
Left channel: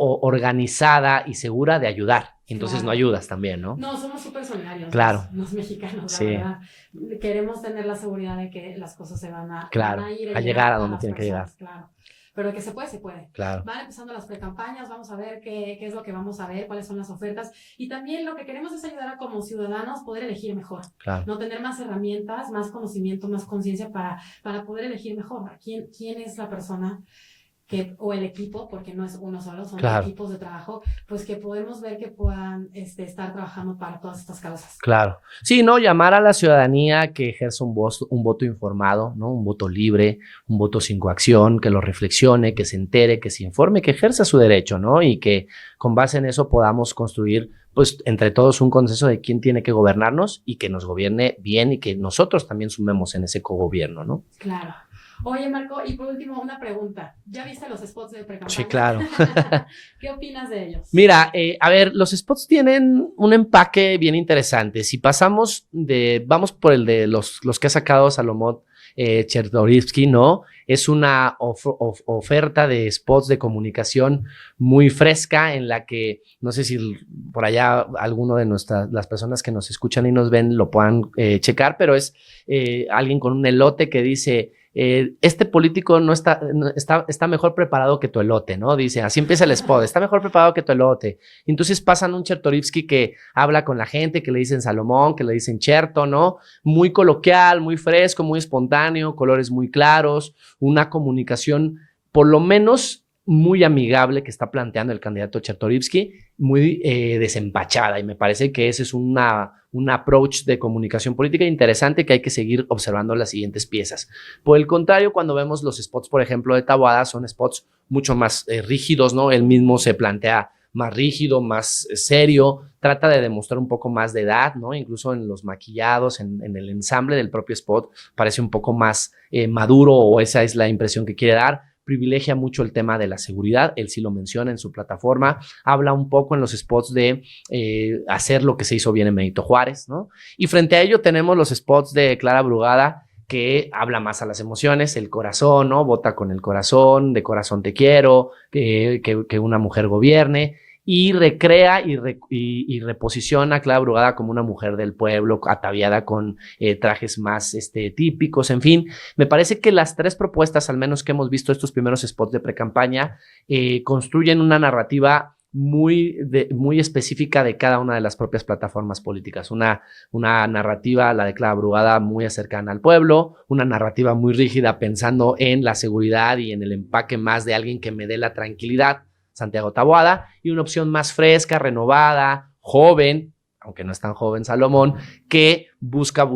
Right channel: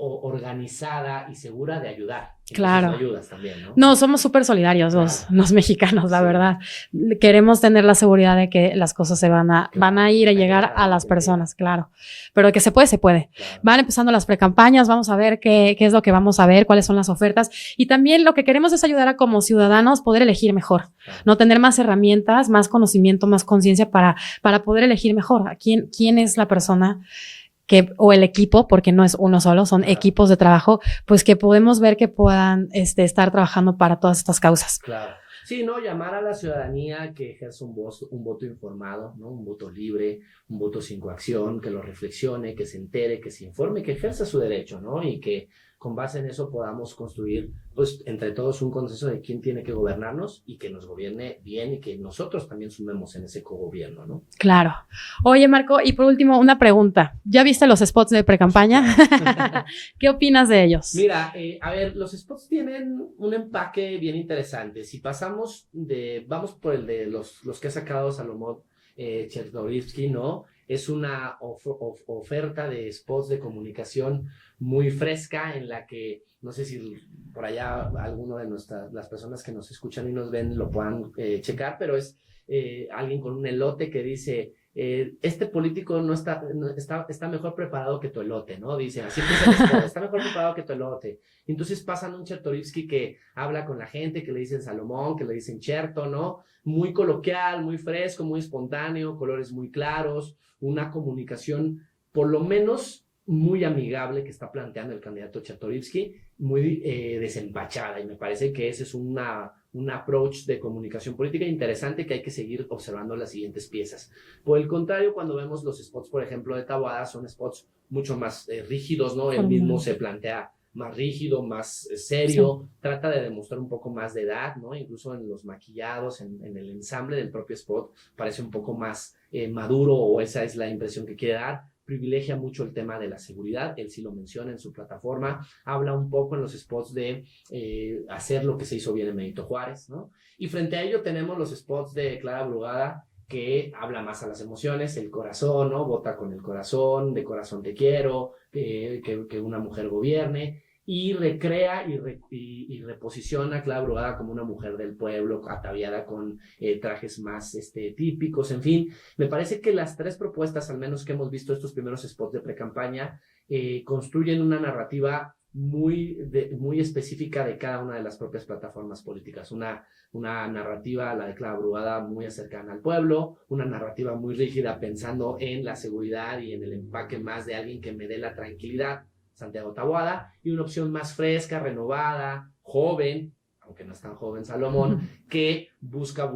organizada y segura de ayudar. Entonces no ayudas también, ¿no? No, somos súper solidarios los mexicanos, la verdad. Queremos tener la seguridad de que las cosas se van a ir a llegar a las personas, Pero que se puede. Van empezando las precampañas, vamos a ver qué es lo que vamos a ver, cuáles son las ofertas. Y también lo que queremos es ayudar a como ciudadanos poder elegir mejor, no tener más herramientas, más conocimiento, más conciencia para poder elegir mejor. ¿Quién es la persona o el equipo, porque no es uno solo, son equipos de trabajo, pues que podemos ver que puedan estar trabajando para todas estas causas? Claro. Sí, no, llamar a la ciudadanía que ejerza un voto informado, ¿no? Un voto libre, un voto sin coacción, que lo reflexione, que se entere, que se informe, que ejerza su derecho, ¿no? Y que con base en eso podamos construir, pues, entre todos un consenso de quién tiene que gobernarnos y que nos gobierne bien y que nosotros también sumemos en ese cogobierno, ¿no? Claro. Oye, Marco, y por último, una pregunta. ¿Ya viste los spots de precampaña? Sí, claro. ¿Qué opinas de ellos? Mira, a ver, los spots tienen un empaque bien interesante. Si vamos por el de los que ha sacado Salomón Chertorivsky, ¿no? Es una oferta de spots de comunicación muy fresca en la que, no sé si por allá alguno de las personas que nos escuchan y nos ven lo puedan checar, pero es alguien con un elote que dice: este político está mejor preparado que tu elote, ¿no? Dice, así empieza el spot, está mejor preparado que tu elote. Entonces pasan un Chertorivsky que habla con la gente, que le dicen Salomón, que le dicen Cherto, ¿no? Muy coloquial, muy fresco, muy espontáneo, colores muy claros, una comunicación por lo menos muy amigable que está planteando el candidato Chertorivsky, muy desempachada, y me parece que ese es un approach de comunicación política interesante que hay que seguir observando las siguientes piezas. Por el contrario, cuando vemos los spots, por ejemplo, de Taboada, son spots mucho más rígidos, ¿no? Él mismo se plantea más rígido, más serio, trata de demostrar un poco más de edad, ¿no? Incluso en los maquillados, en el ensamble del propio spot, parece un poco más maduro, o esa es la impresión que quiere dar. Privilegia mucho el tema de la seguridad, él sí lo menciona en su plataforma, habla un poco en los spots de hacer lo que se hizo bien en Benito Juárez, ¿no? Y frente a ello tenemos los spots de Clara Brugada, que habla más a las emociones, el corazón, ¿no? Vota con el corazón, de corazón te quiero, que una mujer gobierne, y recrea y reposiciona a Clara Brugada como una mujer del pueblo, ataviada con trajes más típicos, en fin. Me parece que las tres propuestas, al menos que hemos visto estos primeros spots de precampaña, construyen una narrativa muy específica de cada una de las propias plataformas políticas. Una narrativa, la de Clara Brugada, muy cercana al pueblo, una narrativa muy rígida pensando en la seguridad y en el empaque más de alguien que me dé la tranquilidad, Santiago Taboada, y una opción más fresca, renovada, joven, aunque no es tan joven Salomón, que busca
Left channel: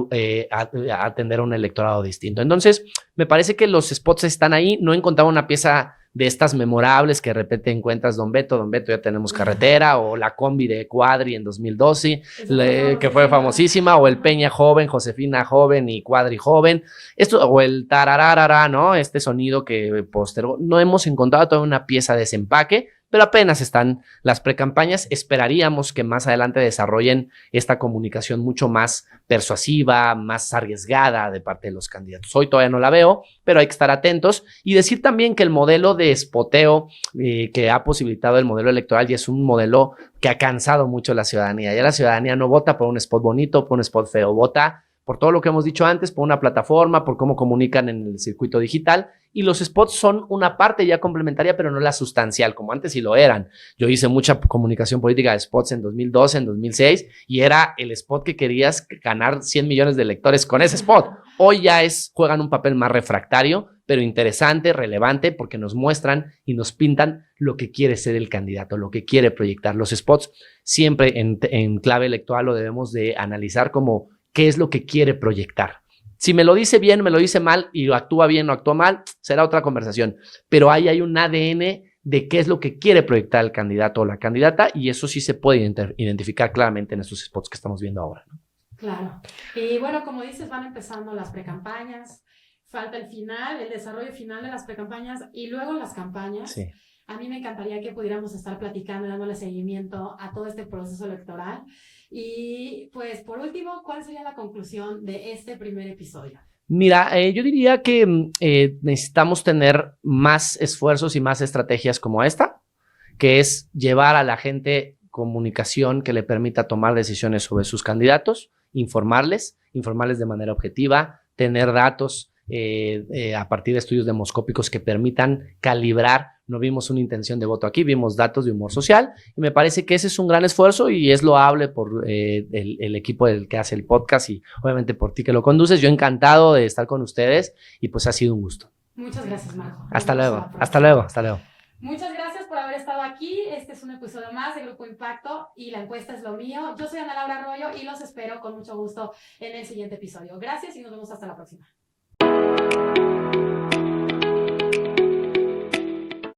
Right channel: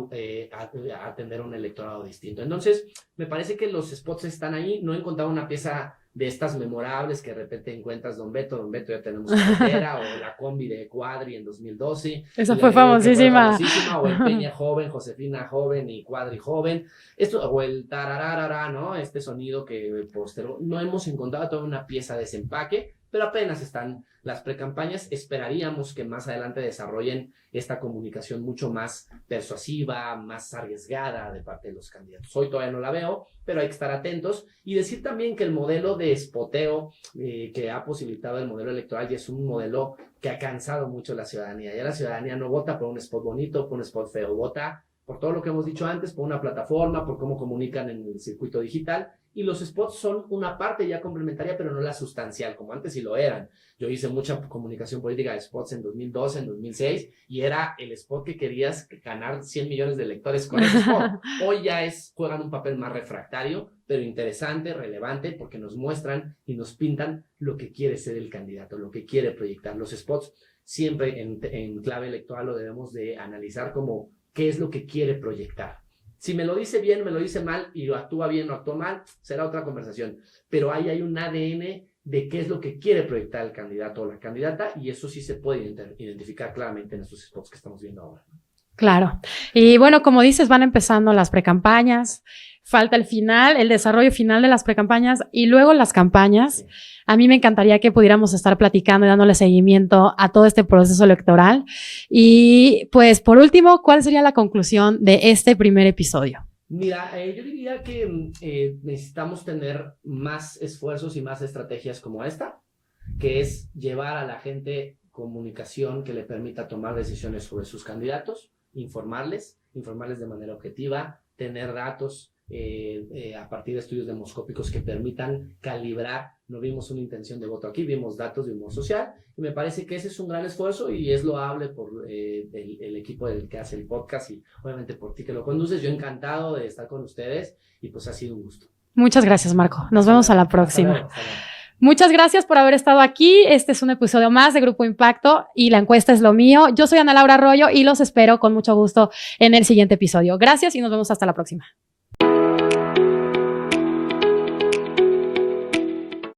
atender a un electorado distinto. Entonces, me parece que los spots están ahí. No he encontrado una pieza de estas memorables que de repente encuentras Don Beto, ya tenemos carretera, o la combi de Cuadri en 2012, que fue famosísima, o el Peña joven, Josefina joven y Cuadri joven, o el tarararara, ¿no? Este sonido que postergó. No hemos encontrado toda una pieza de desempaque, pero apenas están las precampañas. Esperaríamos que más adelante desarrollen esta comunicación mucho más persuasiva, más arriesgada de parte de los candidatos. Hoy todavía no la veo, pero hay que estar atentos y decir también que el modelo de spoteo que ha posibilitado el modelo electoral ya es un modelo que ha cansado mucho a la ciudadanía. Ya la ciudadanía no vota por un spot bonito, por un spot feo, vota por todo lo que hemos dicho antes, por una plataforma, por cómo comunican en el circuito digital. Y los spots son una parte ya complementaria, pero no la sustancial, como antes sí lo eran. Yo hice mucha comunicación política de spots en 2012, en 2006, y era el spot que querías ganar 100 millones de lectores con ese spot. Hoy ya juegan un papel más refractario, pero interesante, relevante, porque nos muestran y nos pintan lo que quiere ser el candidato, lo que quiere proyectar. Los spots siempre en clave electoral lo debemos de analizar como qué es lo que quiere proyectar. Si me lo dice bien, me lo dice mal, y lo actúa bien o actúa mal, será otra conversación. Pero ahí hay un ADN de qué es lo que quiere proyectar el candidato o la candidata, y eso sí se puede identificar claramente en estos spots que estamos viendo ahora, ¿no? Claro. Y bueno, como dices, van empezando las precampañas, falta el final, el desarrollo final de las precampañas y luego las campañas. Sí. A mí me encantaría que pudiéramos estar platicando y dándole seguimiento a todo este proceso electoral. Y pues, por último, ¿cuál sería la conclusión de este primer episodio? Mira, yo diría que necesitamos tener más esfuerzos y más estrategias como esta, que es llevar a la gente comunicación que le permita tomar decisiones sobre sus candidatos, informarles de manera objetiva, tener datos a partir de estudios demoscópicos que permitan calibrar. No vimos una intención de voto aquí, vimos datos de humor social, y me parece que ese es un gran esfuerzo y es loable por el equipo del que hace el podcast y obviamente por ti que lo conduces. Yo encantado de estar con ustedes y pues ha sido un gusto. Muchas gracias, Marco. Nos vemos a la próxima. Hasta luego. Muchas gracias por haber estado aquí. Este es un episodio más de Grupo Impacto y la encuesta es lo mío. Yo soy Ana Laura Arroyo y los espero con mucho gusto en el siguiente episodio. Gracias y nos vemos hasta la próxima.